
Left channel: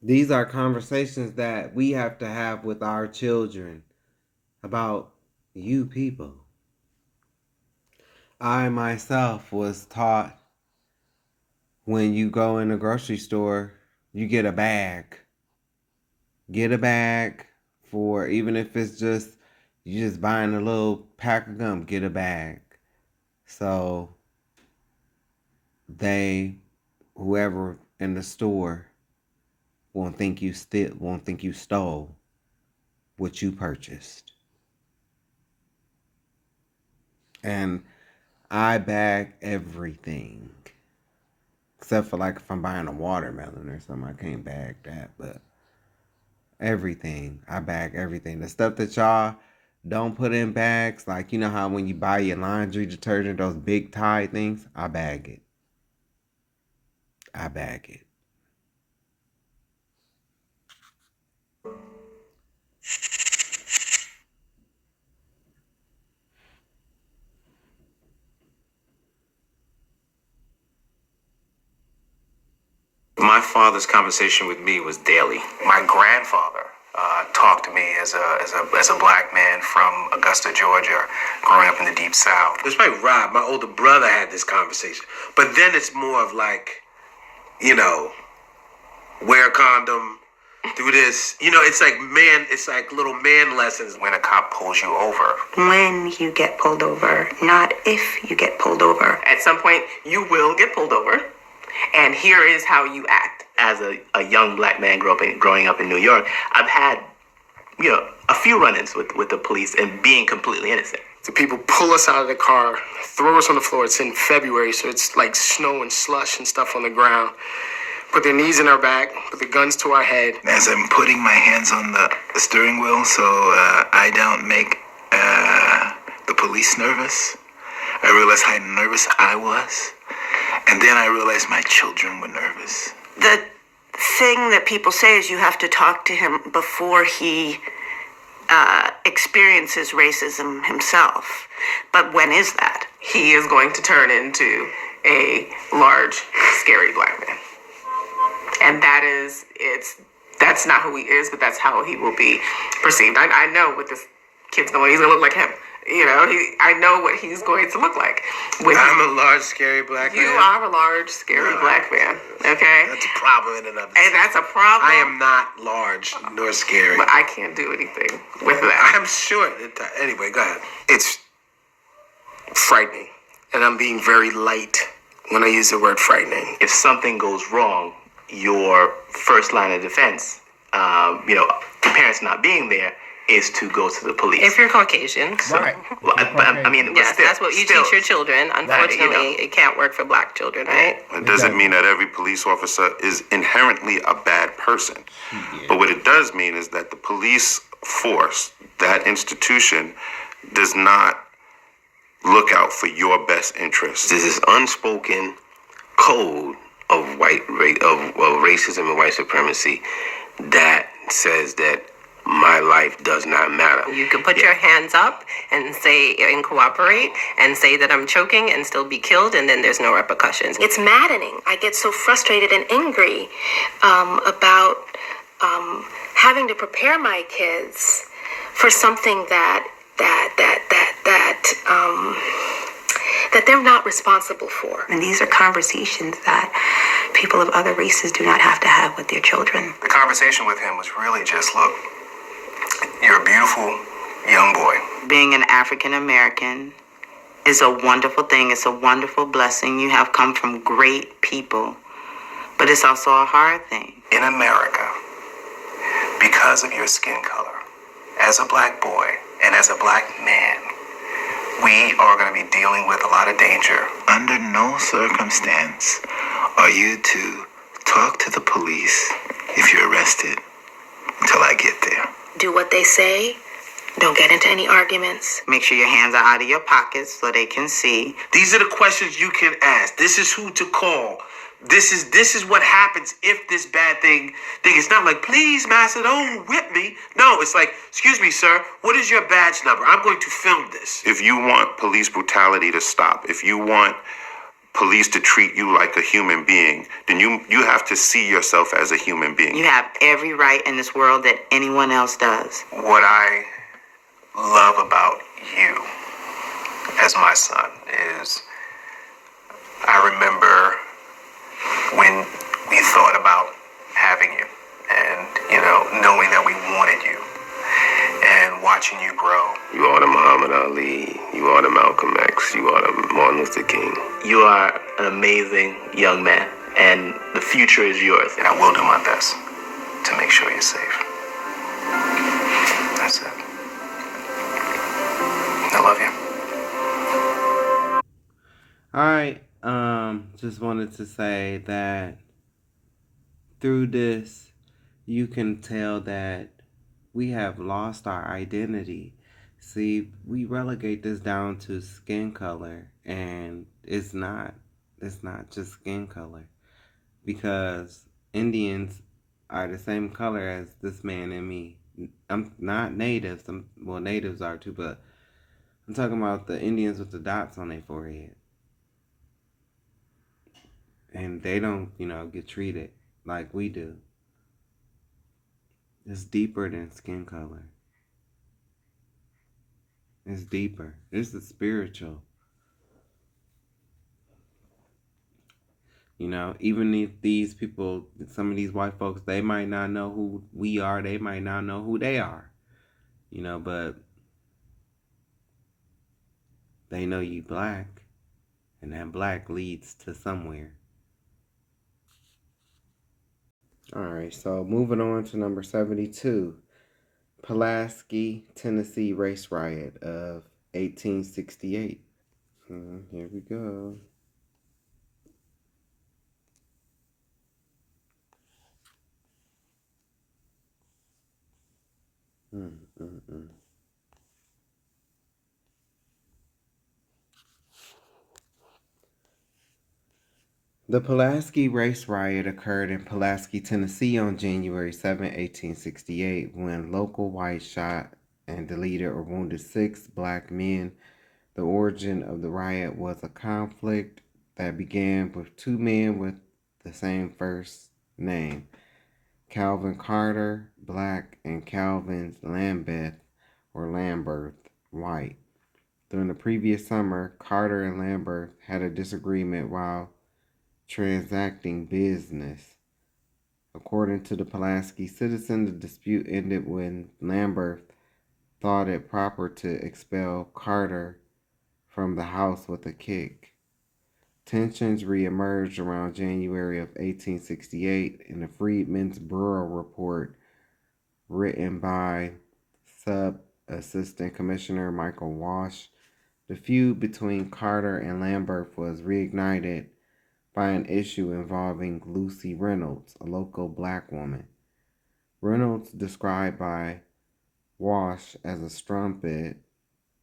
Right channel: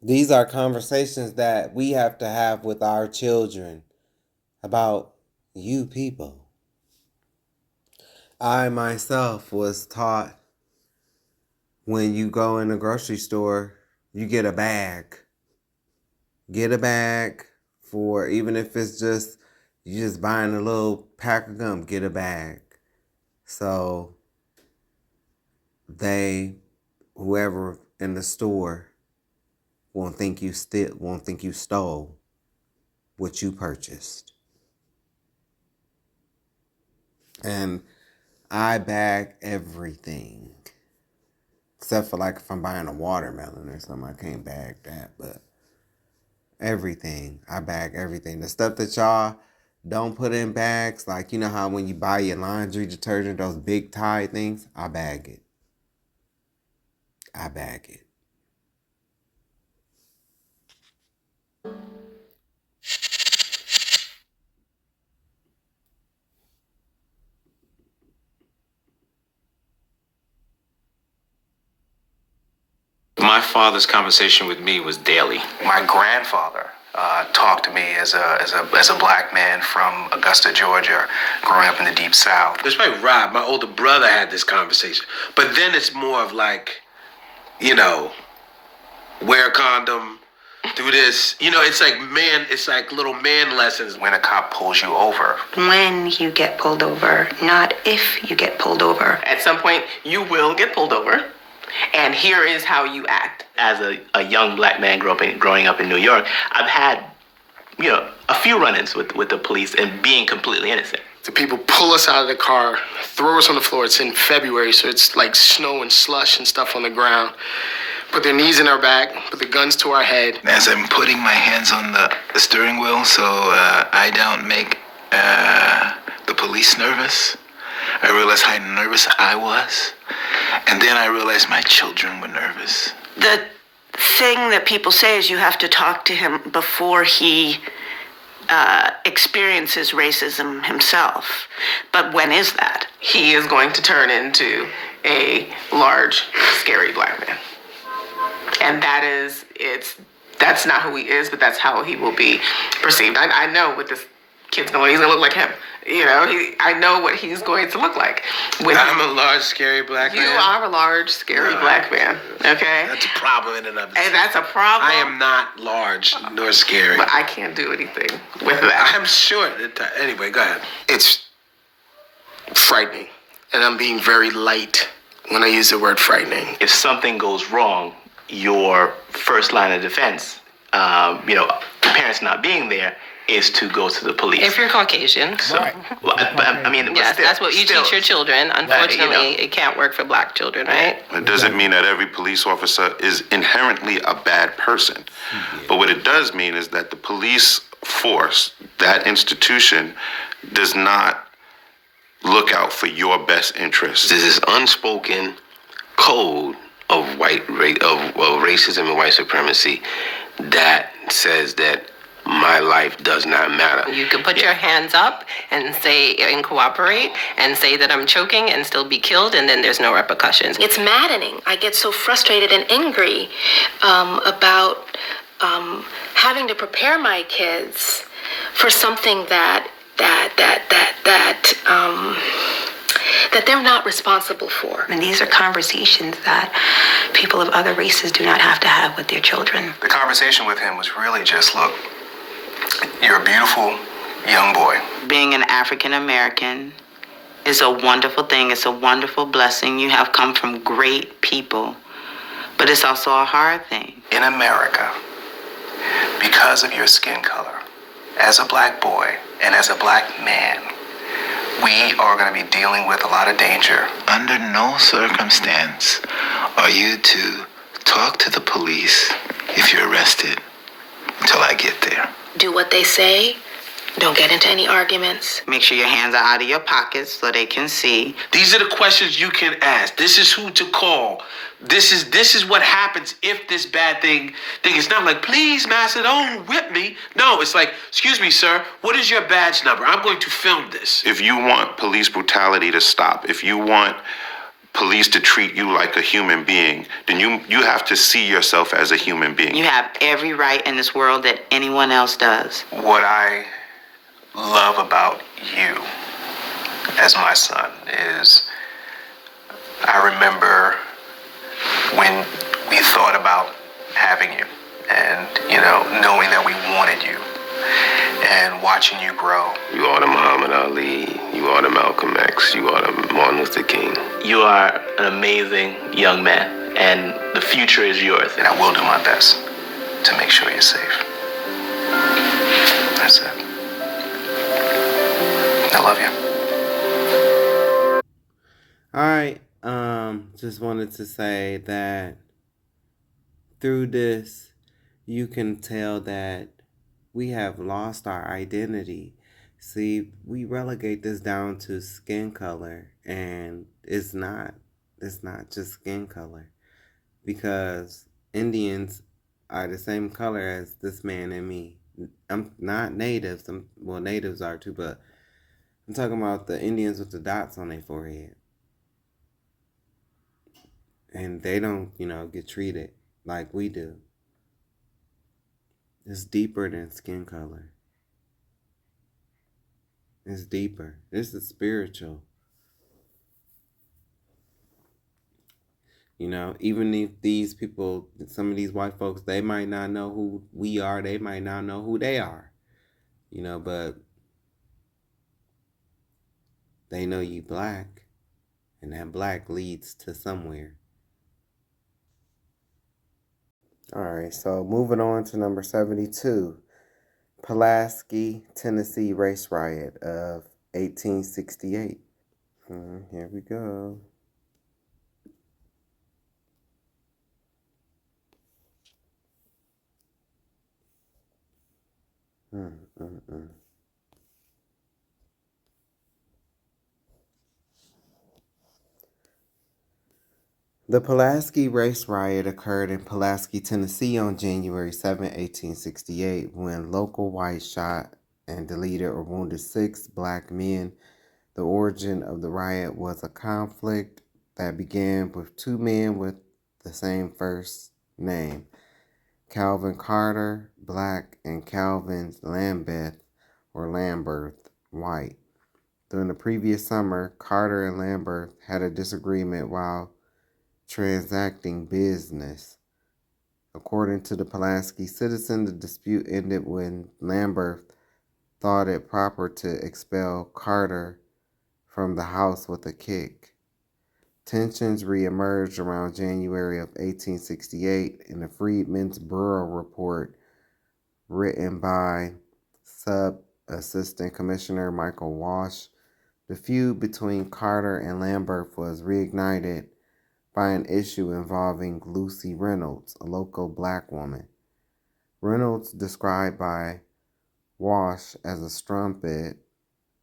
These are conversations that we have to have with our children about you people. I myself was taught when you go in the grocery store, you get a bag. Get a bag for, even if it's just, you just buying a little pack of gum, get a bag. So whoever in the store won't think you stole what you purchased. And I bag everything. Except for like if I'm buying a watermelon or something, I can't bag that, but everything. I bag everything. The stuff that y'all don't put in bags, like you know how when you buy your laundry detergent, those big Tide things, I bag it. I bag it. My father's conversation with me was daily. My grandfather talked to me as a black man from Augusta, Georgia, growing up in the Deep South. It's like Rob, my older brother, had this conversation. But then it's more of like, you know, wear a condom, do this. You know, it's like little man lessons. When a cop pulls you over. When you get pulled over, not if you get pulled over. At some point, you will get pulled over. and here is how you act. As a young black man growing up in New York, I've had, a few run-ins with the police and being completely innocent. The people pull us out of the car, throw us on the floor. It's in February, so it's like snow and slush and stuff on the ground. Put their knees in our back, put the guns to our head. As I'm putting my hands on the steering wheel so I don't make the police nervous, I realized how nervous I was. And then I realized my children were nervous. The thing that people say is you have to talk to him before he experiences racism himself. But when is that? He is going to turn into a large, scary black man. And that's not who he is, but that's how he will be perceived. I know what this kid's going to look. He's going to look like him. I know what he's going to look like. I'm a large, scary black man. You are a large, scary black man, okay? That's a problem in and of itself. And that's a problem. I am not large nor scary. But I can't do anything with that. I'm sure. Anyway, go ahead. It's frightening, and I'm being very light when I use the word frightening. If something goes wrong, your first line of defense, the parents not being there, is to go to the police. If you're Caucasian. So, right. Yes, that's what you teach your children. Unfortunately, it can't work for black children, right? It doesn't mean that every police officer is inherently a bad person. But what it does mean is that the police force, that institution, does not look out for your best interests. There's this unspoken code of racism and white supremacy that says that my life does not matter. You can put your hands up and say and cooperate and say that I'm choking and still be killed, and then there's no repercussions. It's maddening. I get so frustrated and angry about having to prepare my kids for something that they're not responsible for. And these are conversations that people of other races do not have to have with their children. The conversation with him was really just, look, you're a beautiful young boy. Being an African American is a wonderful thing. It's a wonderful blessing. You have come from great people, but it's also a hard thing. In America, because of your skin color, as a black boy and as a black man, we are going to be dealing with a lot of danger. Under no circumstance are you to talk to the police if you're arrested until I get there. Do what they say. Don't get into any arguments. Make sure your hands are out of your pockets so they can see. These are the questions you can ask. This is who to call. This is what happens if this bad thing. It's not like, please, master, don't whip me. No, it's like, excuse me, sir, what is your badge number? I'm going to film this. If you want police brutality to stop, if you want police to treat you like a human being, then you have to see yourself as a human being. You have every right in this world that anyone else does. What I love about you as my son is I remember when we thought about having you and, knowing that we wanted you and watching you grow. You are the Muhammad Ali, you are the Malcolm X, you are the Martin Luther King. You are an amazing young man, and the future is yours. And I will do my best to make sure you're safe. That's it. I love you. All right. Just wanted to say that through this, you can tell that we have lost our identity. See, we relegate this down to skin color, and it's not just skin color, because Indians are the same color as this man and me. I'm not natives. Natives are too, but I'm talking about the Indians with the dots on their forehead. And they don't, get treated like we do. It's deeper than skin color. It's deeper. It's the spiritual. Even if these people, some of these white folks, they might not know who we are. They might not know who they are. But they know you black. And that black leads to somewhere. All right, so moving on to number 72. Pulaski, Tennessee race riot of 1868. Here we go. The Pulaski race riot occurred in Pulaski, Tennessee on January 7, 1868, when local whites shot and deleted or wounded 6 black men. The origin of the riot was a conflict that began with 2 men with the same first name, Calvin Carter, black, and Calvin Lambeth or Lambert, white. During the previous summer, Carter and Lambert had a disagreement while transacting business. According to the Pulaski Citizen, the dispute ended when Lambert thought it proper to expel Carter from the house with a kick. Tensions reemerged around January of 1868 in the Freedmen's Bureau report written by Sub-Assistant Commissioner Michael Walsh. The feud between Carter and Lambert was reignited by an issue involving Lucy Reynolds, a local black woman. Reynolds, described by Walsh as a strumpet,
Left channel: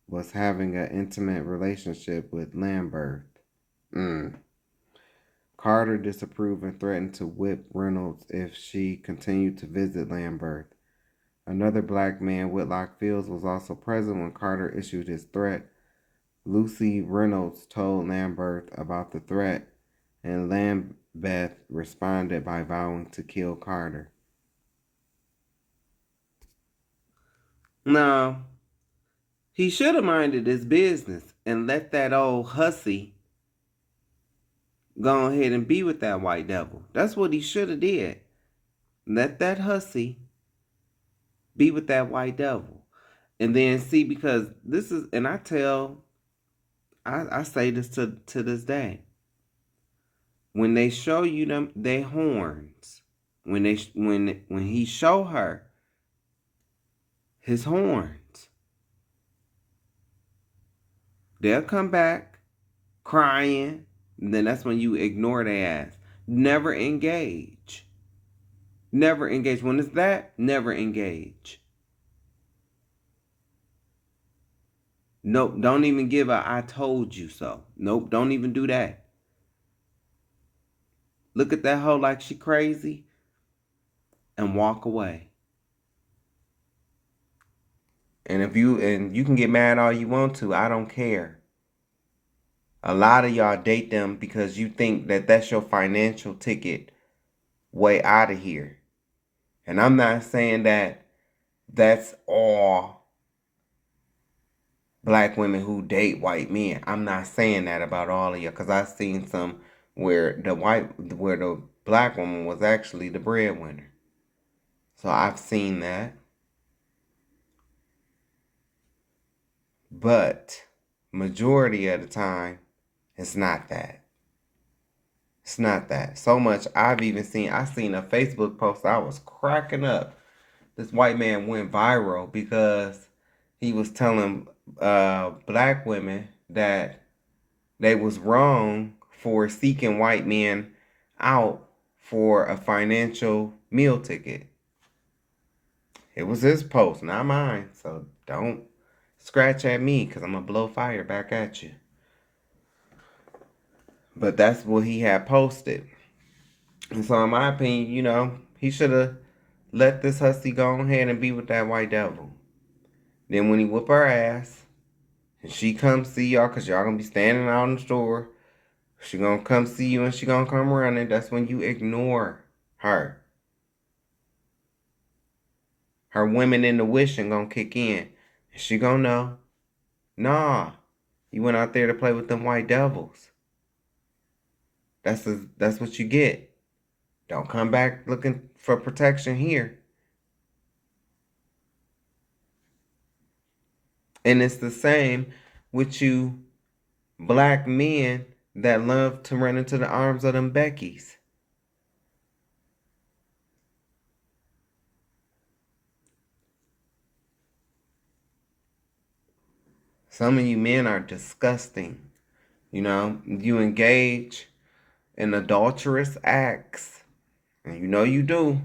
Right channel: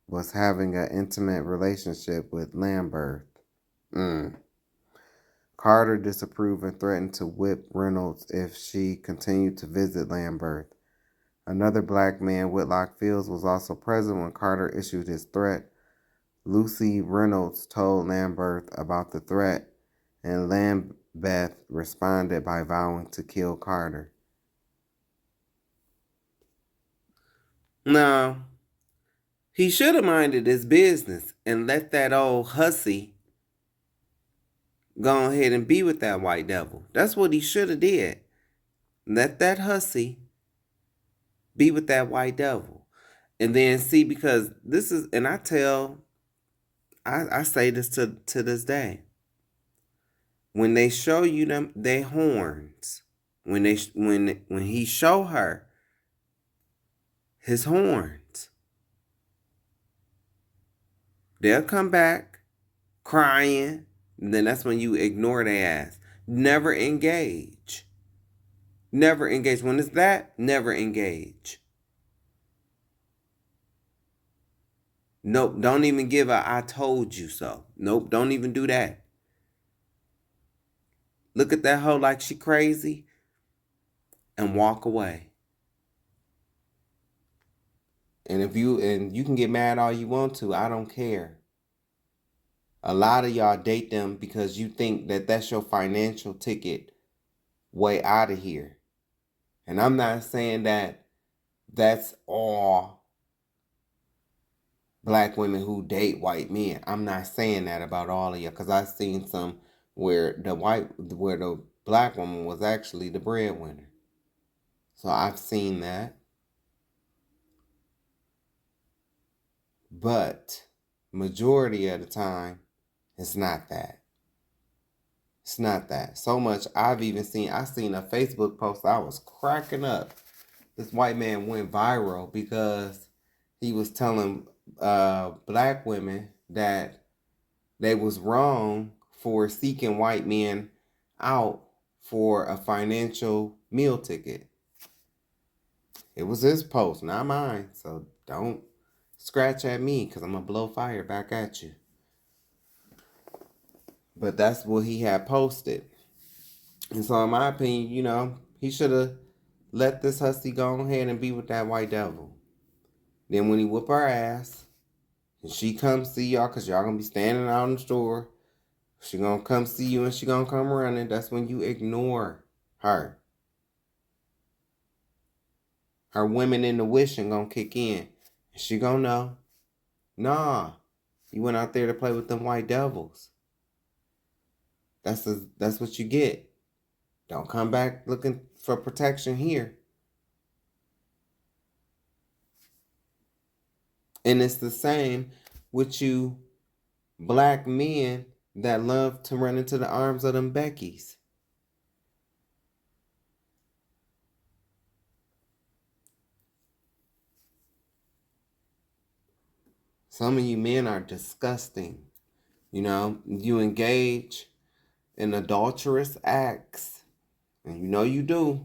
was having an intimate relationship with Lambert. Carter disapproved and threatened to whip Reynolds if she continued to visit Lambert. Another black man, Whitlock Fields, was also present when Carter issued his threat. Lucy Reynolds told Lambert about the threat, and Lambeth responded by vowing to kill Carter. Now, he should have minded his business and let that old hussy go ahead and be with that white devil. That's what he should have did. Let that hussy be with that white devil. And then see, because this is, and I say this to this day. When they show you them they horns, when he show her his horns, they'll come back crying. And then that's when you ignore their ass. Never engage. Never engage. When it's that, never engage. Nope, don't even give a I told you so. Nope, don't even do that. Look at that hoe like she crazy and walk away. And you can get mad all you want to, I don't care. A lot of y'all date them because you think that that's your financial ticket way out of here. And I'm not saying that that's all black women who date white men. I'm not saying that about all of you, because I've seen some where the black woman was actually the breadwinner. So I've seen that. But majority of the time, it's not that. It's not that. So much I seen a Facebook post, I was cracking up. This white man went viral because he was telling black women that they was wrong for seeking white men out for a financial meal ticket. It was his post, not mine. So don't scratch at me, because I'm going to blow fire back at you. But that's what he had posted. And so in my opinion, he should have let this hussy go ahead and be with that white devil. Then when he whoop her ass, and she come see y'all, because y'all going to be standing out in the store, she going to come see you and she going to come running. That's when you ignore her. Her women in the wishing going to kick in. And she going to know, nah, you went out there to play with them white devils. That's what you get. Don't come back looking for protection here. And it's the same with you black men that love to run into the arms of them Beckys. Some of you men are disgusting. You know, you engage in adulterous acts, and you know you do.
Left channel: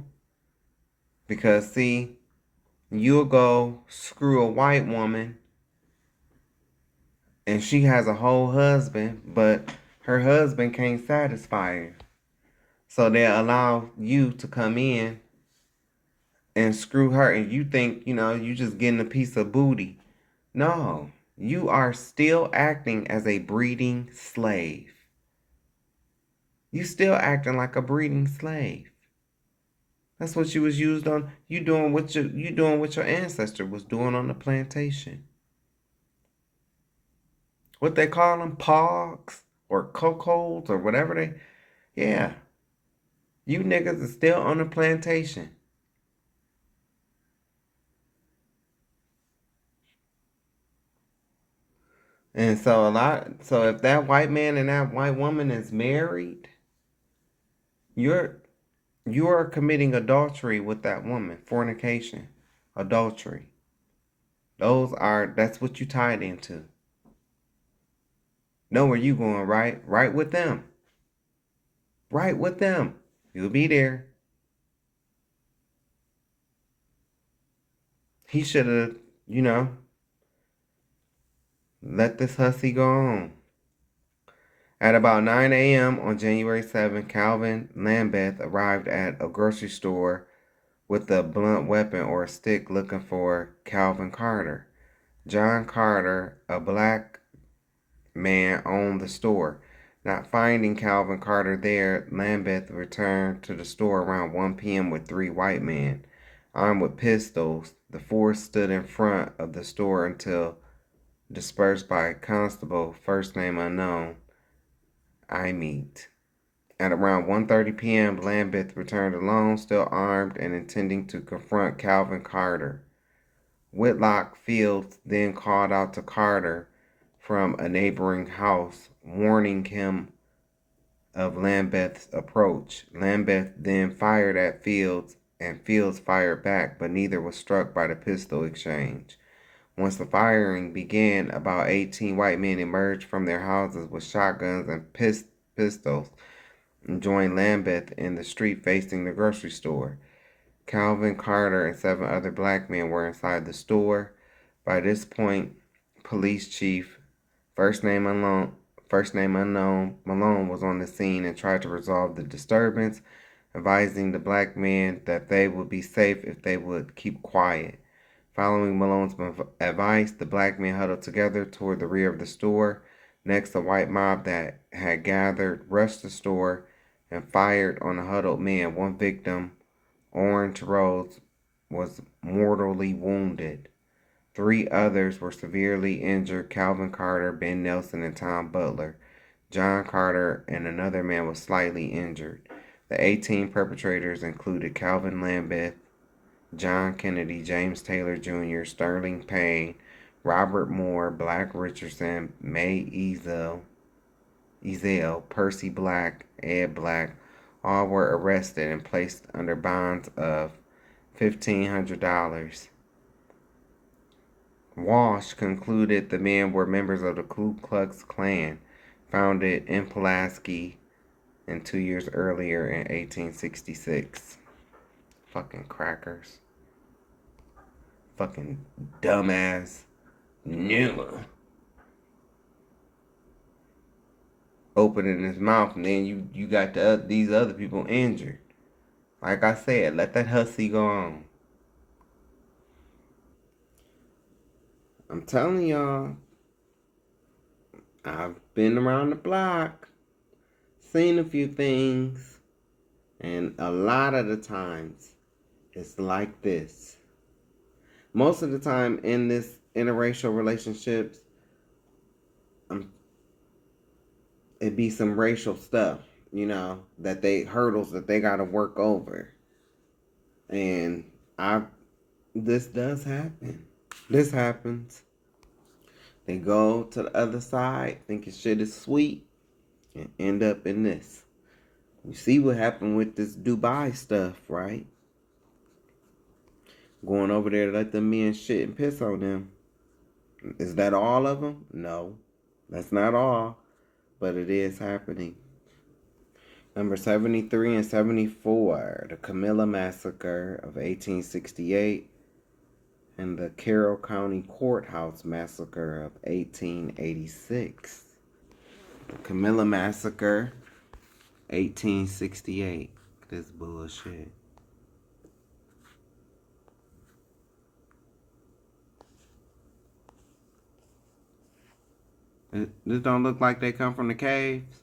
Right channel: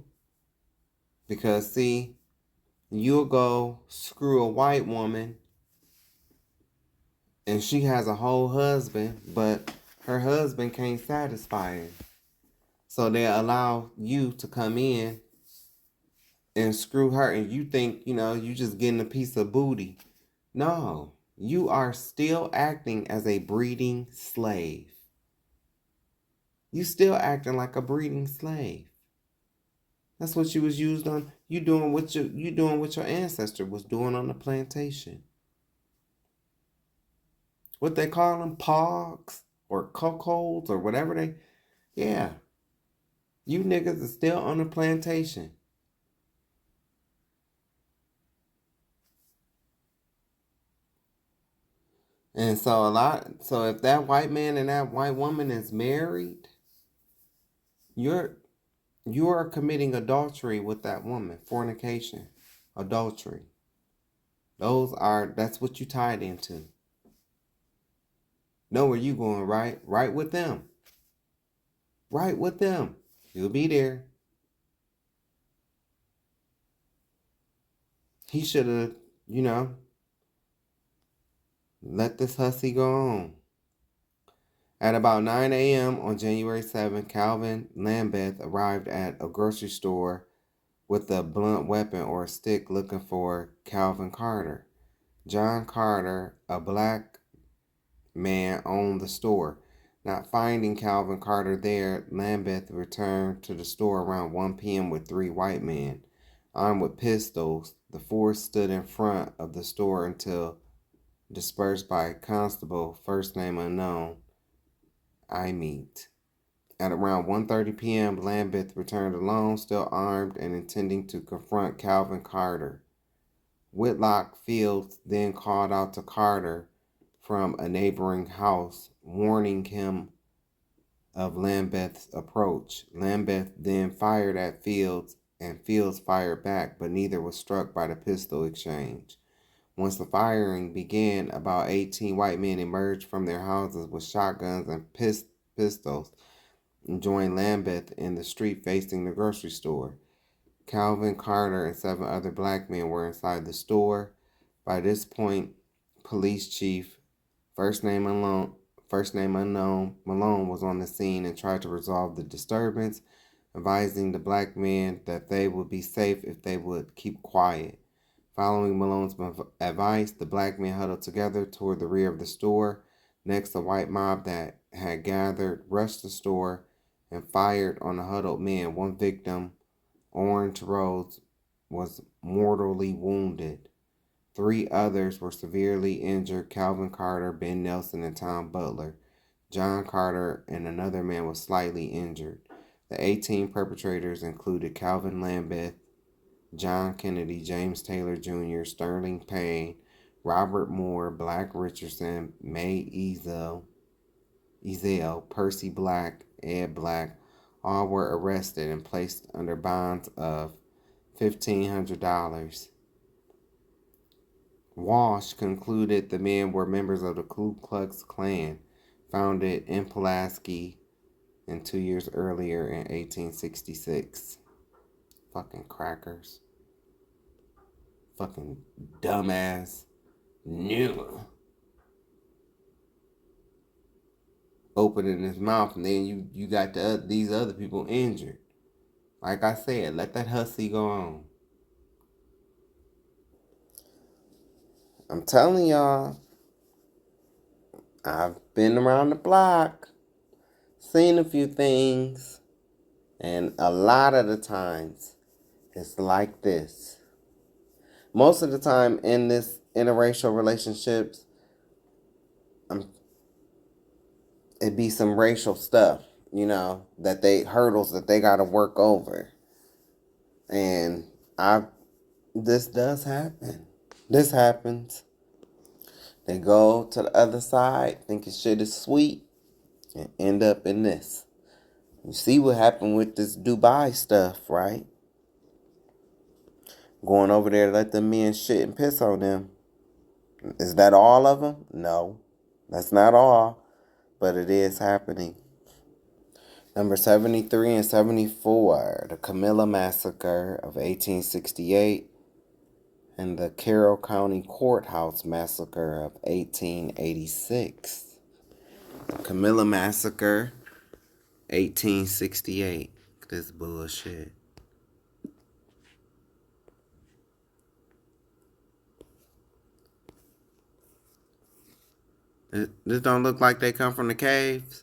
Because, see, you'll go screw a white woman, and she has a whole husband, but her husband can't satisfy her. So they allow you to come in and screw her, and you think, you know, you just getting a piece of booty. No, you are still acting as a breeding slave. You still acting like a breeding slave. That's what you was used on. You doing what your ancestor was doing on the plantation. What they call them, pogs or cuckolds or whatever they. Yeah, you niggas are still on the plantation. And so if that white man and that white woman is married, you are committing adultery with that woman, fornication, adultery. That's what you tied into. Know where you going, right? Right with them. Right with them. You'll be there. He should have, let this hussy go on. At about 9 a.m. on January 7, Calvin Lambeth arrived at a grocery store with a blunt weapon or a stick looking for Calvin Carter. John Carter, a black man, owned the store. Not finding Calvin Carter there, Lambeth returned to the store around 1 p.m. with 3 white men. Armed with pistols, the 4 stood in front of the store until dispersed by a constable, first name unknown, Imit. At around 1:30 p.m., Lambeth returned alone, still armed and intending to confront Calvin Carter. Whitlock Fields then called out to Carter from a neighboring house, warning him of Lambeth's approach. Lambeth then fired at Fields, and Fields fired back, but neither was struck by the pistol exchange. Once the firing began, about 18 white men emerged from their houses with shotguns and pistols and joined Lambeth in the street facing the grocery store. Calvin Carter and 7 other black men were inside the store. By this point, police chief, first name unknown, Malone was on the scene and tried to resolve the disturbance, advising the black men that they would be safe if they would keep quiet. Following Malone's advice, the black men huddled together toward the rear of the store. Next, the white mob that had gathered rushed the store and fired on the huddled men. One victim, Orange Rose, was mortally wounded. 3 others were severely injured: Calvin Carter, Ben Nelson, and Tom Butler. John Carter and another man was slightly injured. The 18 perpetrators included Calvin Lambeth, John Kennedy, James Taylor Jr., Sterling Payne, Robert Moore, Black Richardson, May Ezel, Percy Black, Ed Black. All were arrested and placed under bonds of $1,500. Walsh concluded the men were members of the Ku Klux Klan, founded in Pulaski and 2 years earlier in 1866. Fucking crackers. Fucking dumbass. Nigga. Opening his mouth, and then you got these other people injured. Like I said, let that hussy go on. I'm telling y'all, I've been around the block, seen a few things, and a lot of the times it's like this. Most of the time in this interracial relationships, it be some racial stuff, hurdles that they gotta work over. And this does happen. This happens. They go to the other side, thinking shit is sweet, and end up in this. You see what happened with this Dubai stuff, right? Going over there to let them men shit and piss on them. Is that all of them? No, that's not all, but it is happening. Number 73 and 74, the Camilla Massacre of 1868 and the Carroll County Courthouse Massacre of 1886. The Camilla Massacre, 1868. This bullshit. This don't look like they come from the caves.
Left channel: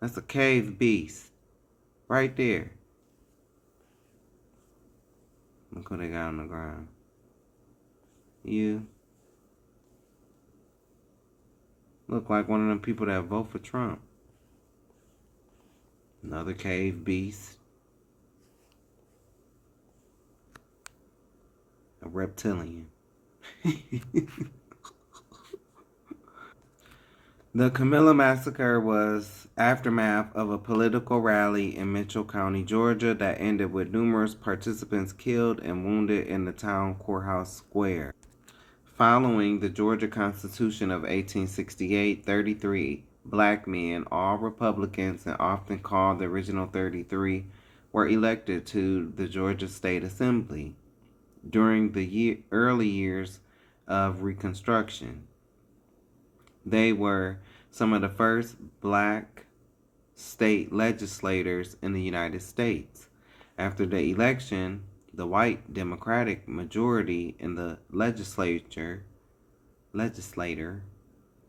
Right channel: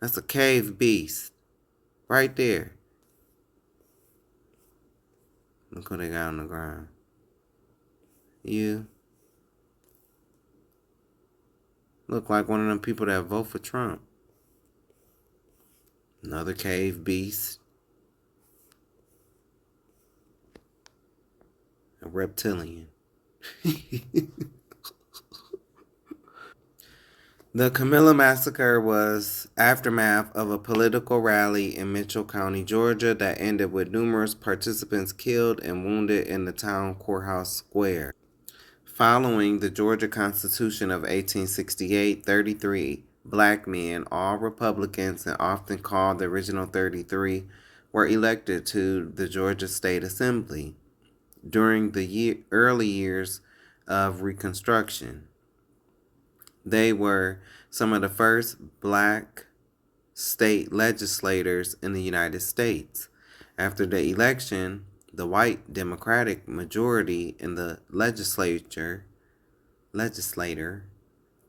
That's a cave beast. Right there. Look what they got on the ground. You look like one of them people that vote for Trump. Another cave beast. A reptilian. The Camilla Massacre was aftermath of a political rally in Mitchell County, Georgia that ended with numerous participants killed and wounded in the town courthouse square. Following the Georgia Constitution of 1868, 33 black men, all Republicans and often called the original 33, were elected to the Georgia State Assembly during the early years of Reconstruction. They were some of the first black state legislators in the United States. After the election, the white Democratic majority in the legislator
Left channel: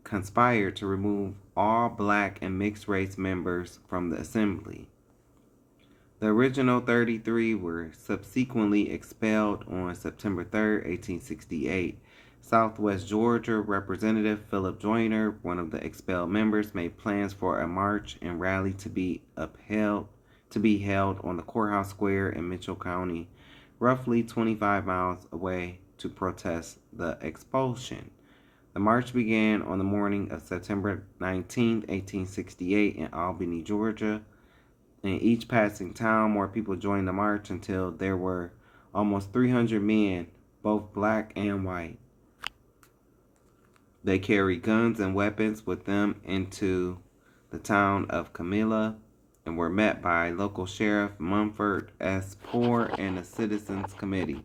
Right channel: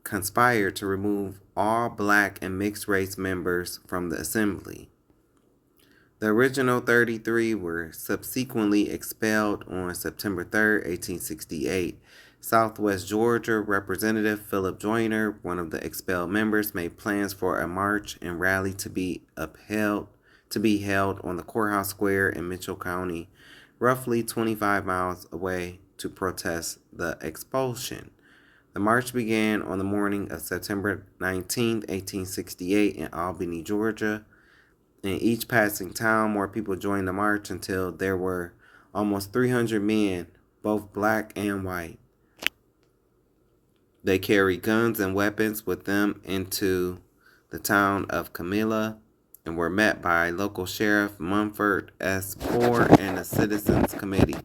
conspired to remove all black and mixed race members from the assembly. The original 33 were subsequently expelled on September 3, 1868. Southwest Georgia Representative Philip Joyner, one of the expelled members, made plans for a march and rally to be held on the courthouse square in Mitchell County, roughly 25 miles away, to protest the expulsion. The march began on the morning of September 19, 1868 in Albany, Georgia. In each passing town, more people joined the march until there were almost 300 men, both black and white. They carried guns and weapons with them into the town of Camilla and were met by local Sheriff Mumford S. Poor and a citizens committee.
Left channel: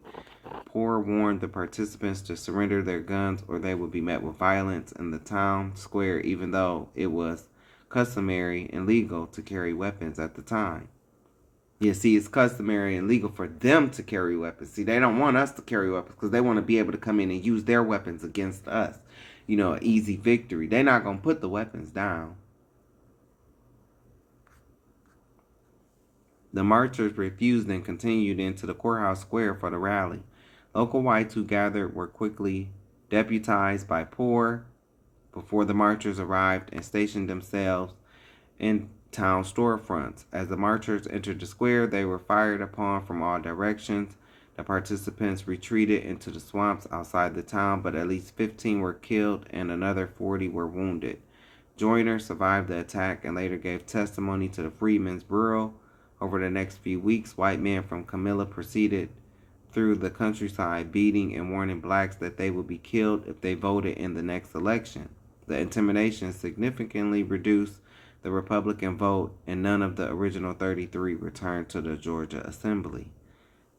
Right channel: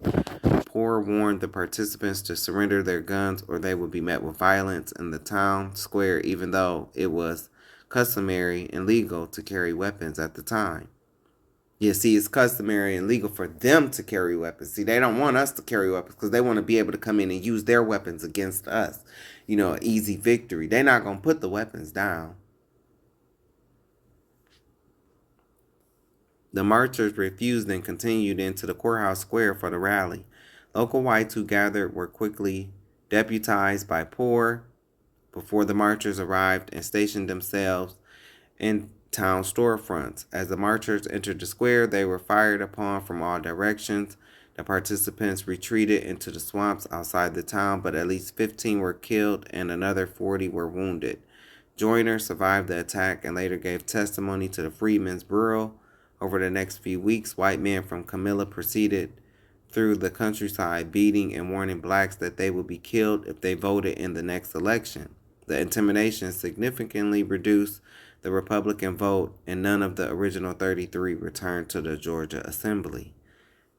Poor warned the participants to surrender their guns or they would be met with violence in the town square, even though it was customary and legal to carry weapons at the time. Yeah, see, it's customary and legal for them to carry weapons. See, they don't want us to carry weapons because they want to be able to come in and use their weapons against us. You know, an easy victory. They're not going to put the weapons down. The marchers refused and continued into the courthouse square for the rally. Local whites who gathered were quickly deputized by Poor before the marchers arrived and stationed themselves in town storefronts. As the marchers entered the square, they were fired upon from all directions. The participants retreated into the swamps outside the town, but at least 15 were killed and another 40 were wounded. Joyner survived the attack and later gave testimony to the Freedmen's Bureau. Over the next few weeks, white men from Camilla proceeded through the countryside, beating and warning blacks that they would be killed if they voted in the next election. The intimidation significantly reduced the Republican vote, and none of the original 33 returned to the Georgia Assembly.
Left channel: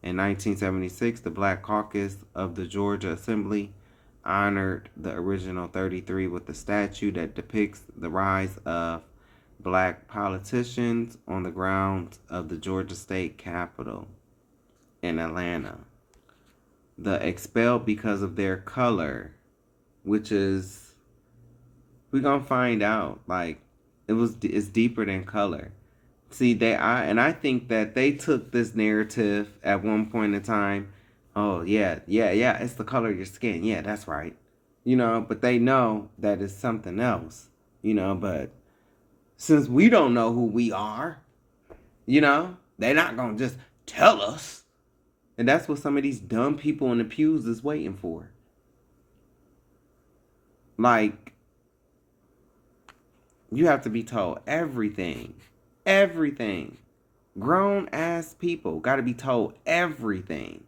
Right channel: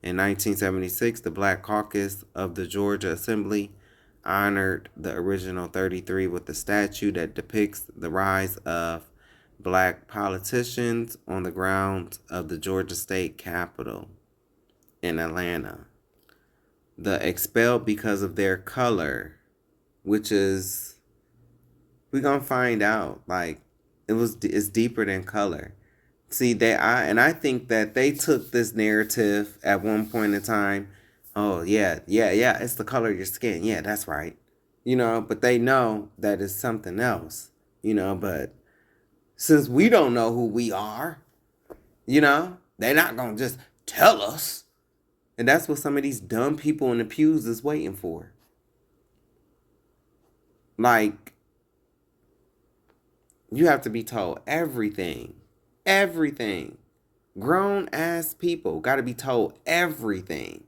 In 1976, the Black Caucus of the Georgia Assembly honored the original 33 with a statue that depicts the rise of black politicians on the grounds of the Georgia State Capitol in Atlanta. The expelled because of their color, which is, we're going to find out, like, it's deeper than color. See, I think that they took this narrative at one point in time. Oh, yeah, it's the color of your skin. Yeah, that's right. You know, but they know that it's something else, you know, but since we don't know who we are, you know, they're not going to just tell us. And that's what some of these dumb people in the pews is waiting for. Like, you have to be told everything. Everything. Grown ass people got to be told everything.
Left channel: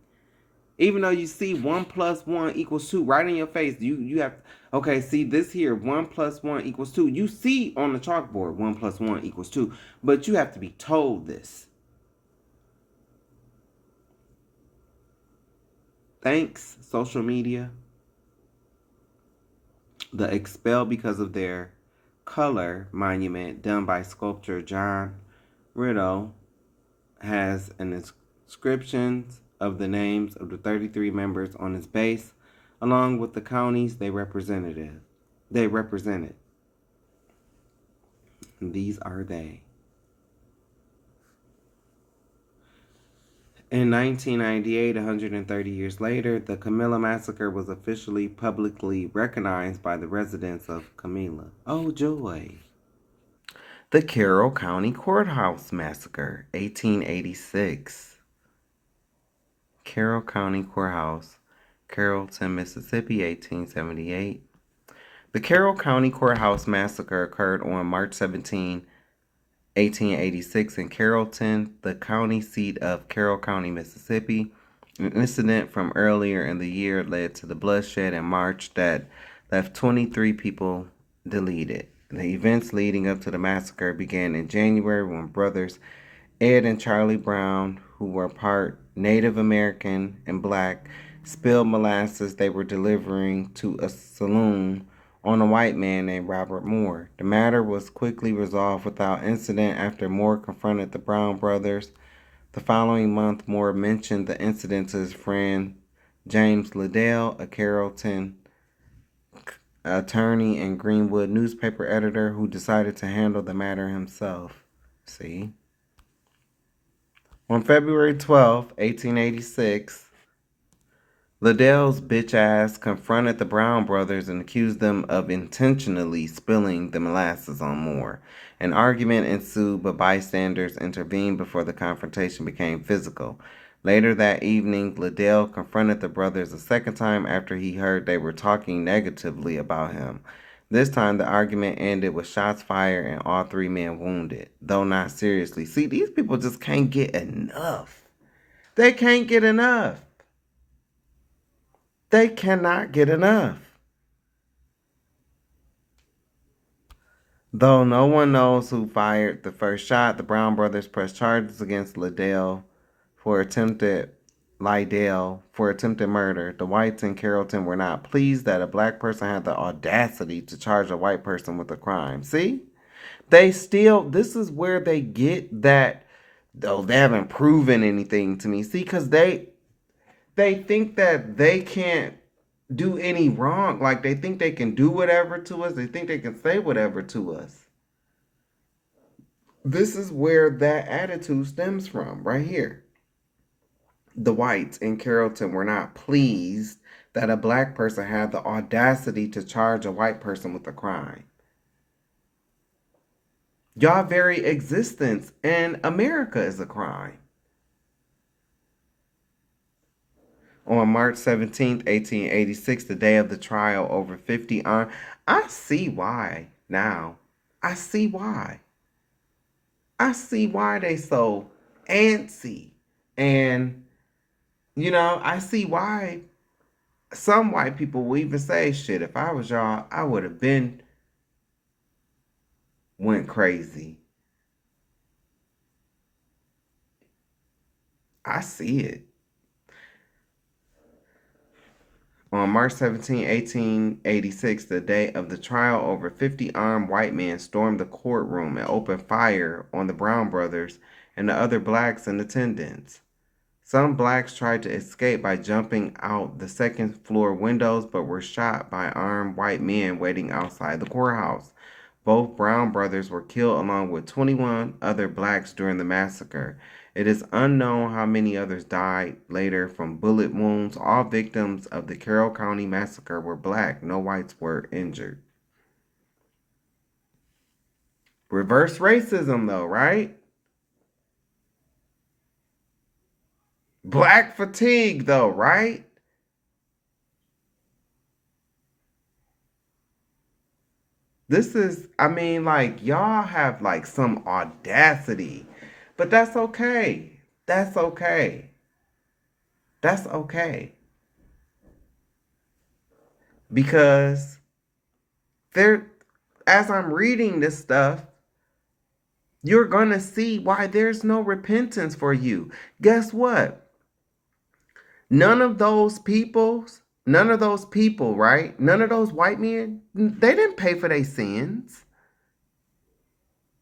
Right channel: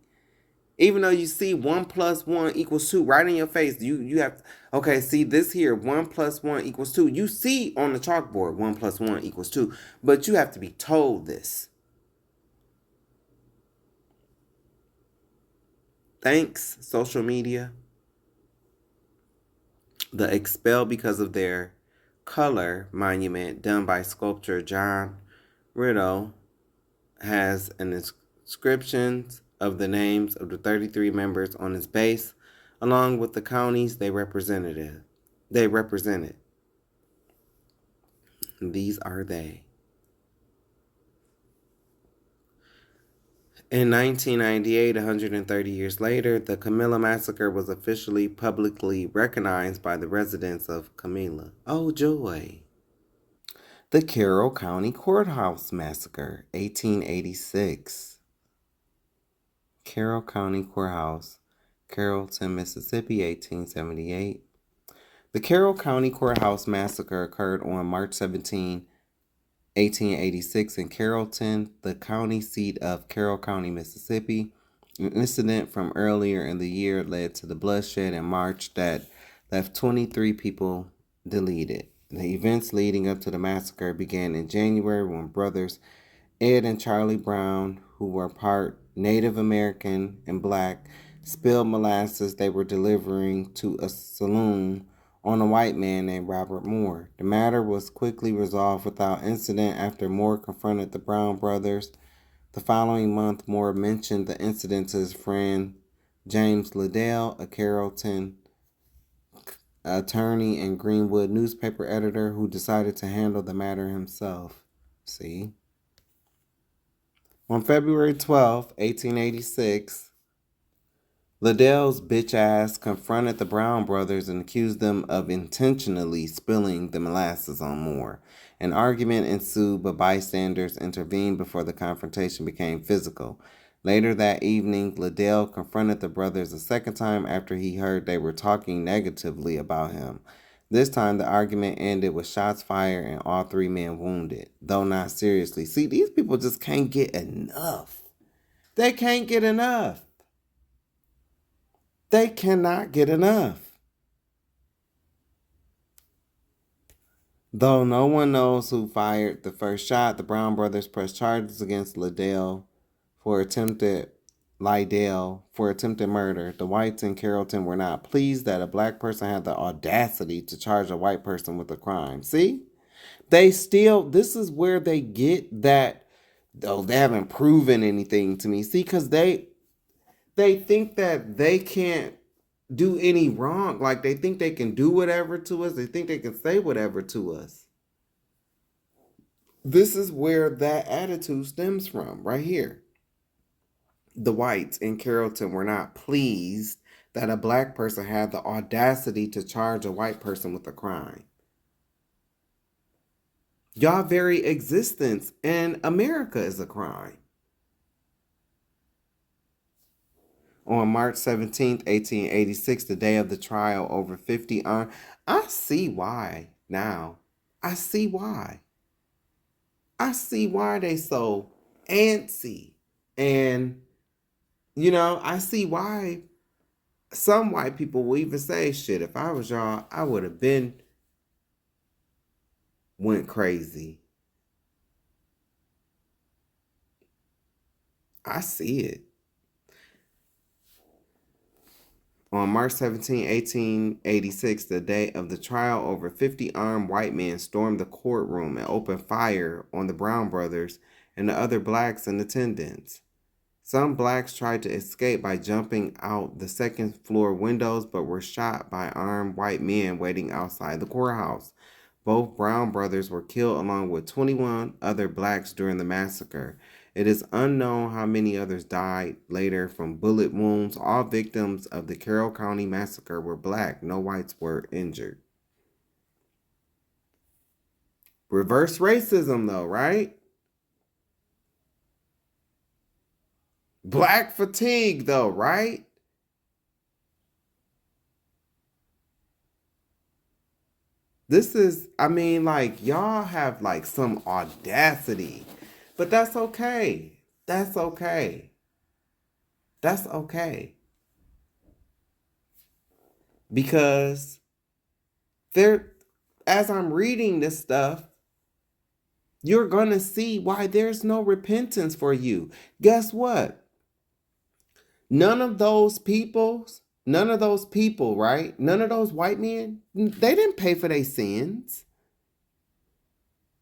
Even though you see 1 + 1 = 2 right in your face, you have, okay, see this here, 1 + 1 = 2. You see on the chalkboard 1 + 1 = 2, but you have to be told this. Thanks, social media. The Expelled Because of Their Color monument done by sculptor John Riddle has an inscription of the names of the 33 members on its base, along with the counties they represented. These are they. In 1998, 130 years later, the Camilla Massacre was officially publicly recognized by the residents of Camilla. Oh, joy. The Carroll County Courthouse Massacre, 1886. Carroll County Courthouse, Carrollton, Mississippi, 1878. The Carroll County Courthouse Massacre occurred on March 17, 1886 in Carrollton, the county seat of Carroll County, Mississippi. An incident from earlier in the year led to the bloodshed in March that left 23 people deleted. The events leading up to the massacre began in January when brothers Ed and Charlie Brown, who were part Native American and black, spilled molasses they were delivering to a saloon on a white man named Robert Moore. The matter was quickly resolved without incident after Moore confronted the Brown brothers. The following month, Moore mentioned the incident to his friend James Liddell, a Carrollton attorney and Greenwood newspaper editor, who decided to handle the matter himself. See? On February 12, 1886, Liddell's bitch ass confronted the Brown brothers and accused them of intentionally spilling the molasses on Moore. An argument ensued, but bystanders intervened before the confrontation became physical. Later that evening, Liddell confronted the brothers a second time after he heard they were talking negatively about him. This time, the argument ended with shots fired and all three men wounded, though not seriously. See, these people just can't get enough. They can't get enough. They cannot get enough. Though no one knows who fired the first shot, the Brown brothers pressed charges against Liddell for attempted murder. The whites in Carrollton were not pleased that a black person had the audacity to charge a white person with a crime. See? This is where they get that, though they haven't proven anything to me. See, because they think that they can't do any wrong. Like, they think they can do whatever to us. They think they can say whatever to us. This is where that attitude stems from, right here. The whites in Carrollton were not pleased that a black person had the audacity to charge a white person with a crime. Y'all very existence in America is a crime. On March 17th, 1886, the day of the trial, over 50 armed. I see why now. I see why. I see why they so antsy. And, I see why some white people will even say, shit, if I was y'all, I would have been went crazy. I see it. On March 17, 1886, the day of the trial, over 50 armed white men stormed the courtroom and opened fire on the Brown brothers and the other blacks in attendance. Some blacks tried to escape by jumping out the second floor windows, but were shot by armed white men waiting outside the courthouse. Both Brown brothers were killed along with 21 other blacks during the massacre. It is unknown how many others died later from bullet wounds. All victims of the Carroll County Massacre were black. No whites were injured. Reverse racism, though, right? Black fatigue, though, right? This is, y'all have, some audacity. But that's okay. That's okay. That's okay. Because as I'm reading this stuff, you're going to see why there's no repentance for you. Guess what? None of those people, right? None of those white men, they didn't pay for their sins.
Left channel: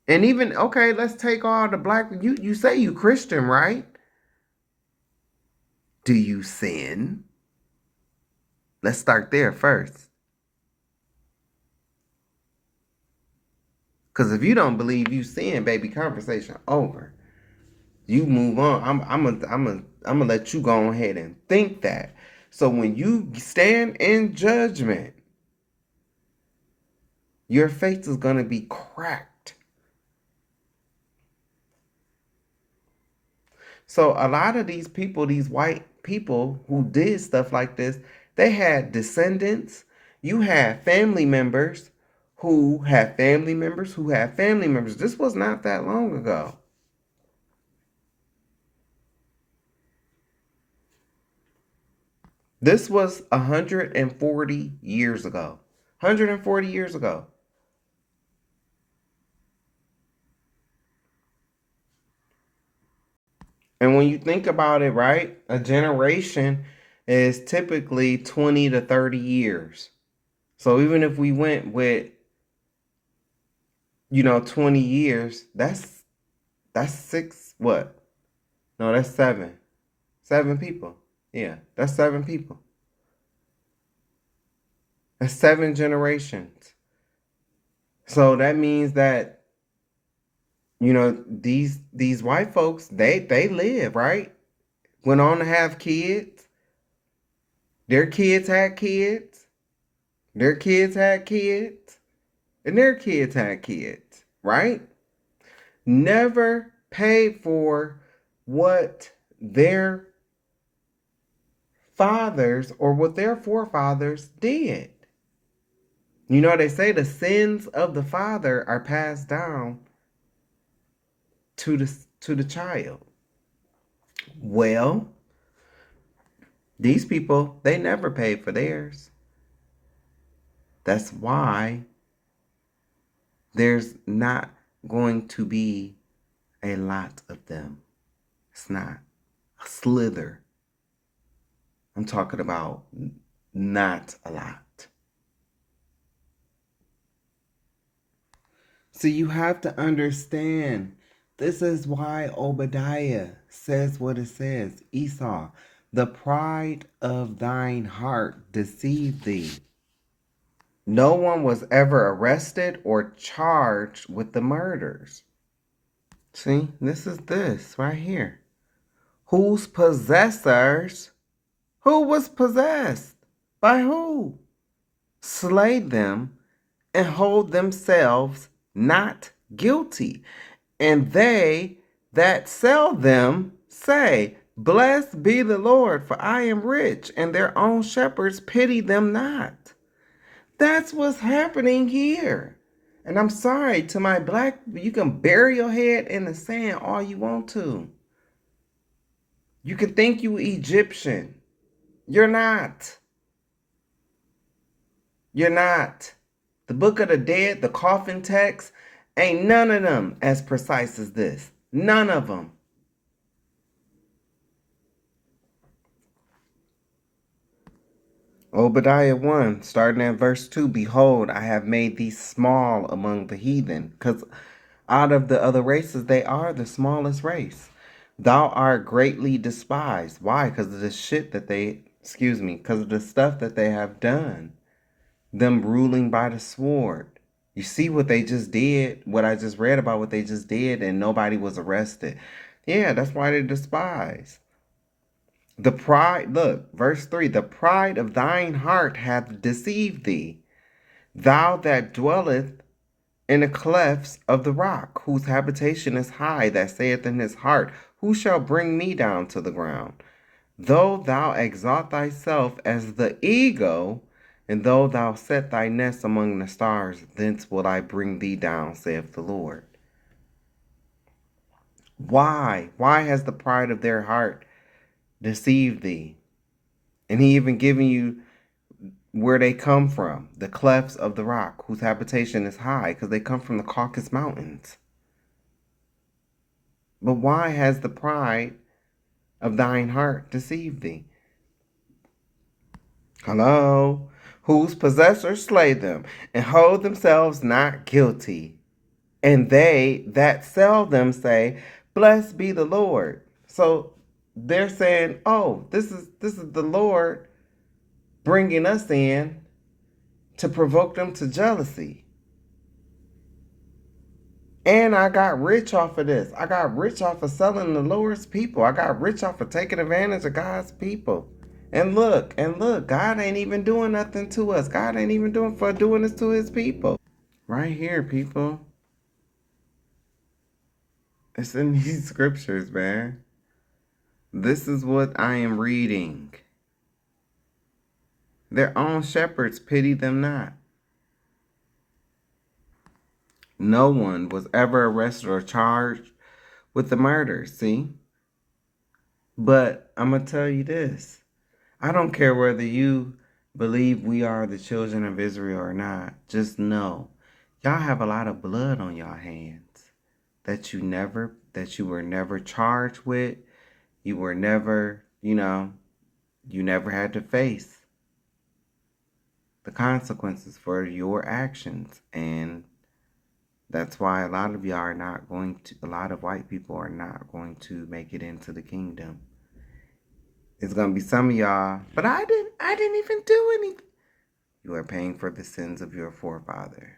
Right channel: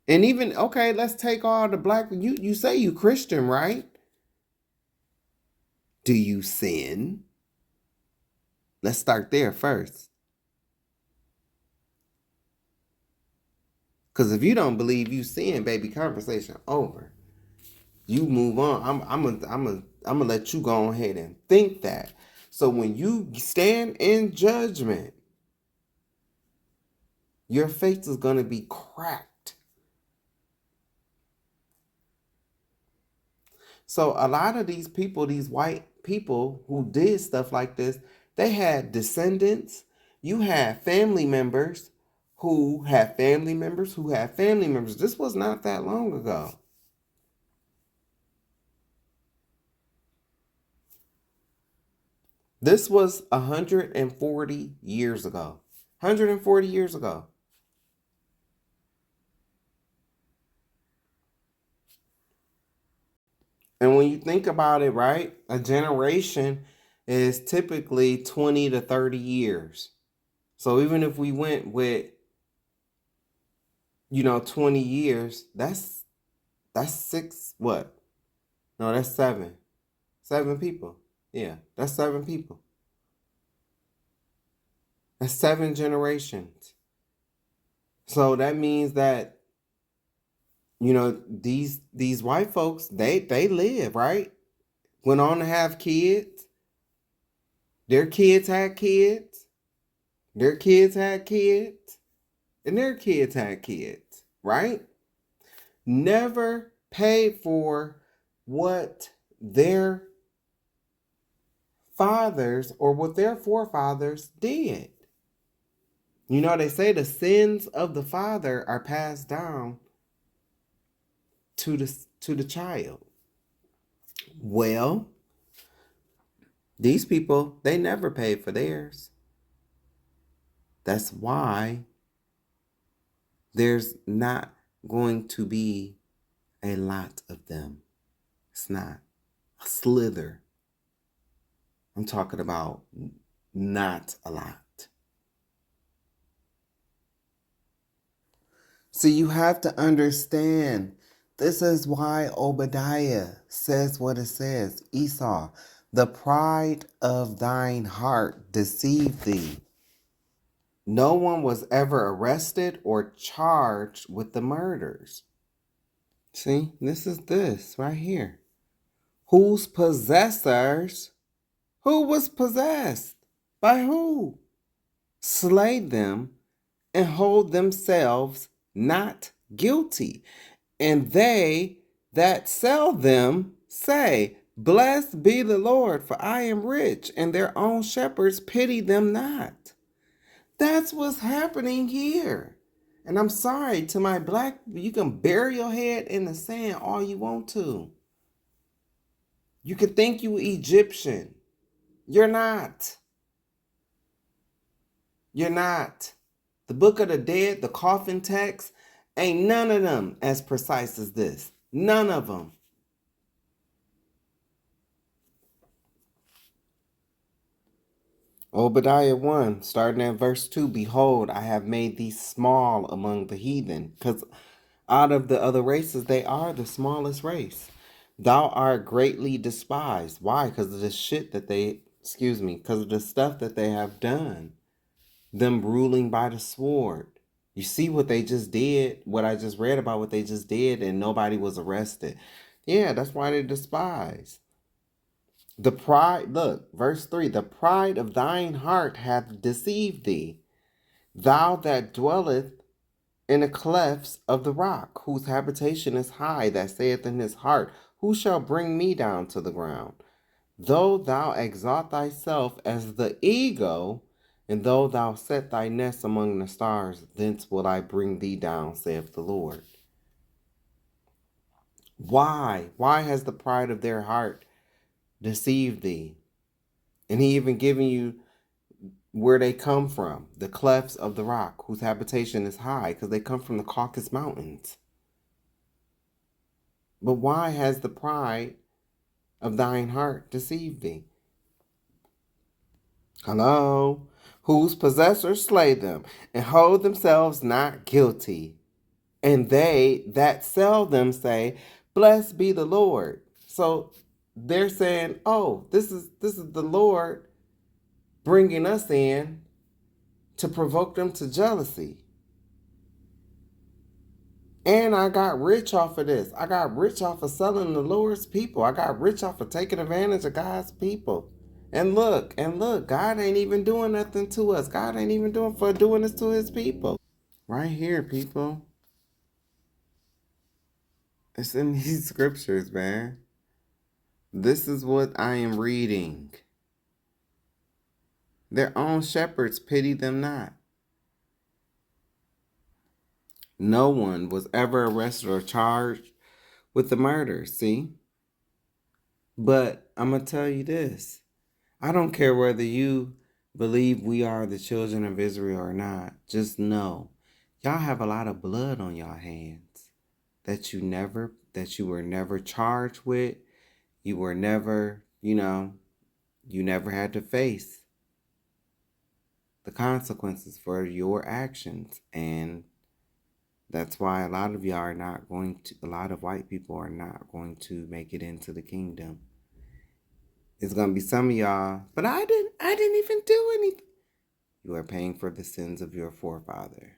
And even, okay, let's take all the black, you say you Christian, right? Do you sin? Let's start there first. Because if you don't believe you sin, baby, conversation over. You move on. I'm gonna let you go ahead and think that. So when you stand in judgment, your face is gonna be cracked. So a lot of these people, these white people who did stuff like this, they had descendants. You had family members who had family members who had family members. This was not that long ago. This was 140 years ago. 140 years ago. And when you think about it, right, a generation is typically 20 to 30 years. So even if we went with, 20 years, that's six, what? No, that's seven. 7 people. Yeah, that's 7 people. That's 7 generations. So that means that, these white folks, they live, right? Went on to have kids. Their kids had kids. Their kids had kids. And their kids had kids, right? Never paid for what their fathers or what their forefathers did. They say the sins of the father are passed down to the child. Well, these people, they never paid for theirs. That's why there's not going to be a lot of them. It's not a slither. I'm talking about not a lot. So you have to understand, this is why Obadiah says what it says. Esau, the pride of thine heart deceived thee. No one was ever arrested or charged with the murders. See, this is this right here. Whose possessors, who was possessed? By who? Slay them and hold themselves not guilty. And they that sell them say, Blessed be the Lord, for I am rich, and their own shepherds pity them not. That's what's happening here. And I'm sorry to my black, you can bury your head in the sand all you want to. You can think you Egyptian. You're not. You're not. The Book of the Dead, the coffin text, ain't none of them as precise as this. None of them. Obadiah 1, starting at verse 2, Behold, I have made thee small among the heathen, because out of the other races, they are the smallest race. Thou art greatly despised. Why? Because of the because of the stuff that they have done. Them ruling by the sword. You see what they just did, what I just read about what they just did, and nobody was arrested. Yeah, that's why they're despised. The pride, look, verse 3, the pride of thine heart hath deceived thee. Thou that dwelleth in the clefts of the rock, whose habitation is high, that saith in his heart, Who shall bring me down to the ground? Though thou exalt thyself as the eagle, and though thou set thy nest among the stars, thence will I bring thee down, saith the Lord. Why? Why has the pride of their heart deceive thee. And he even giving you where they come from, the clefts of the rock, whose habitation is high, because they come from the Caucasus Mountains. But why has the pride of thine heart deceived thee? Hello? Whose possessors slay them, and hold themselves not guilty. And they that sell them say, Blessed be the Lord. So they're saying, oh, this is the Lord bringing us in to provoke them to jealousy. And I got rich off of this. I got rich off of selling the Lord's people. I got rich off of taking advantage of God's people. And look, God ain't even doing nothing to us. God ain't even doing this to his people. Right here, people. It's in these scriptures, man. This is what I am reading. Their own shepherds pity them not. No one was ever arrested or charged with the murder, see? But I'm going to tell you this. I don't care whether you believe we are the children of Israel or not. Just know, y'all have a lot of blood on y'all hands that you were never charged with. You were never, you never had to face the consequences for your actions. And that's why a lot of white people are not going to make it into the kingdom. It's going to be some of y'all, but I didn't even do anything. You are paying for the sins of your forefather.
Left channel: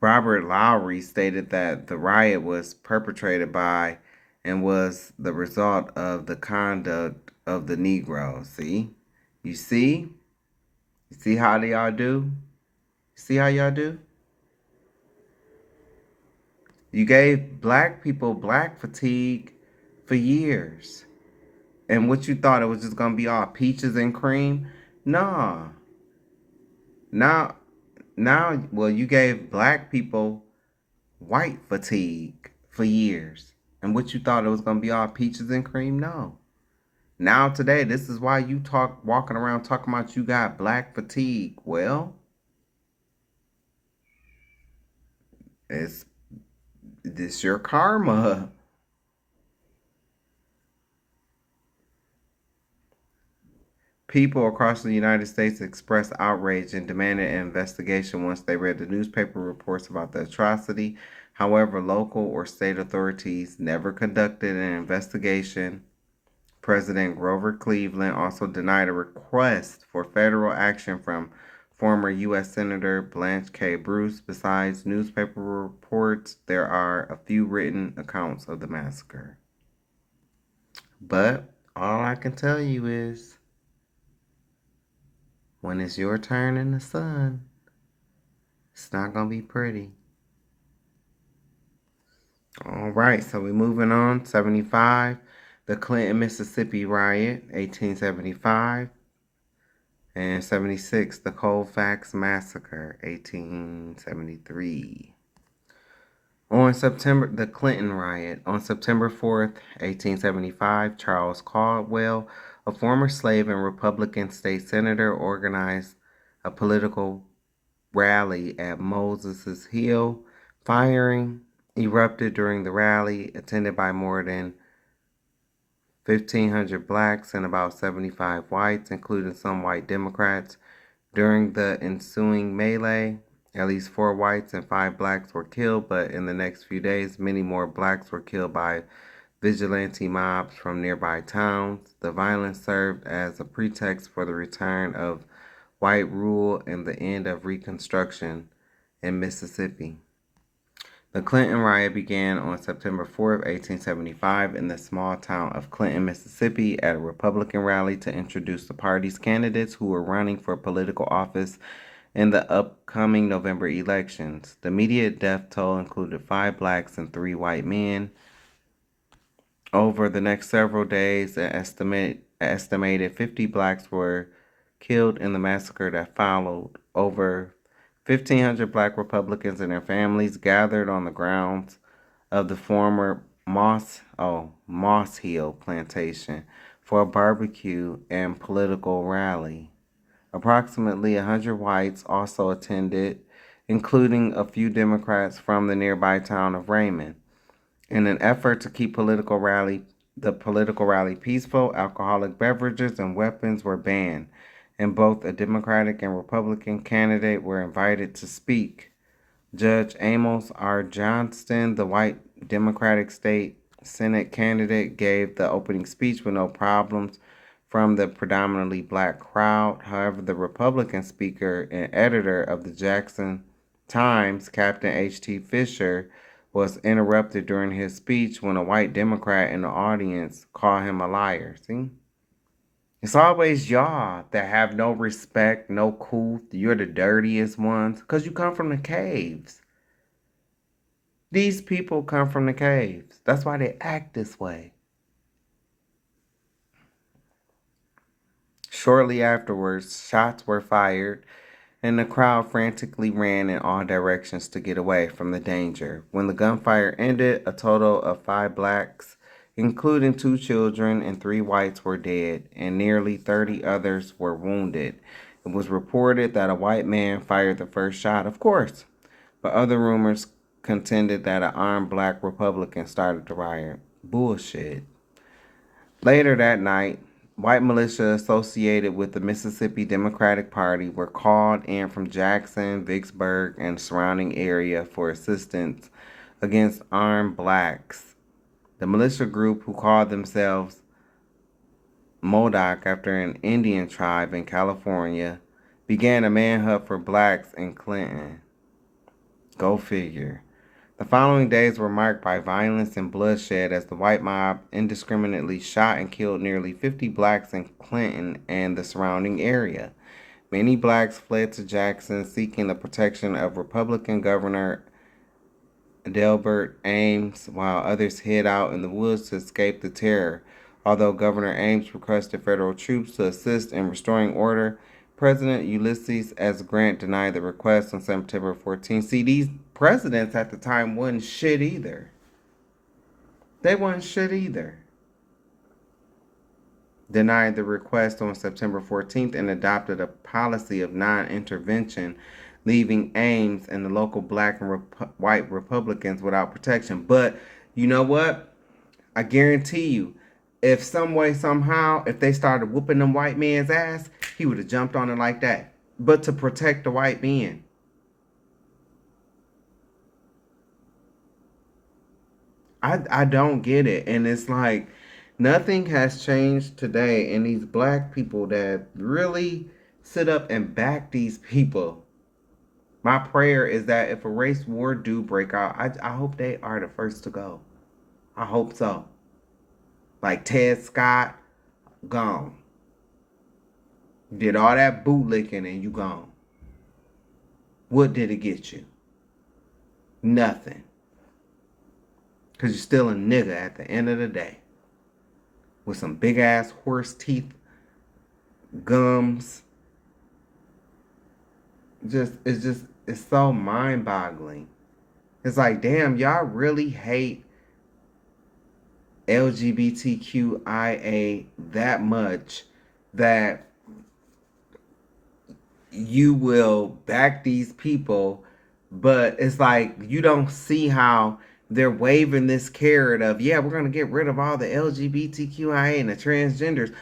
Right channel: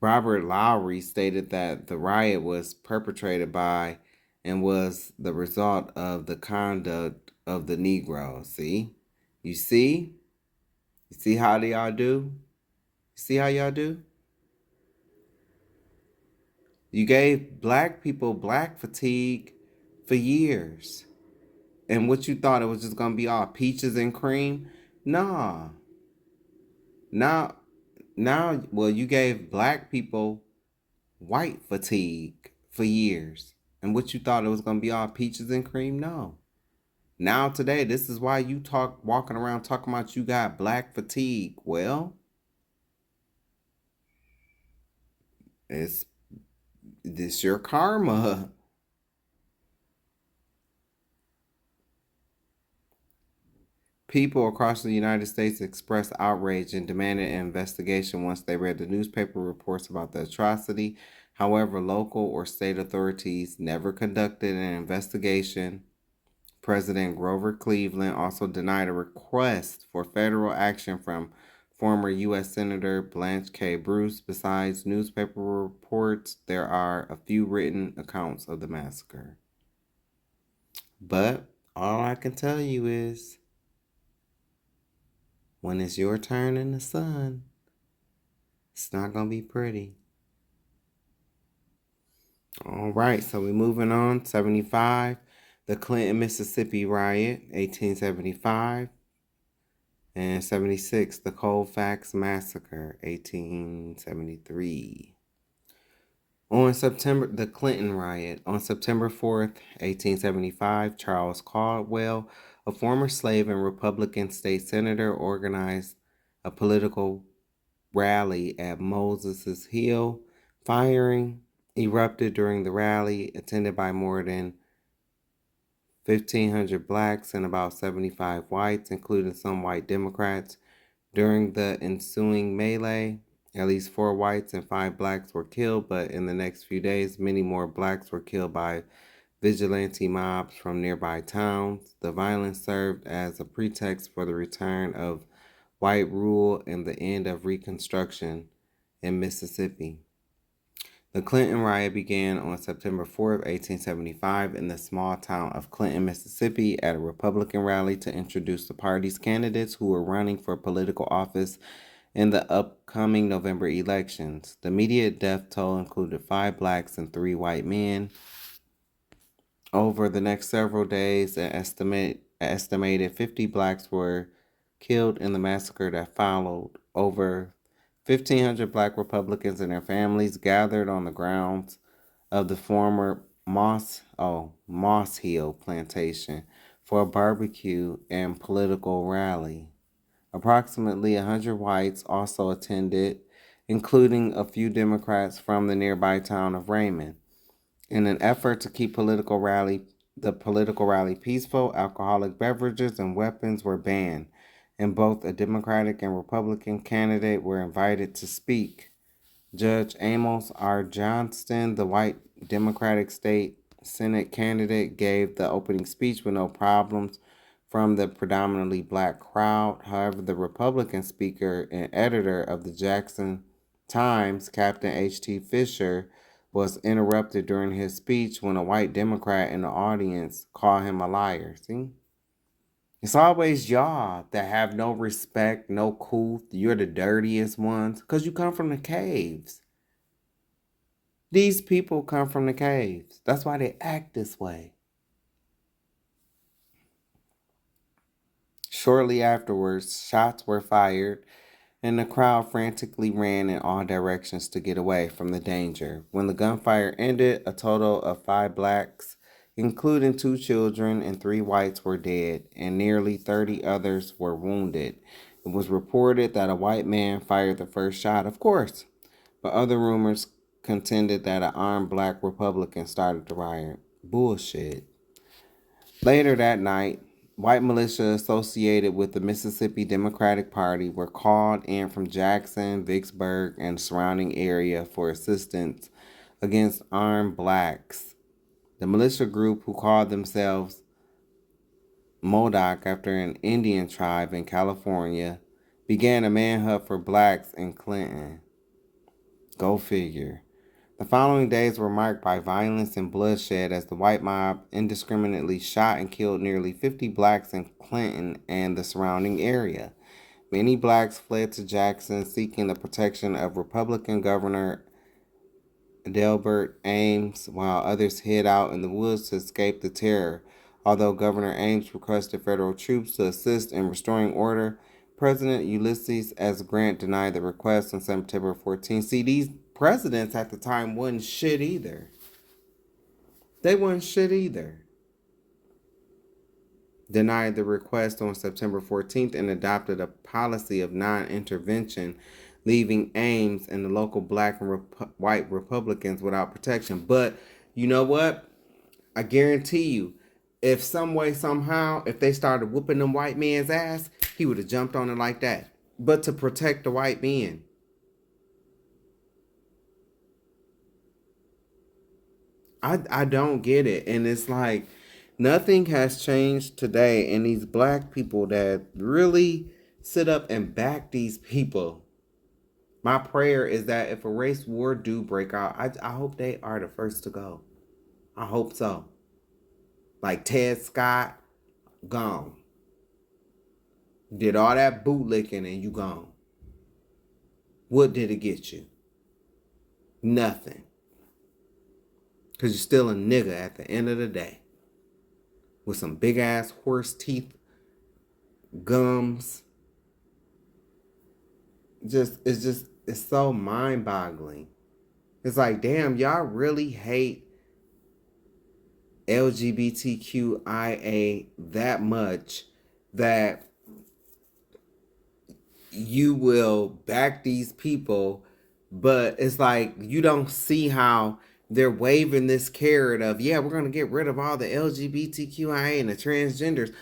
Robert Lowry stated that the riot was perpetrated by and was the result of the conduct of the Negroes. See? You see? You see how y'all do? See how y'all do? You gave black people black fatigue for years. And what you thought it was just going to be all peaches and cream? Nah. Now, well, you gave black people white fatigue for years. And what you thought it was going to be all peaches and cream? No. Now today, this is why you walking around talking about you got black fatigue. Well, it's this your karma. People across the United States expressed outrage and demanded an investigation once they read the newspaper reports about the atrocity. However, local or state authorities never conducted an investigation. President Grover Cleveland also denied a request for federal action from former U.S. Senator Blanche K. Bruce. Besides newspaper reports, there are a few written accounts of the massacre. But all I can tell you is, when it's your turn in the sun, it's not going to be pretty. All right, so we're moving on. 75, the Clinton, Mississippi riot, 1875. And 76, the Colfax massacre, 1873. The Clinton riot. On September 4th, 1875, Charles Caldwell, a former slave and Republican state senator, organized a political rally at Moses Hill. Firing erupted during the rally, attended by more than 1,500 blacks and about 75 whites, including some white Democrats. During the ensuing melee, at least 4 whites and 5 blacks were killed, but in the next few days, many more blacks were killed by vigilante mobs from nearby towns. The violence served as a pretext for the return of white rule and the end of Reconstruction in Mississippi. The Clinton riot began on September 4th, 1875, in the small town of Clinton, Mississippi, at a Republican rally to introduce the party's candidates who were running for political office in the upcoming November elections. The immediate death toll included 5 blacks and 3 white men. Over the next several days, an estimated 50 blacks were killed in the massacre that followed. Over 1,500 black Republicans and their families gathered on the grounds of the former Moss Hill plantation for a barbecue and political rally. Approximately 100 whites also attended, including a few Democrats from the nearby town of Raymond. In an effort to keep the political rally peaceful, alcoholic beverages and weapons were banned, and both a Democratic and Republican candidate were invited to speak. Judge Amos R. Johnston, the white Democratic State Senate candidate, gave the opening speech with no problems from the predominantly black crowd. However, the Republican speaker and editor of the Jackson Times, Captain H.T. Fisher, was interrupted during his speech when a white Democrat in the audience called him a liar. See? It's always y'all that have no respect, no couth. You're the dirtiest ones because you come from the caves. These people come from the caves. That's why they act this way. Shortly afterwards, shots were fired, and the crowd frantically ran in all directions to get away from the danger. When the gunfire ended, a total of 5 blacks, including 2 children and 3 whites, were dead, and nearly 30 others were wounded. It was reported that a white man fired the first shot, of course, but other rumors contended that an armed black Republican started the riot. Bullshit. Later that night, white militia associated with the Mississippi Democratic Party were called in from Jackson, Vicksburg, and surrounding area for assistance against armed blacks. The militia group, who called themselves Modoc after an Indian tribe in California, began a manhunt for blacks in Clinton. Go figure. The following days were marked by violence and bloodshed as the white mob indiscriminately shot and killed nearly 50 blacks in Clinton and the surrounding area. Many blacks fled to Jackson seeking the protection of Republican Governor Delbert Ames, while others hid out in the woods to escape the terror. Although Governor Ames requested federal troops to assist in restoring order, President Ulysses S. Grant denied the request on September 14. See, these presidents at the time wasn't shit either. They wasn't shit either. Denied the request on September 14th and adopted a policy of non-intervention, leaving Ames and the local black and white Republicans without protection. But you know what? I guarantee you, if some way, somehow, if they started whooping them white men's ass, he would have jumped on it like that. But to protect the white men. I don't get it. And it's like nothing has changed today. And these black people that really sit up and back these people. My prayer is that if a race war do break out, I hope they are the first to go. I hope so. Like Ted Scott, gone. Did all that bootlicking and you gone. What did it get you? Nothing. Because you're still a nigga at the end of the day. With some big ass horse teeth, gums. It's so mind boggling. It's like, damn, y'all really hate LGBTQIA that much that you will back these people, but it's like you don't see how they're waving this carrot of, yeah, we're going to get rid of all the LGBTQIA and the transgenders.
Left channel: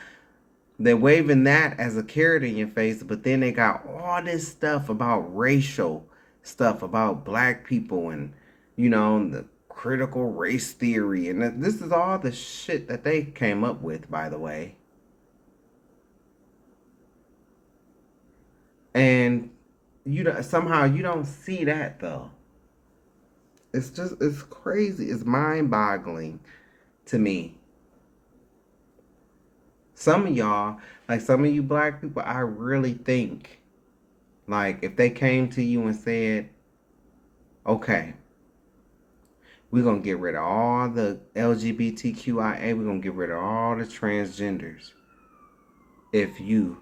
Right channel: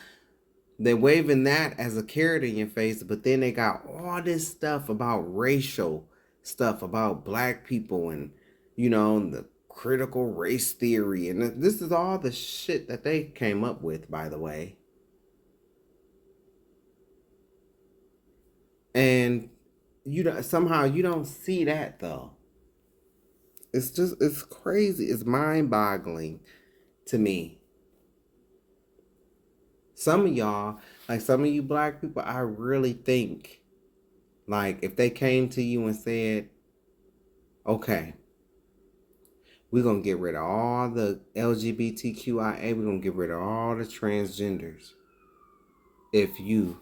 They're waving that as a carrot in your face, but then they got all this stuff about racial stuff, about black people and, you know, the critical race theory. And this is all the shit that they came up with, by the way. And somehow you don't see that, though. It's crazy. It's mind-boggling to me. Some of y'all, like some of you black people, I really think, like, if they came to you and said, okay, we're going to get rid of all the LGBTQIA, we're going to get rid of all the transgenders. If you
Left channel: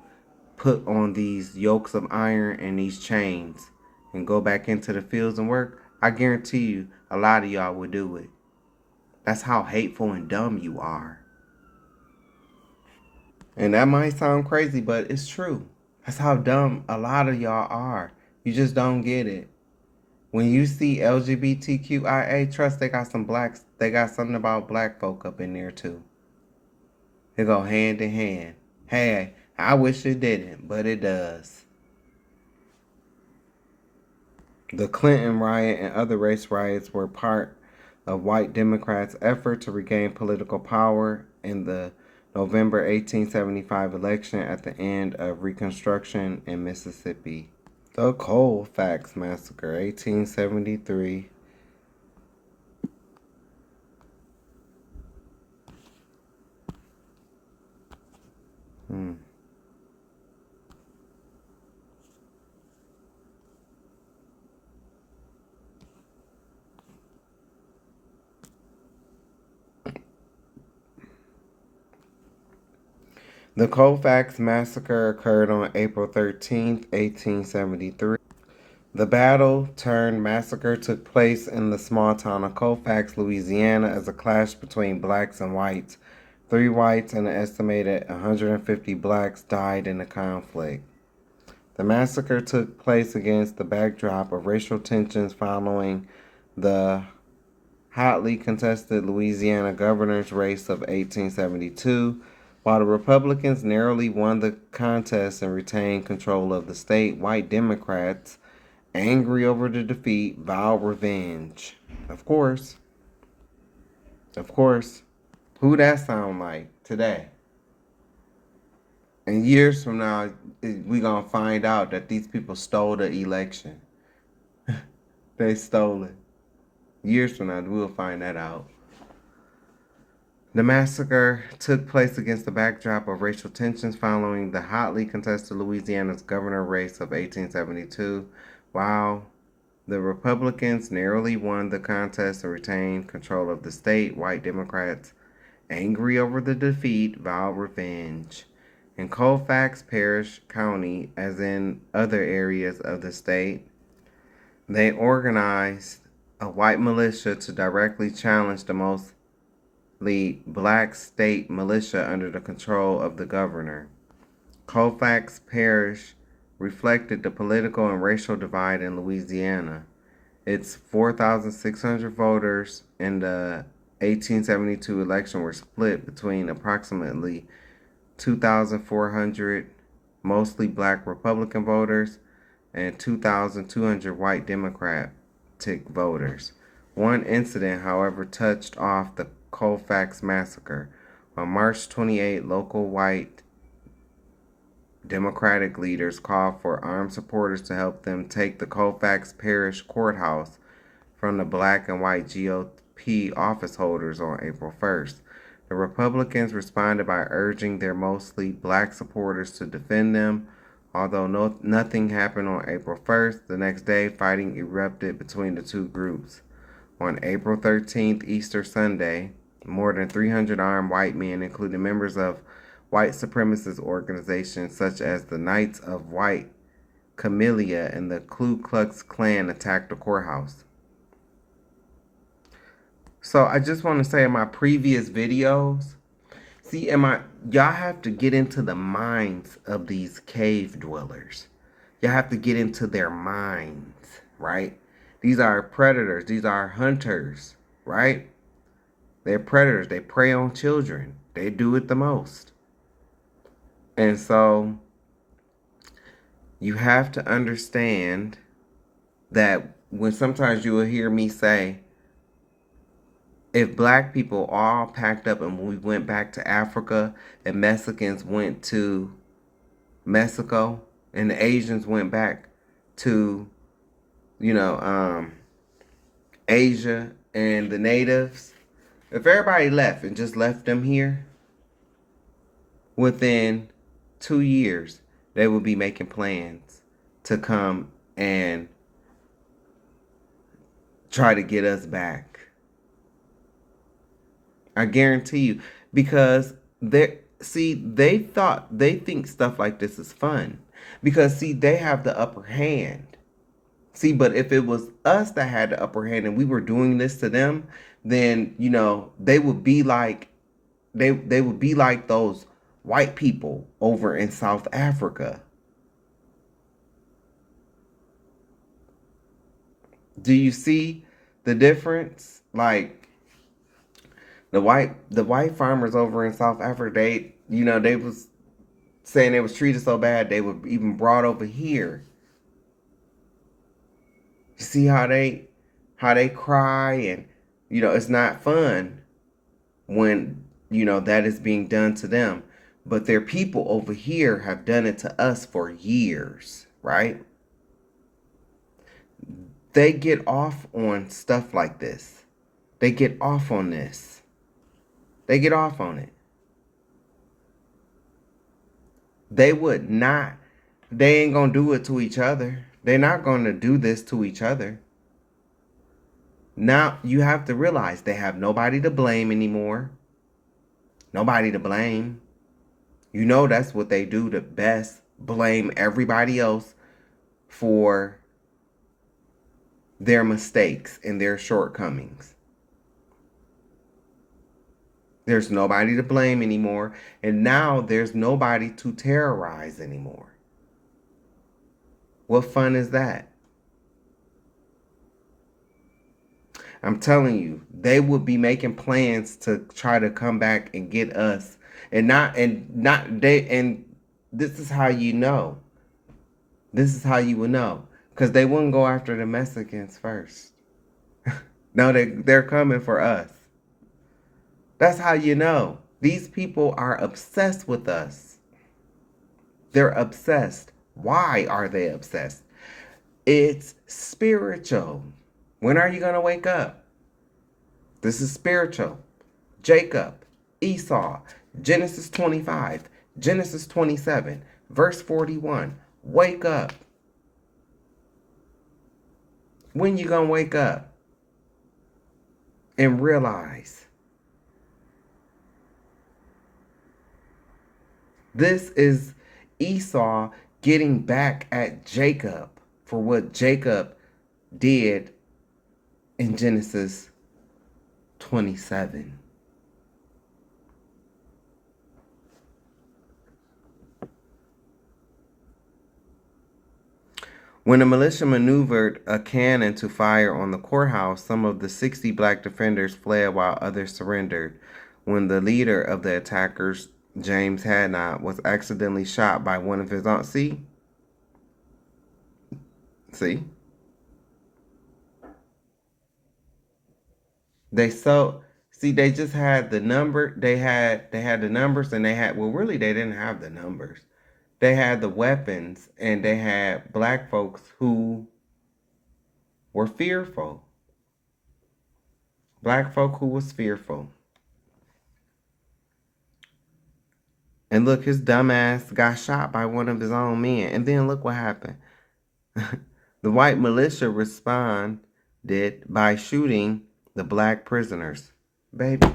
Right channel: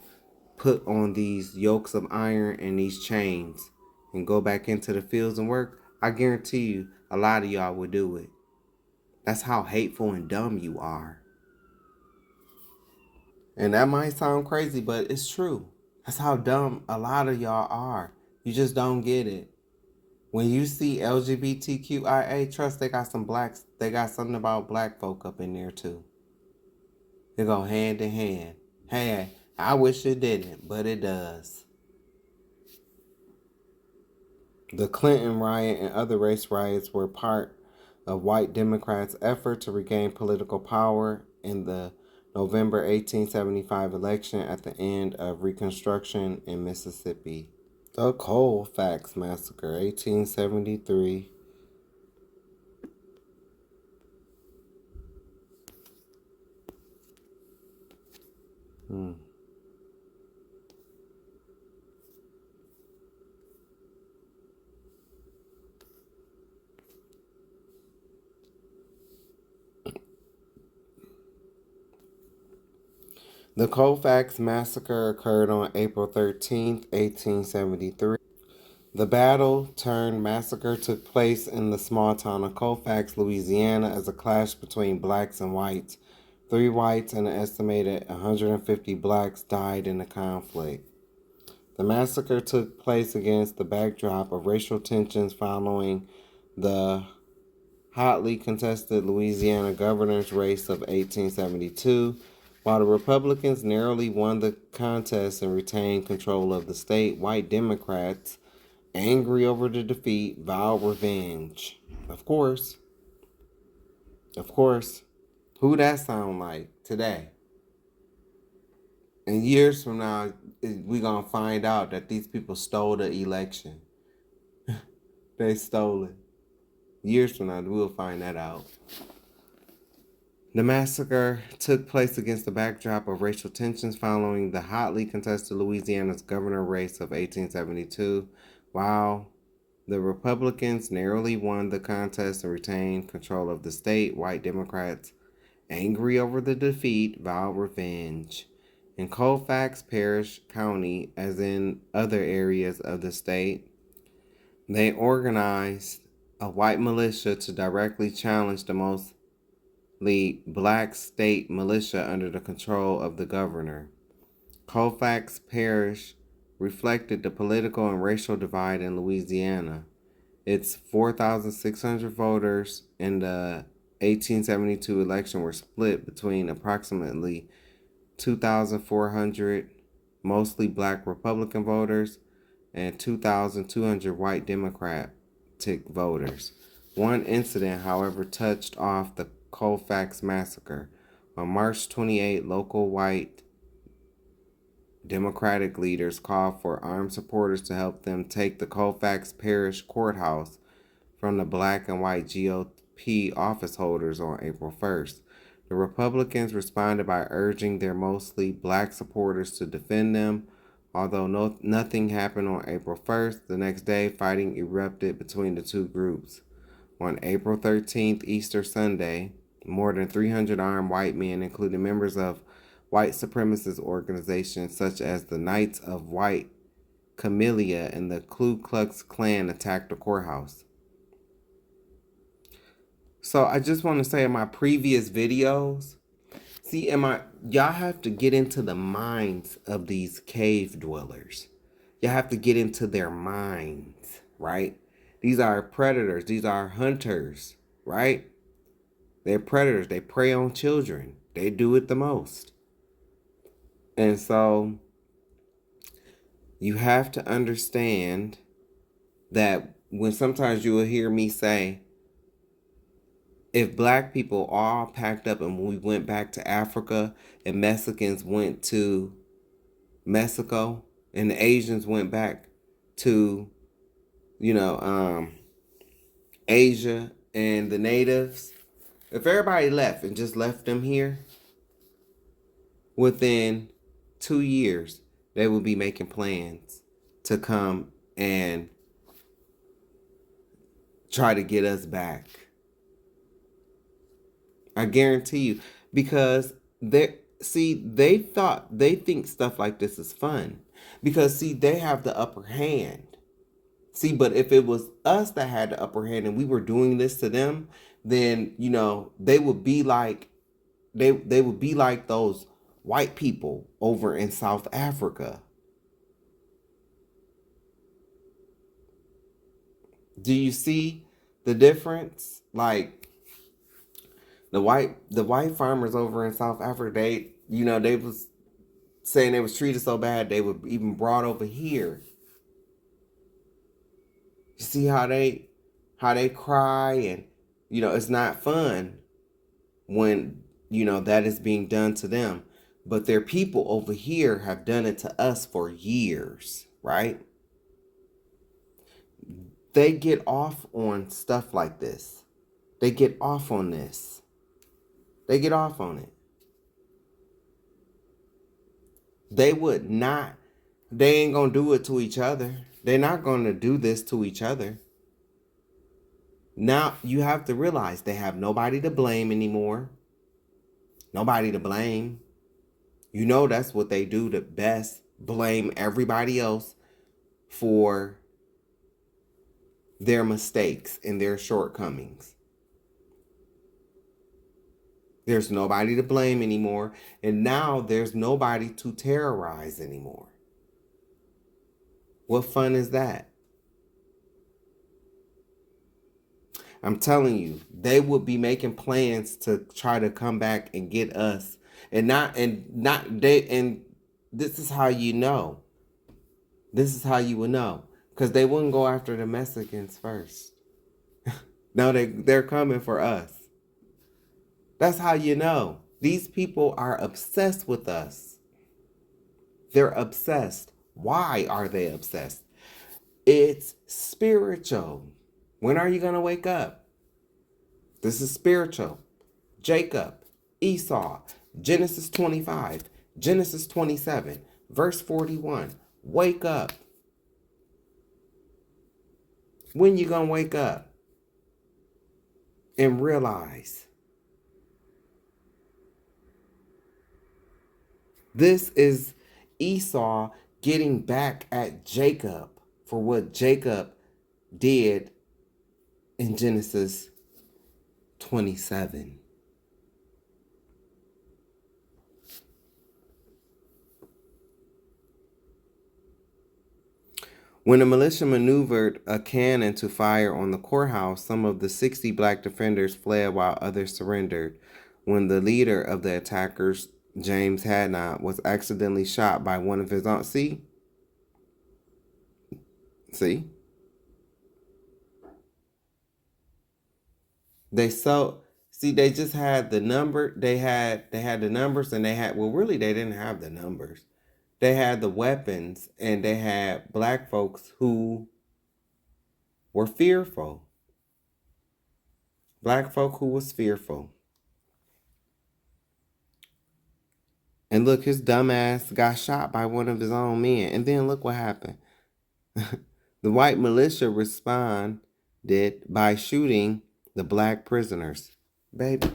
put on these yokes of iron and these chains and go back into the fields and work, I guarantee you a lot of y'all would do it. That's how hateful and dumb you are. And that might sound crazy, but it's true. That's how dumb a lot of y'all are. You just don't get it. When you see LGBTQIA trust, they got something about black folk up in there too. They go hand in hand. Hey, I wish it didn't, but it does. The Clinton riot and other race riots were part of white Democrats' effort to regain political power in the November 1875 election at the end of Reconstruction in Mississippi. The Colfax Massacre, 1873. The Colfax Massacre occurred on April 13th, 1873. The battle-turned-massacre took place in the small town of Colfax, Louisiana, as a clash between blacks and whites. 3 whites and an estimated 150 blacks died in the conflict. The massacre took place against the backdrop of racial tensions following the hotly contested Louisiana governor's race of 1872. While the Republicans narrowly won the contest and retained control of the state, white Democrats, angry over the defeat, vowed revenge. Of course. Who that sound like today? And years from now, we gonna find out that these people stole the election. They stole it. Years from now, we'll find that out. The massacre took place against the backdrop of racial tensions following the hotly contested Louisiana's governor race of 1872. While the Republicans narrowly won the contest and retained control of the state, white Democrats, angry over the defeat, vowed revenge. In Colfax Parish County, as in other areas of the state, they organized a white militia to directly challenge the mostly black state militia under the control of the governor. Colfax Parish reflected the political and racial divide in Louisiana. Its 4,600 voters in the 1872 election were split between approximately 2,400 mostly black Republican voters and 2,200 white Democratic voters. One incident, however, touched off the Colfax Massacre. On March 28, local white Democratic leaders called for armed supporters to help them take the Colfax Parish Courthouse from the black and white GOP office holders on April 1st. The Republicans responded by urging their mostly black supporters to defend them. Although nothing happened on April 1st, the next day fighting erupted between the two groups. On April 13th, Easter Sunday, more than 300 armed white men, including members of white supremacist organizations such as the Knights of White Camellia and the Ku Klux Klan, attacked the courthouse. So I just want to say in my previous videos, y'all have to get into the minds of these cave dwellers. Y'all have to get into their minds, right? These are predators. These are hunters, right? They're predators. They prey on children. They do it the most. And so you have to understand that when sometimes you will hear me say, if black people all packed up and we went back to Africa and Mexicans went to Mexico and the Asians went back to, Asia and the natives, if everybody left and just left them here, within 2 years, they will be making plans to come and try to get us back. I guarantee you, because they think stuff like this is fun. Because they have the upper hand. But if it was us that had the upper hand and we were doing this to them, then they would be like they would be like those white people over in South Africa. Do you see the difference? Like the white farmers over in South Africa, they was saying they was treated so bad they were even brought over here. You see how they cry, and it's not fun when that is being done to them. But their people over here have done it to us for years, right? They get off on stuff like this. They get off on this. They get off on it. They would not, they ain't gonna do it to each other. They're not gonna do this to each other. Now, you have to realize they have nobody to blame anymore. Nobody to blame. That's what they do the best. Blame everybody else for their mistakes and their shortcomings. There's nobody to blame anymore. And now there's nobody to terrorize anymore. What fun is that? I'm telling you, they would be making plans to try to come back and get us. And this is how you know. This is how you will know. Because they wouldn't go after the Mexicans first. No, they're coming for us. That's how you know. These people are obsessed with us. They're obsessed. Why are they obsessed? It's spiritual. When are you going to wake up? This is spiritual. Jacob, Esau, Genesis 25, Genesis 27, verse 41. Wake up. When you going to wake up and realize this is Esau getting back at Jacob for what Jacob did in Genesis 27. When the militia maneuvered a cannon to fire on the courthouse, some of the 60 black defenders fled while others surrendered. When the leader of the attackers, James Hadnot, was accidentally shot by one of his own. See? They just had the number. They had the numbers, and they didn't have the numbers. They had the weapons, and they had black folks who were fearful. Black folk who was fearful. And look, his dumbass got shot by one of his own men. And then look what happened. The white militia responded by shooting the black prisoners. Baby.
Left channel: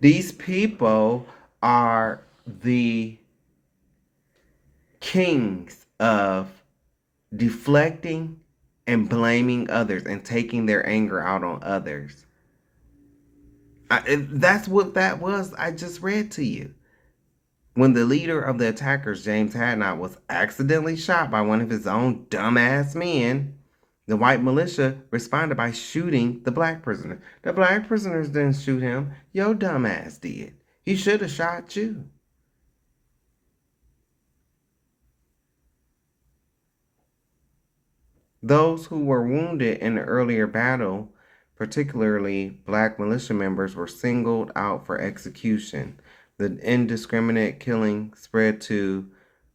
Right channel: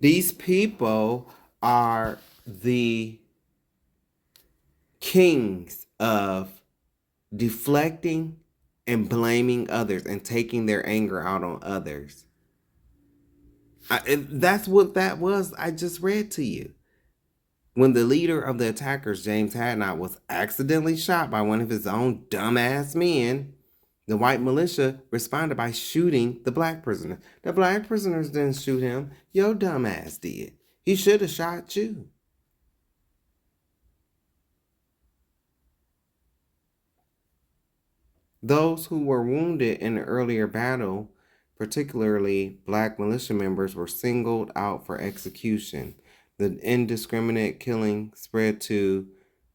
These people are the kings of deflecting and blaming others and taking their anger out on others. That's what that was I just read to you. When the leader of the attackers, James Hadnot, was accidentally shot by one of his own dumbass men, the white militia responded by shooting the black prisoner. The black prisoners didn't shoot him. Your dumbass did. He should have shot you. Those who were wounded in the earlier battle, particularly black militia members, were singled out for execution. The indiscriminate killing spread to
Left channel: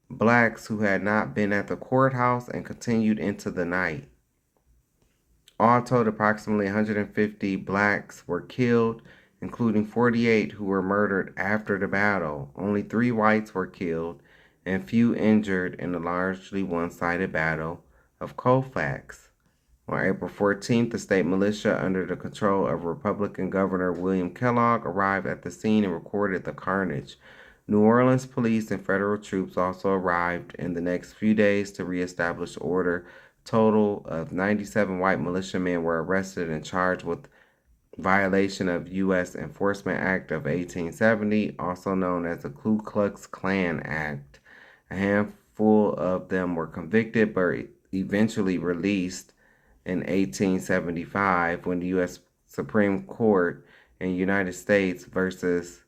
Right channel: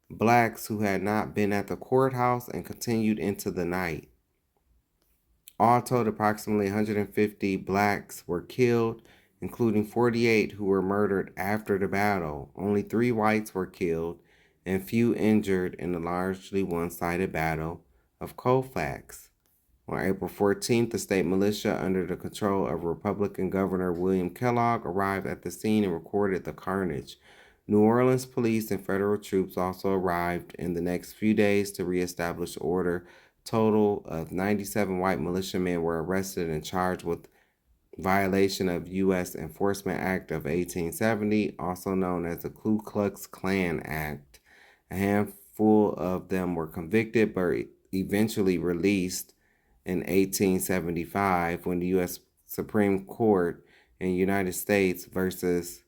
blacks who had not been at the courthouse and continued into the night. All told, approximately 150 blacks were killed, including 48 who were murdered after the battle. Only 3 whites were killed and few injured in the largely one-sided battle of Colfax. On April 14th, the state militia, under the control of Republican Governor William Kellogg, arrived at the scene and recorded the carnage. New Orleans police and federal troops also arrived in the next few days to reestablish order. Total of 97 white militiamen were arrested and charged with violation of U.S. Enforcement Act of 1870, also known as the Ku Klux Klan Act. A handful of them were convicted but eventually released in 1875 when the U.S. Supreme Court in United States versus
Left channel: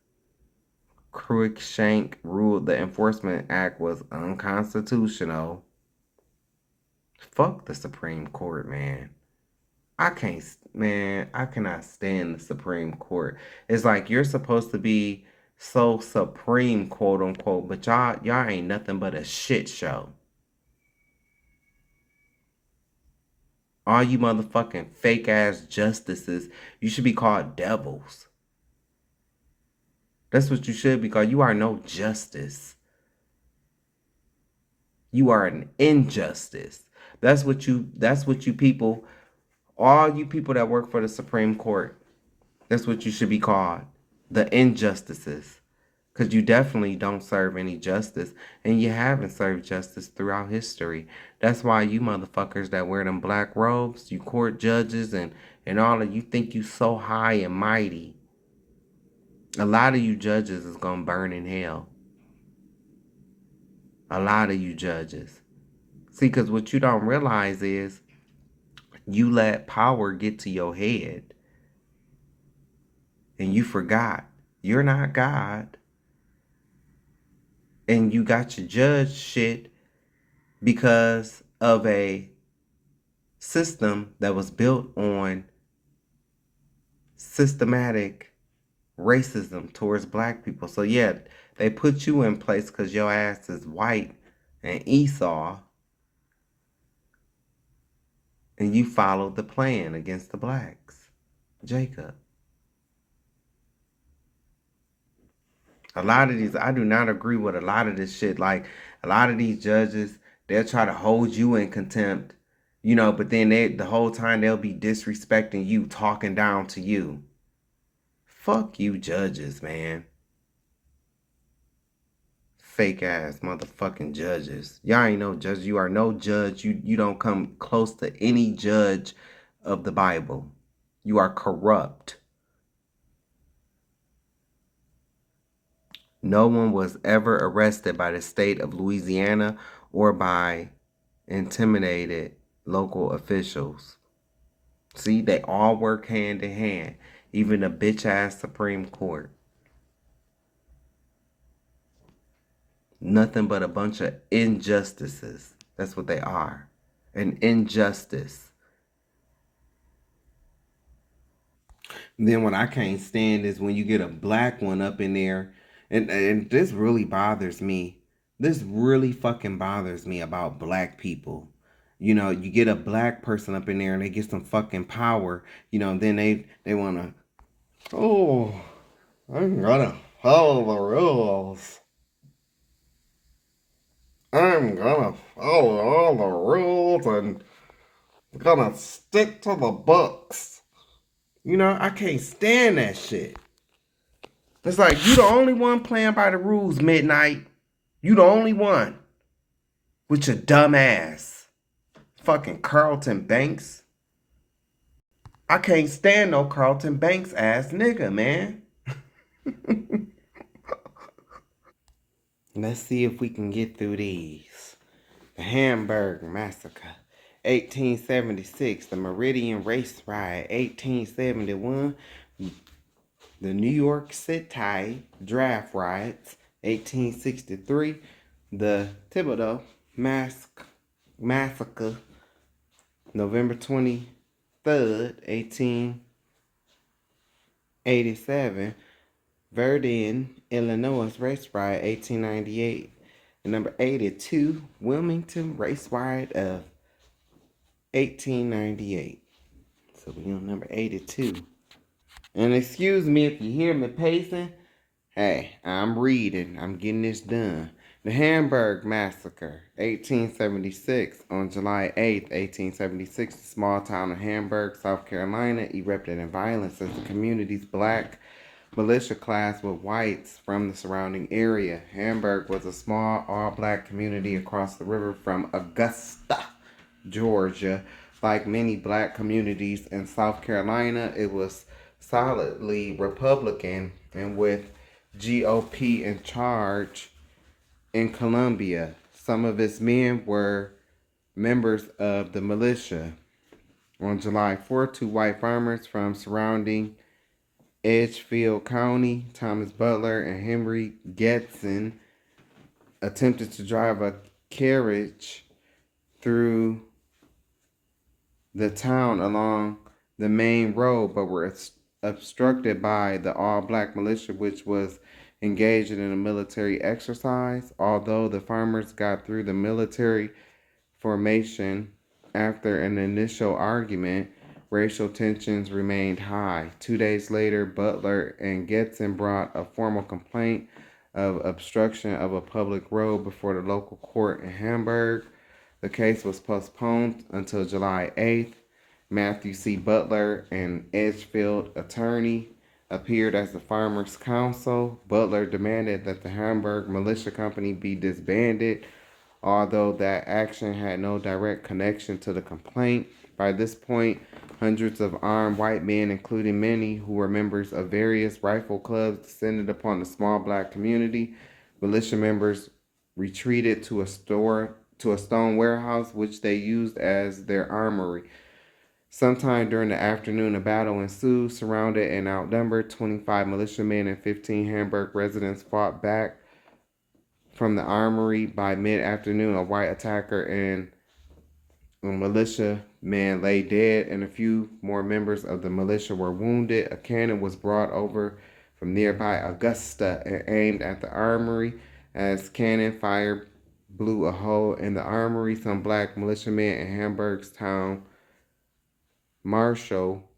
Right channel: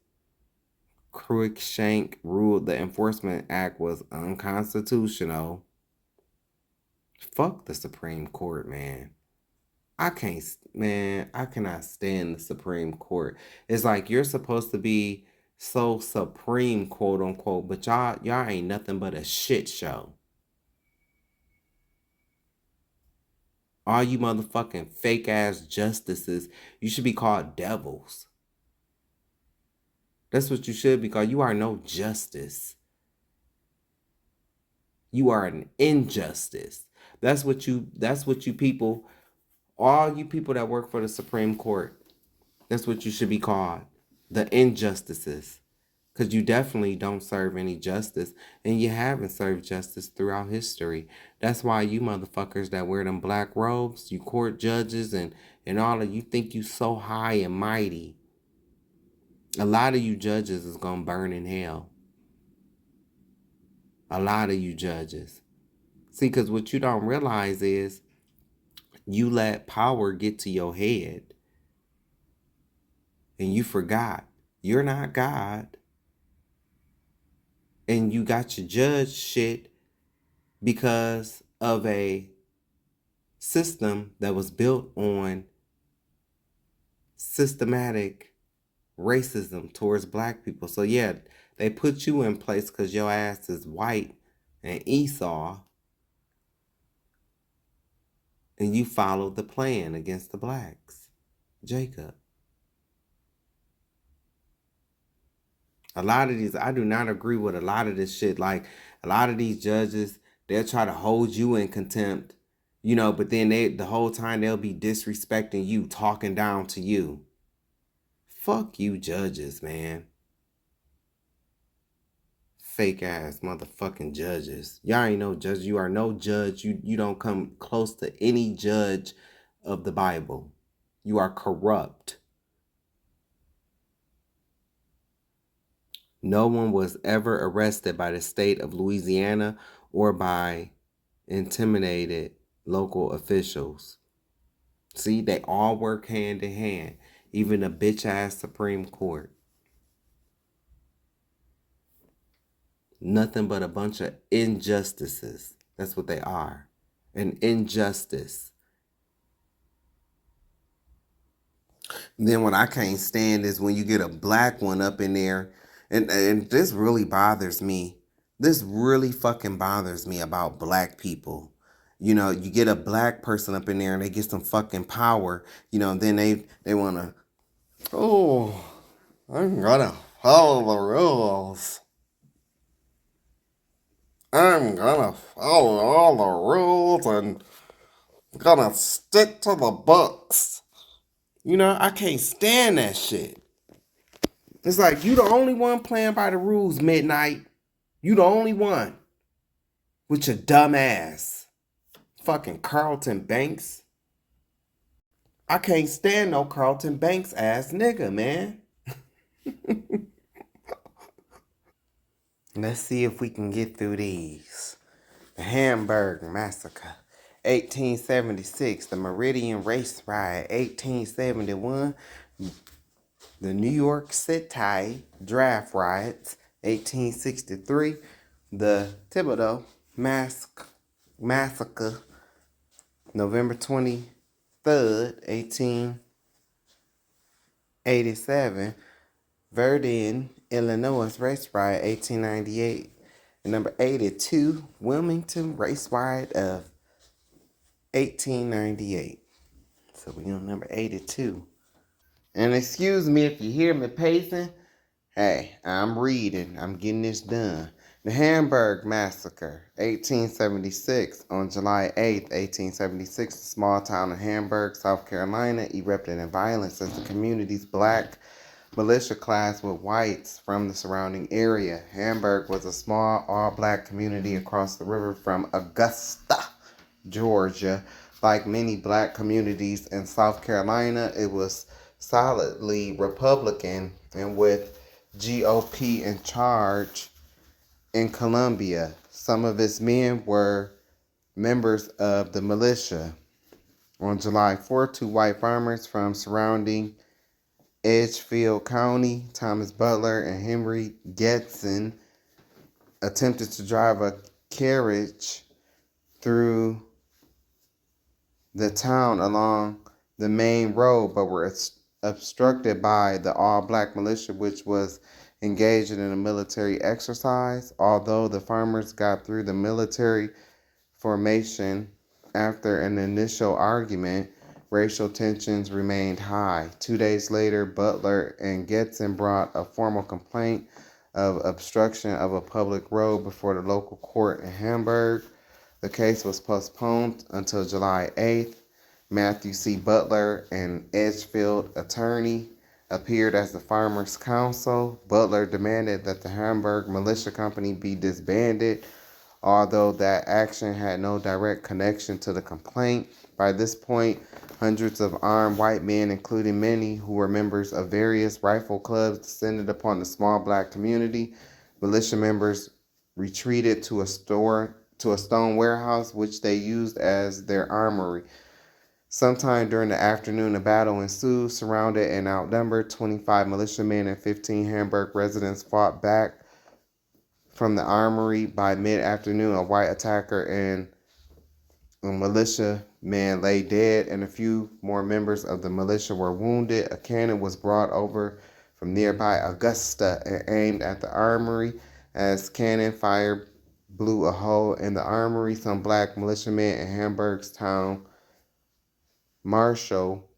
Cruikshank ruled the Enforcement Act was unconstitutional. Fuck the Supreme Court, man. I cannot stand the Supreme Court. It's like you're supposed to be so supreme, quote unquote, but y'all ain't nothing but a shit show. All you motherfucking fake ass justices, you should be called devils. That's what you should be called. You are no justice. You are an injustice. That's what you people, all you people that work for the Supreme Court, that's what you should be called. The injustices. Because you definitely don't serve any justice. And you haven't served justice throughout history. That's why you motherfuckers that wear them black robes, you court judges and all of you think you so high and mighty. A lot of you judges is going to burn in hell. A lot of you judges. See, because what you don't realize is you let power get to your head. And you forgot. You're not God. And you got your judge shit because of a system that was built on systematic racism towards black people. So yeah, they put you in place because your ass is white and Esau. And you followed the plan against the blacks. Jacob. A lot of these, I do not agree with a lot of this shit. Like, a lot of these judges, they'll try to hold you in contempt, but then the whole time they'll be disrespecting you, talking down to you. Fuck you judges, man. Fake ass motherfucking judges. Y'all ain't no judge. You are no judge. You don't come close to any judge of the Bible. You are corrupt. No one was ever arrested by the state of Louisiana or by intimidated local officials. See, they all work hand in hand. Even the bitch-ass Supreme Court. Nothing but a bunch of injustices. That's what they are. An injustice. And then what I can't stand is when you get a black one up in there. And this really bothers me. This really fucking bothers me about black people. You get a black person up in there and they get some fucking power. Then they want to, I'm gonna follow the rules. I'm gonna follow all the rules and gonna stick to the books. I can't stand that shit. It's like, you the only one playing by the rules, Midnight. You the only one. With your dumb ass. Fucking Carlton Banks. I can't stand no Carlton Banks ass nigga, man. Let's see if we can get through these. The Hamburg Massacre, 1876. The Meridian Race Riot, 1871. The New York City Draft Riots, 1863. The Thibodeau Massacre, November 23rd, 1887. Verdun, Illinois Race Riot, 1898. And number 82, Wilmington Race Riot of 1898. So we on number 82. And excuse me if you hear me pacing. Hey, I'm reading. I'm getting this done. The Hamburg Massacre, 1876. On July 8th, 1876, the small town of Hamburg, South Carolina, erupted in violence as the community's black militia clashed with whites from the surrounding area. Hamburg was a small all-black community across the river from Augusta, Georgia. Like many black communities in South Carolina, it was solidly Republican and with GOP in charge. In Columbia, some of its men were members of the militia. On July 4th, two white farmers from surrounding Edgefield County, Thomas Butler and Henry Getson, attempted to drive a carriage through the town along the main road, but were obstructed by the all-black militia, which was engaged in a military exercise. Although the farmers got through the military formation after an initial argument, racial tensions remained high. 2 days later, Butler and Getson brought a formal complaint of obstruction of a public road before the local court in Hamburg. The case was postponed until July 8th. Matthew C. Butler, an Edgefield attorney, appeared as the farmers' counsel. Butler demanded that the Hamburg Militia Company be disbanded, although that action had no direct connection to the complaint. By this point, hundreds of armed white men, including many who were members of various rifle clubs, descended upon the small black community. Militia members retreated to a stone warehouse, which they used as their armory. Sometime during the afternoon, a battle ensued. Surrounded and outnumbered, 25 militiamen and 15 Hamburg residents fought back from the armory. By mid-afternoon, a white attacker and a militiaman lay dead, and a few more members of the militia were wounded. A cannon was brought over from nearby Augusta and aimed at the armory. As cannon fire blew a hole in the armory, some black militiamen in Hamburg's town Marshal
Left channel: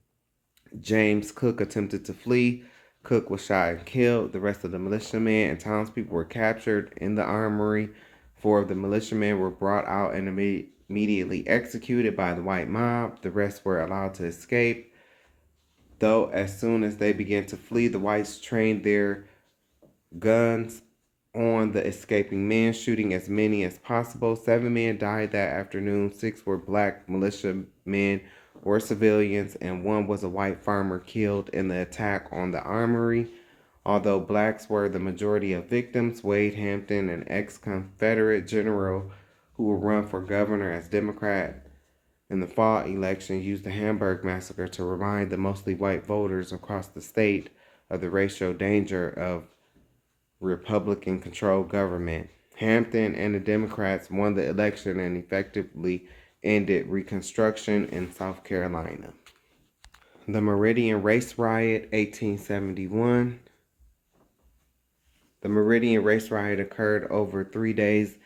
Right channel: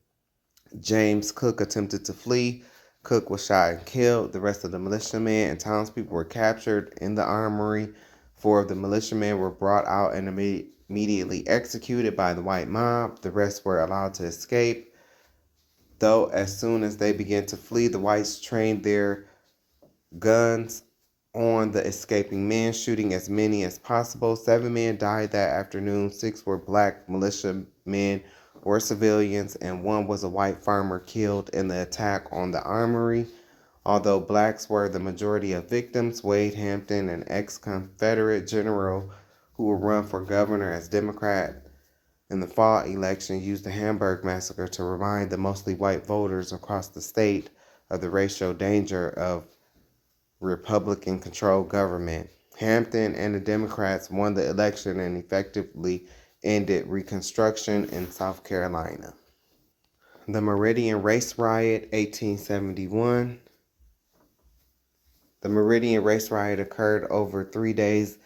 James Cook attempted to flee. Cook was shot and killed. The rest of the militiamen and townspeople were captured in the armory. 4 of the militiamen were brought out and immediately executed by the white mob. The rest were allowed to escape, though as soon as they began to flee, the whites trained their guns on the escaping men, shooting as many as possible. 7 men died that afternoon. 6 were black militiamen or civilians, and 1 was a white farmer killed in the attack on the armory. Although blacks were the majority of victims, Wade Hampton, an ex-Confederate general who would run for governor as Democrat in the fall election, used the Hamburg massacre to remind the mostly white voters across the state of the racial danger of Republican-controlled government. Hampton and the Democrats won the election and effectively ended Reconstruction in South Carolina. The Meridian Race Riot, 1871. The Meridian Race Riot occurred over 3 days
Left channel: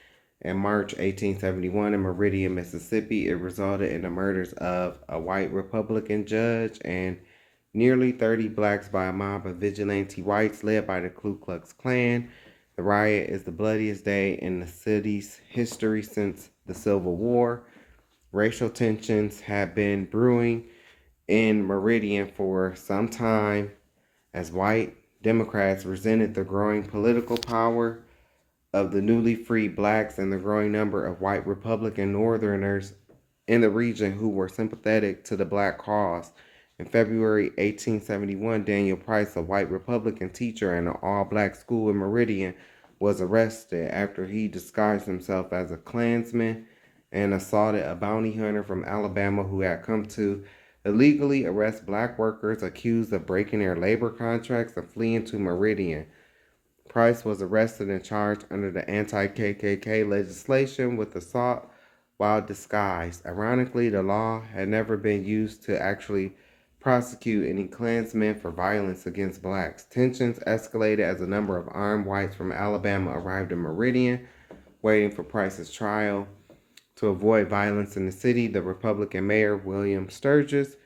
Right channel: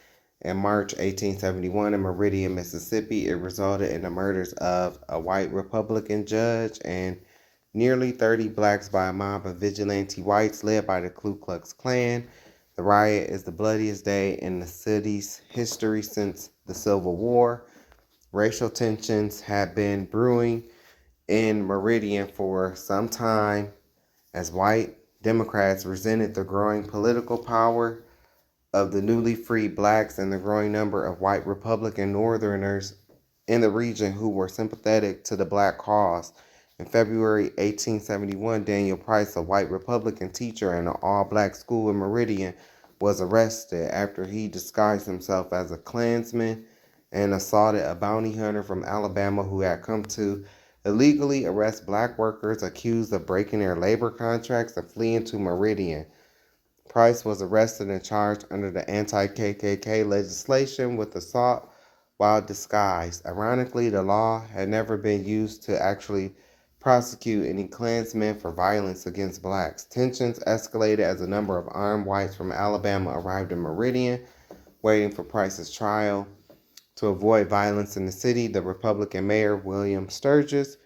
in March 1871 in Meridian, Mississippi. It resulted in the murders of a white Republican judge and nearly 30 blacks by a mob of vigilante whites led by the Ku Klux Klan. The riot is the bloodiest day in the city's history since the Civil War. Racial tensions have been brewing in Meridian for some time as white Democrats resented the growing political power of the newly freed blacks and the growing number of white Republican Northerners in the region who were sympathetic to the black cause. In February 1871, Daniel Price, a white Republican teacher in an all-black school in Meridian, was arrested after he disguised himself as a Klansman and assaulted a bounty hunter from Alabama who had come to illegally arrest black workers accused of breaking their labor contracts and fleeing to Meridian. Price was arrested and charged under the anti-KKK legislation with assault while disguised. Ironically, the law had never been used to actually prosecute any Klansmen for violence against blacks. Tensions escalated as a number of armed whites from Alabama arrived in Meridian, waiting for Price's trial. To avoid violence in the city, the Republican mayor, William Sturgis,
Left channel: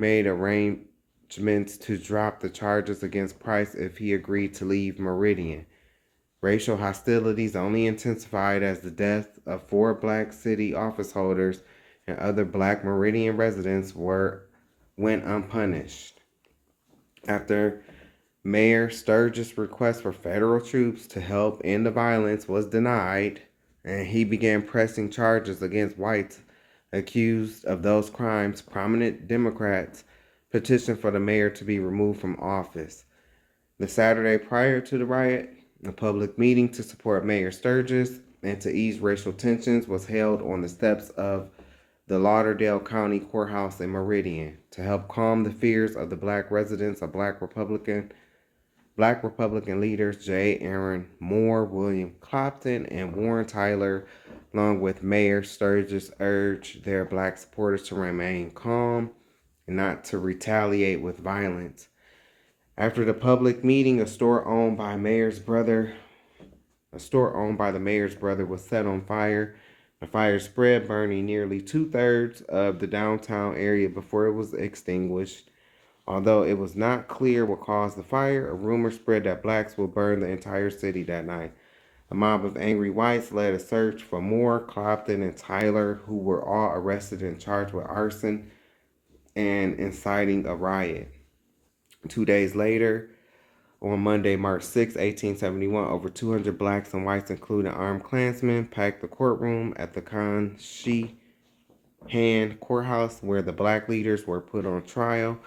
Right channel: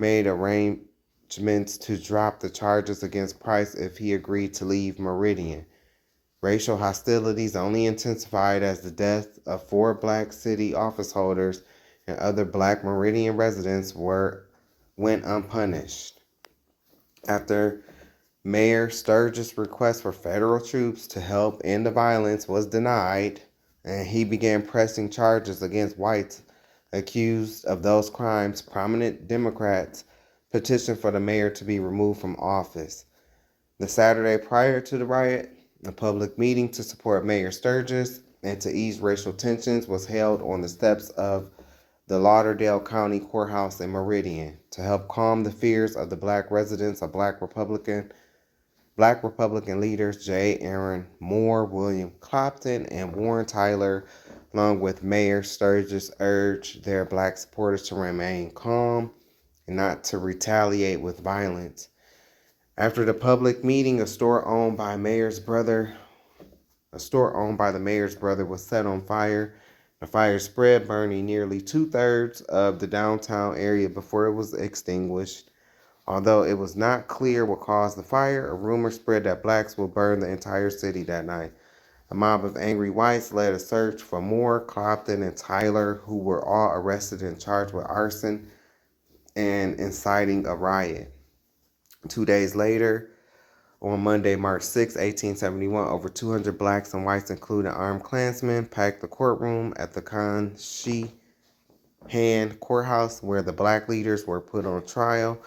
made arrangements to drop the charges against Price if he agreed to leave Meridian. Racial hostilities only intensified as the death of 4 black city office holders and other black Meridian residents went unpunished. After Mayor Sturgis' request for federal troops to help end the violence was denied, and he began pressing charges against whites accused of those crimes. Prominent Democrats petitioned for the mayor to be removed from office. The Saturday prior to the riot, a public meeting to support Mayor Sturgis and to ease racial tensions was held on the steps of the Lauderdale County Courthouse in Meridian. To help calm the fears of the black residents, Black Republican leaders J. Aaron Moore, William Clopton, and Warren Tyler, along with Mayor Sturgis, urged their black supporters to remain calm and not to retaliate with violence. After the public meeting, a store owned by the mayor's brother was set on fire. The fire spread, burning nearly 2/3 of the downtown area before it was extinguished. Although it was not clear what caused the fire, a rumor spread that blacks would burn the entire city that night. A mob of angry whites led a search for Moore, Clopton, and Tyler, who were all arrested and charged with arson and inciting a riot. 2 days later, on Monday, March 6, 1871, over 200 blacks and whites, including armed Klansmen, packed the courtroom at the Conshohocken Courthouse, where the black leaders were put on trial.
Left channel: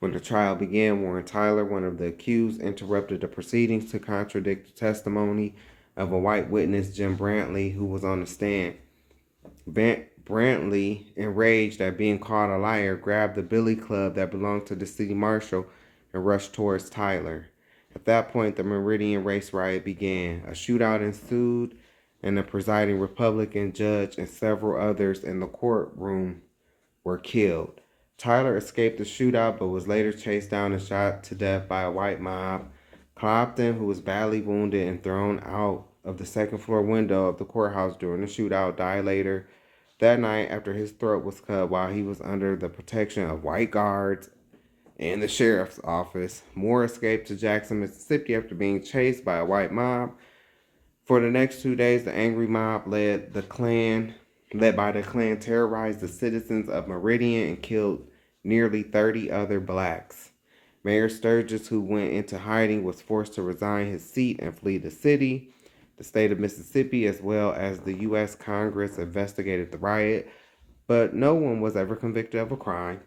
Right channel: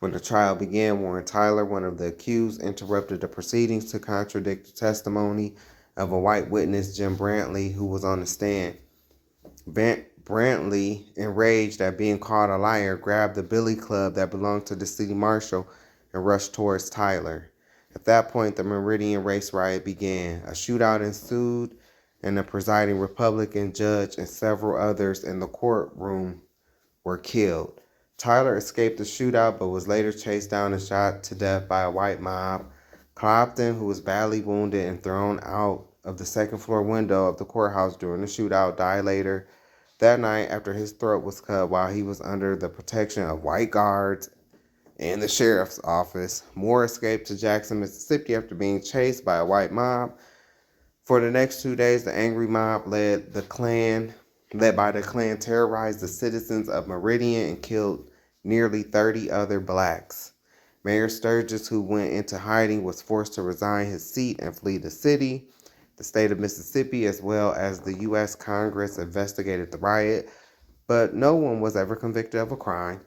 When the trial began, Warren Tyler, one of the accused, interrupted the proceedings to contradict the testimony of a white witness, Jim Brantley, who was on the stand. Brantley, enraged at being called a liar, grabbed the billy club that belonged to the city marshal and rushed towards Tyler. At that point, the Meridian race riot began. A shootout ensued, and the presiding Republican judge and several others in the courtroom were killed. Tyler escaped the shootout but was later chased down and shot to death by a white mob. Clopton, who was badly wounded and thrown out of the second-floor window of the courthouse during the shootout, died later that night after his throat was cut while he was under the protection of white guards in the sheriff's office. Moore escaped to Jackson, Mississippi after being chased by a white mob. For the next 2 days, the angry mob led by the Klan, terrorized the citizens of Meridian and killed nearly 30 other blacks. Mayor Sturgis, who went into hiding, was forced to resign his seat and flee the city. The state of Mississippi, as well as the U.S. Congress, investigated the riot, but no one was ever convicted of a crime.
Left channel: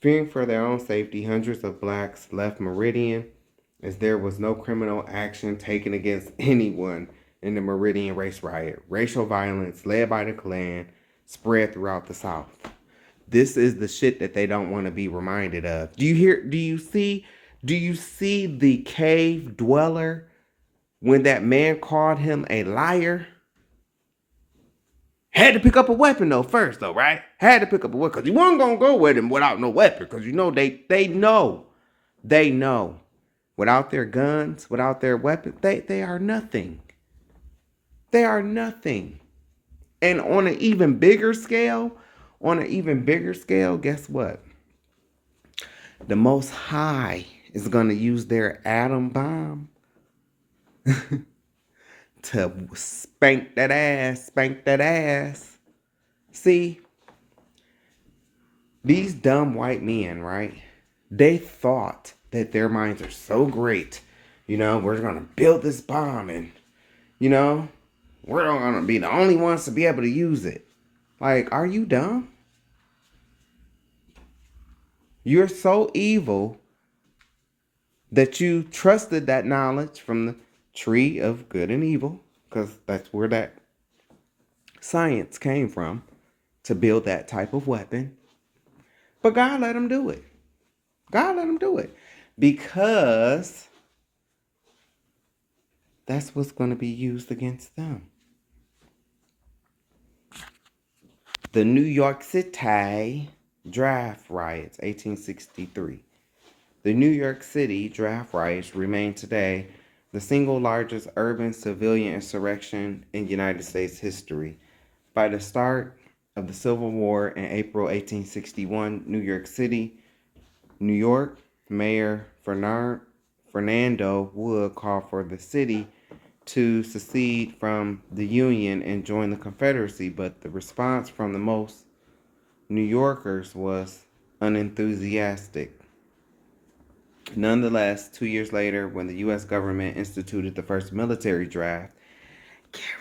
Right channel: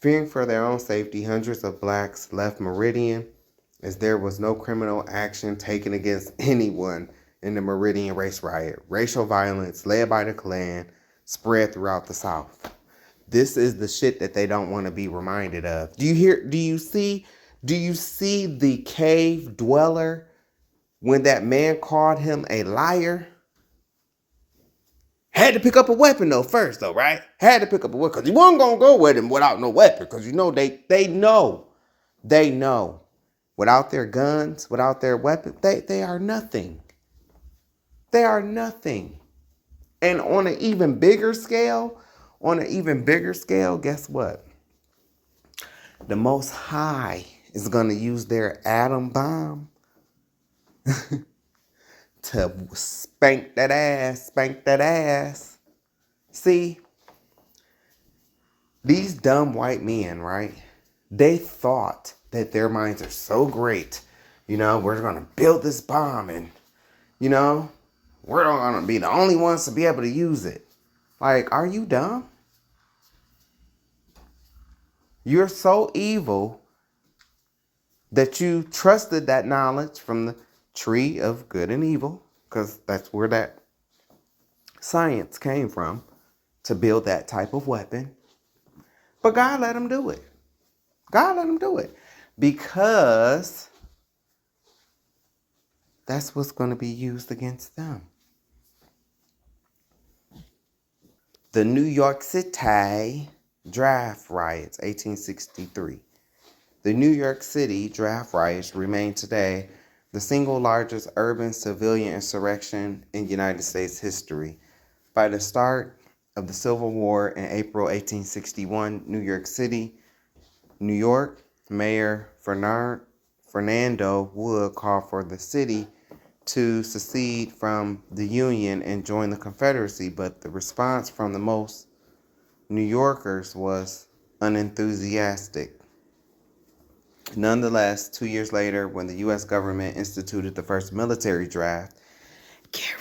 Fearing for their own safety, hundreds of blacks left Meridian, as there was no criminal action taken against anyone in the Meridian race riot. Racial violence, led by the Klan, spread throughout the South. This is the shit that they don't want to be reminded of. Do you see the cave dweller when that man called him a liar? Had to pick up a weapon first, right? Had to pick up a weapon because he wasn't going to go with him without no weapon, because they know. Without their guns, without their weapons, they are nothing. They are nothing. And on an even bigger scale, guess what? The Most High is going to use their atom bomb to spank that ass. See, these dumb white men, right? They thought that their minds are so great. We're going to build this bomb and, we're going to be the only ones to be able to use it. Like, are you dumb? You're so evil that you trusted that knowledge from the tree of good and evil, because that's where that science came from, to build that type of weapon. But God let them do it. Because that's what's going to be used against them. The New York City draft riots, 1863. The New York City draft riots remain today the single largest urban civilian insurrection in United States history. By the start of the Civil War in April 1861, New York City, New York, Mayor Fernando Wood called for the city to secede from the Union and join the Confederacy, but the response from the most New Yorkers was unenthusiastic. Nonetheless, 2 years later, when the U.S. government instituted the first military draft, get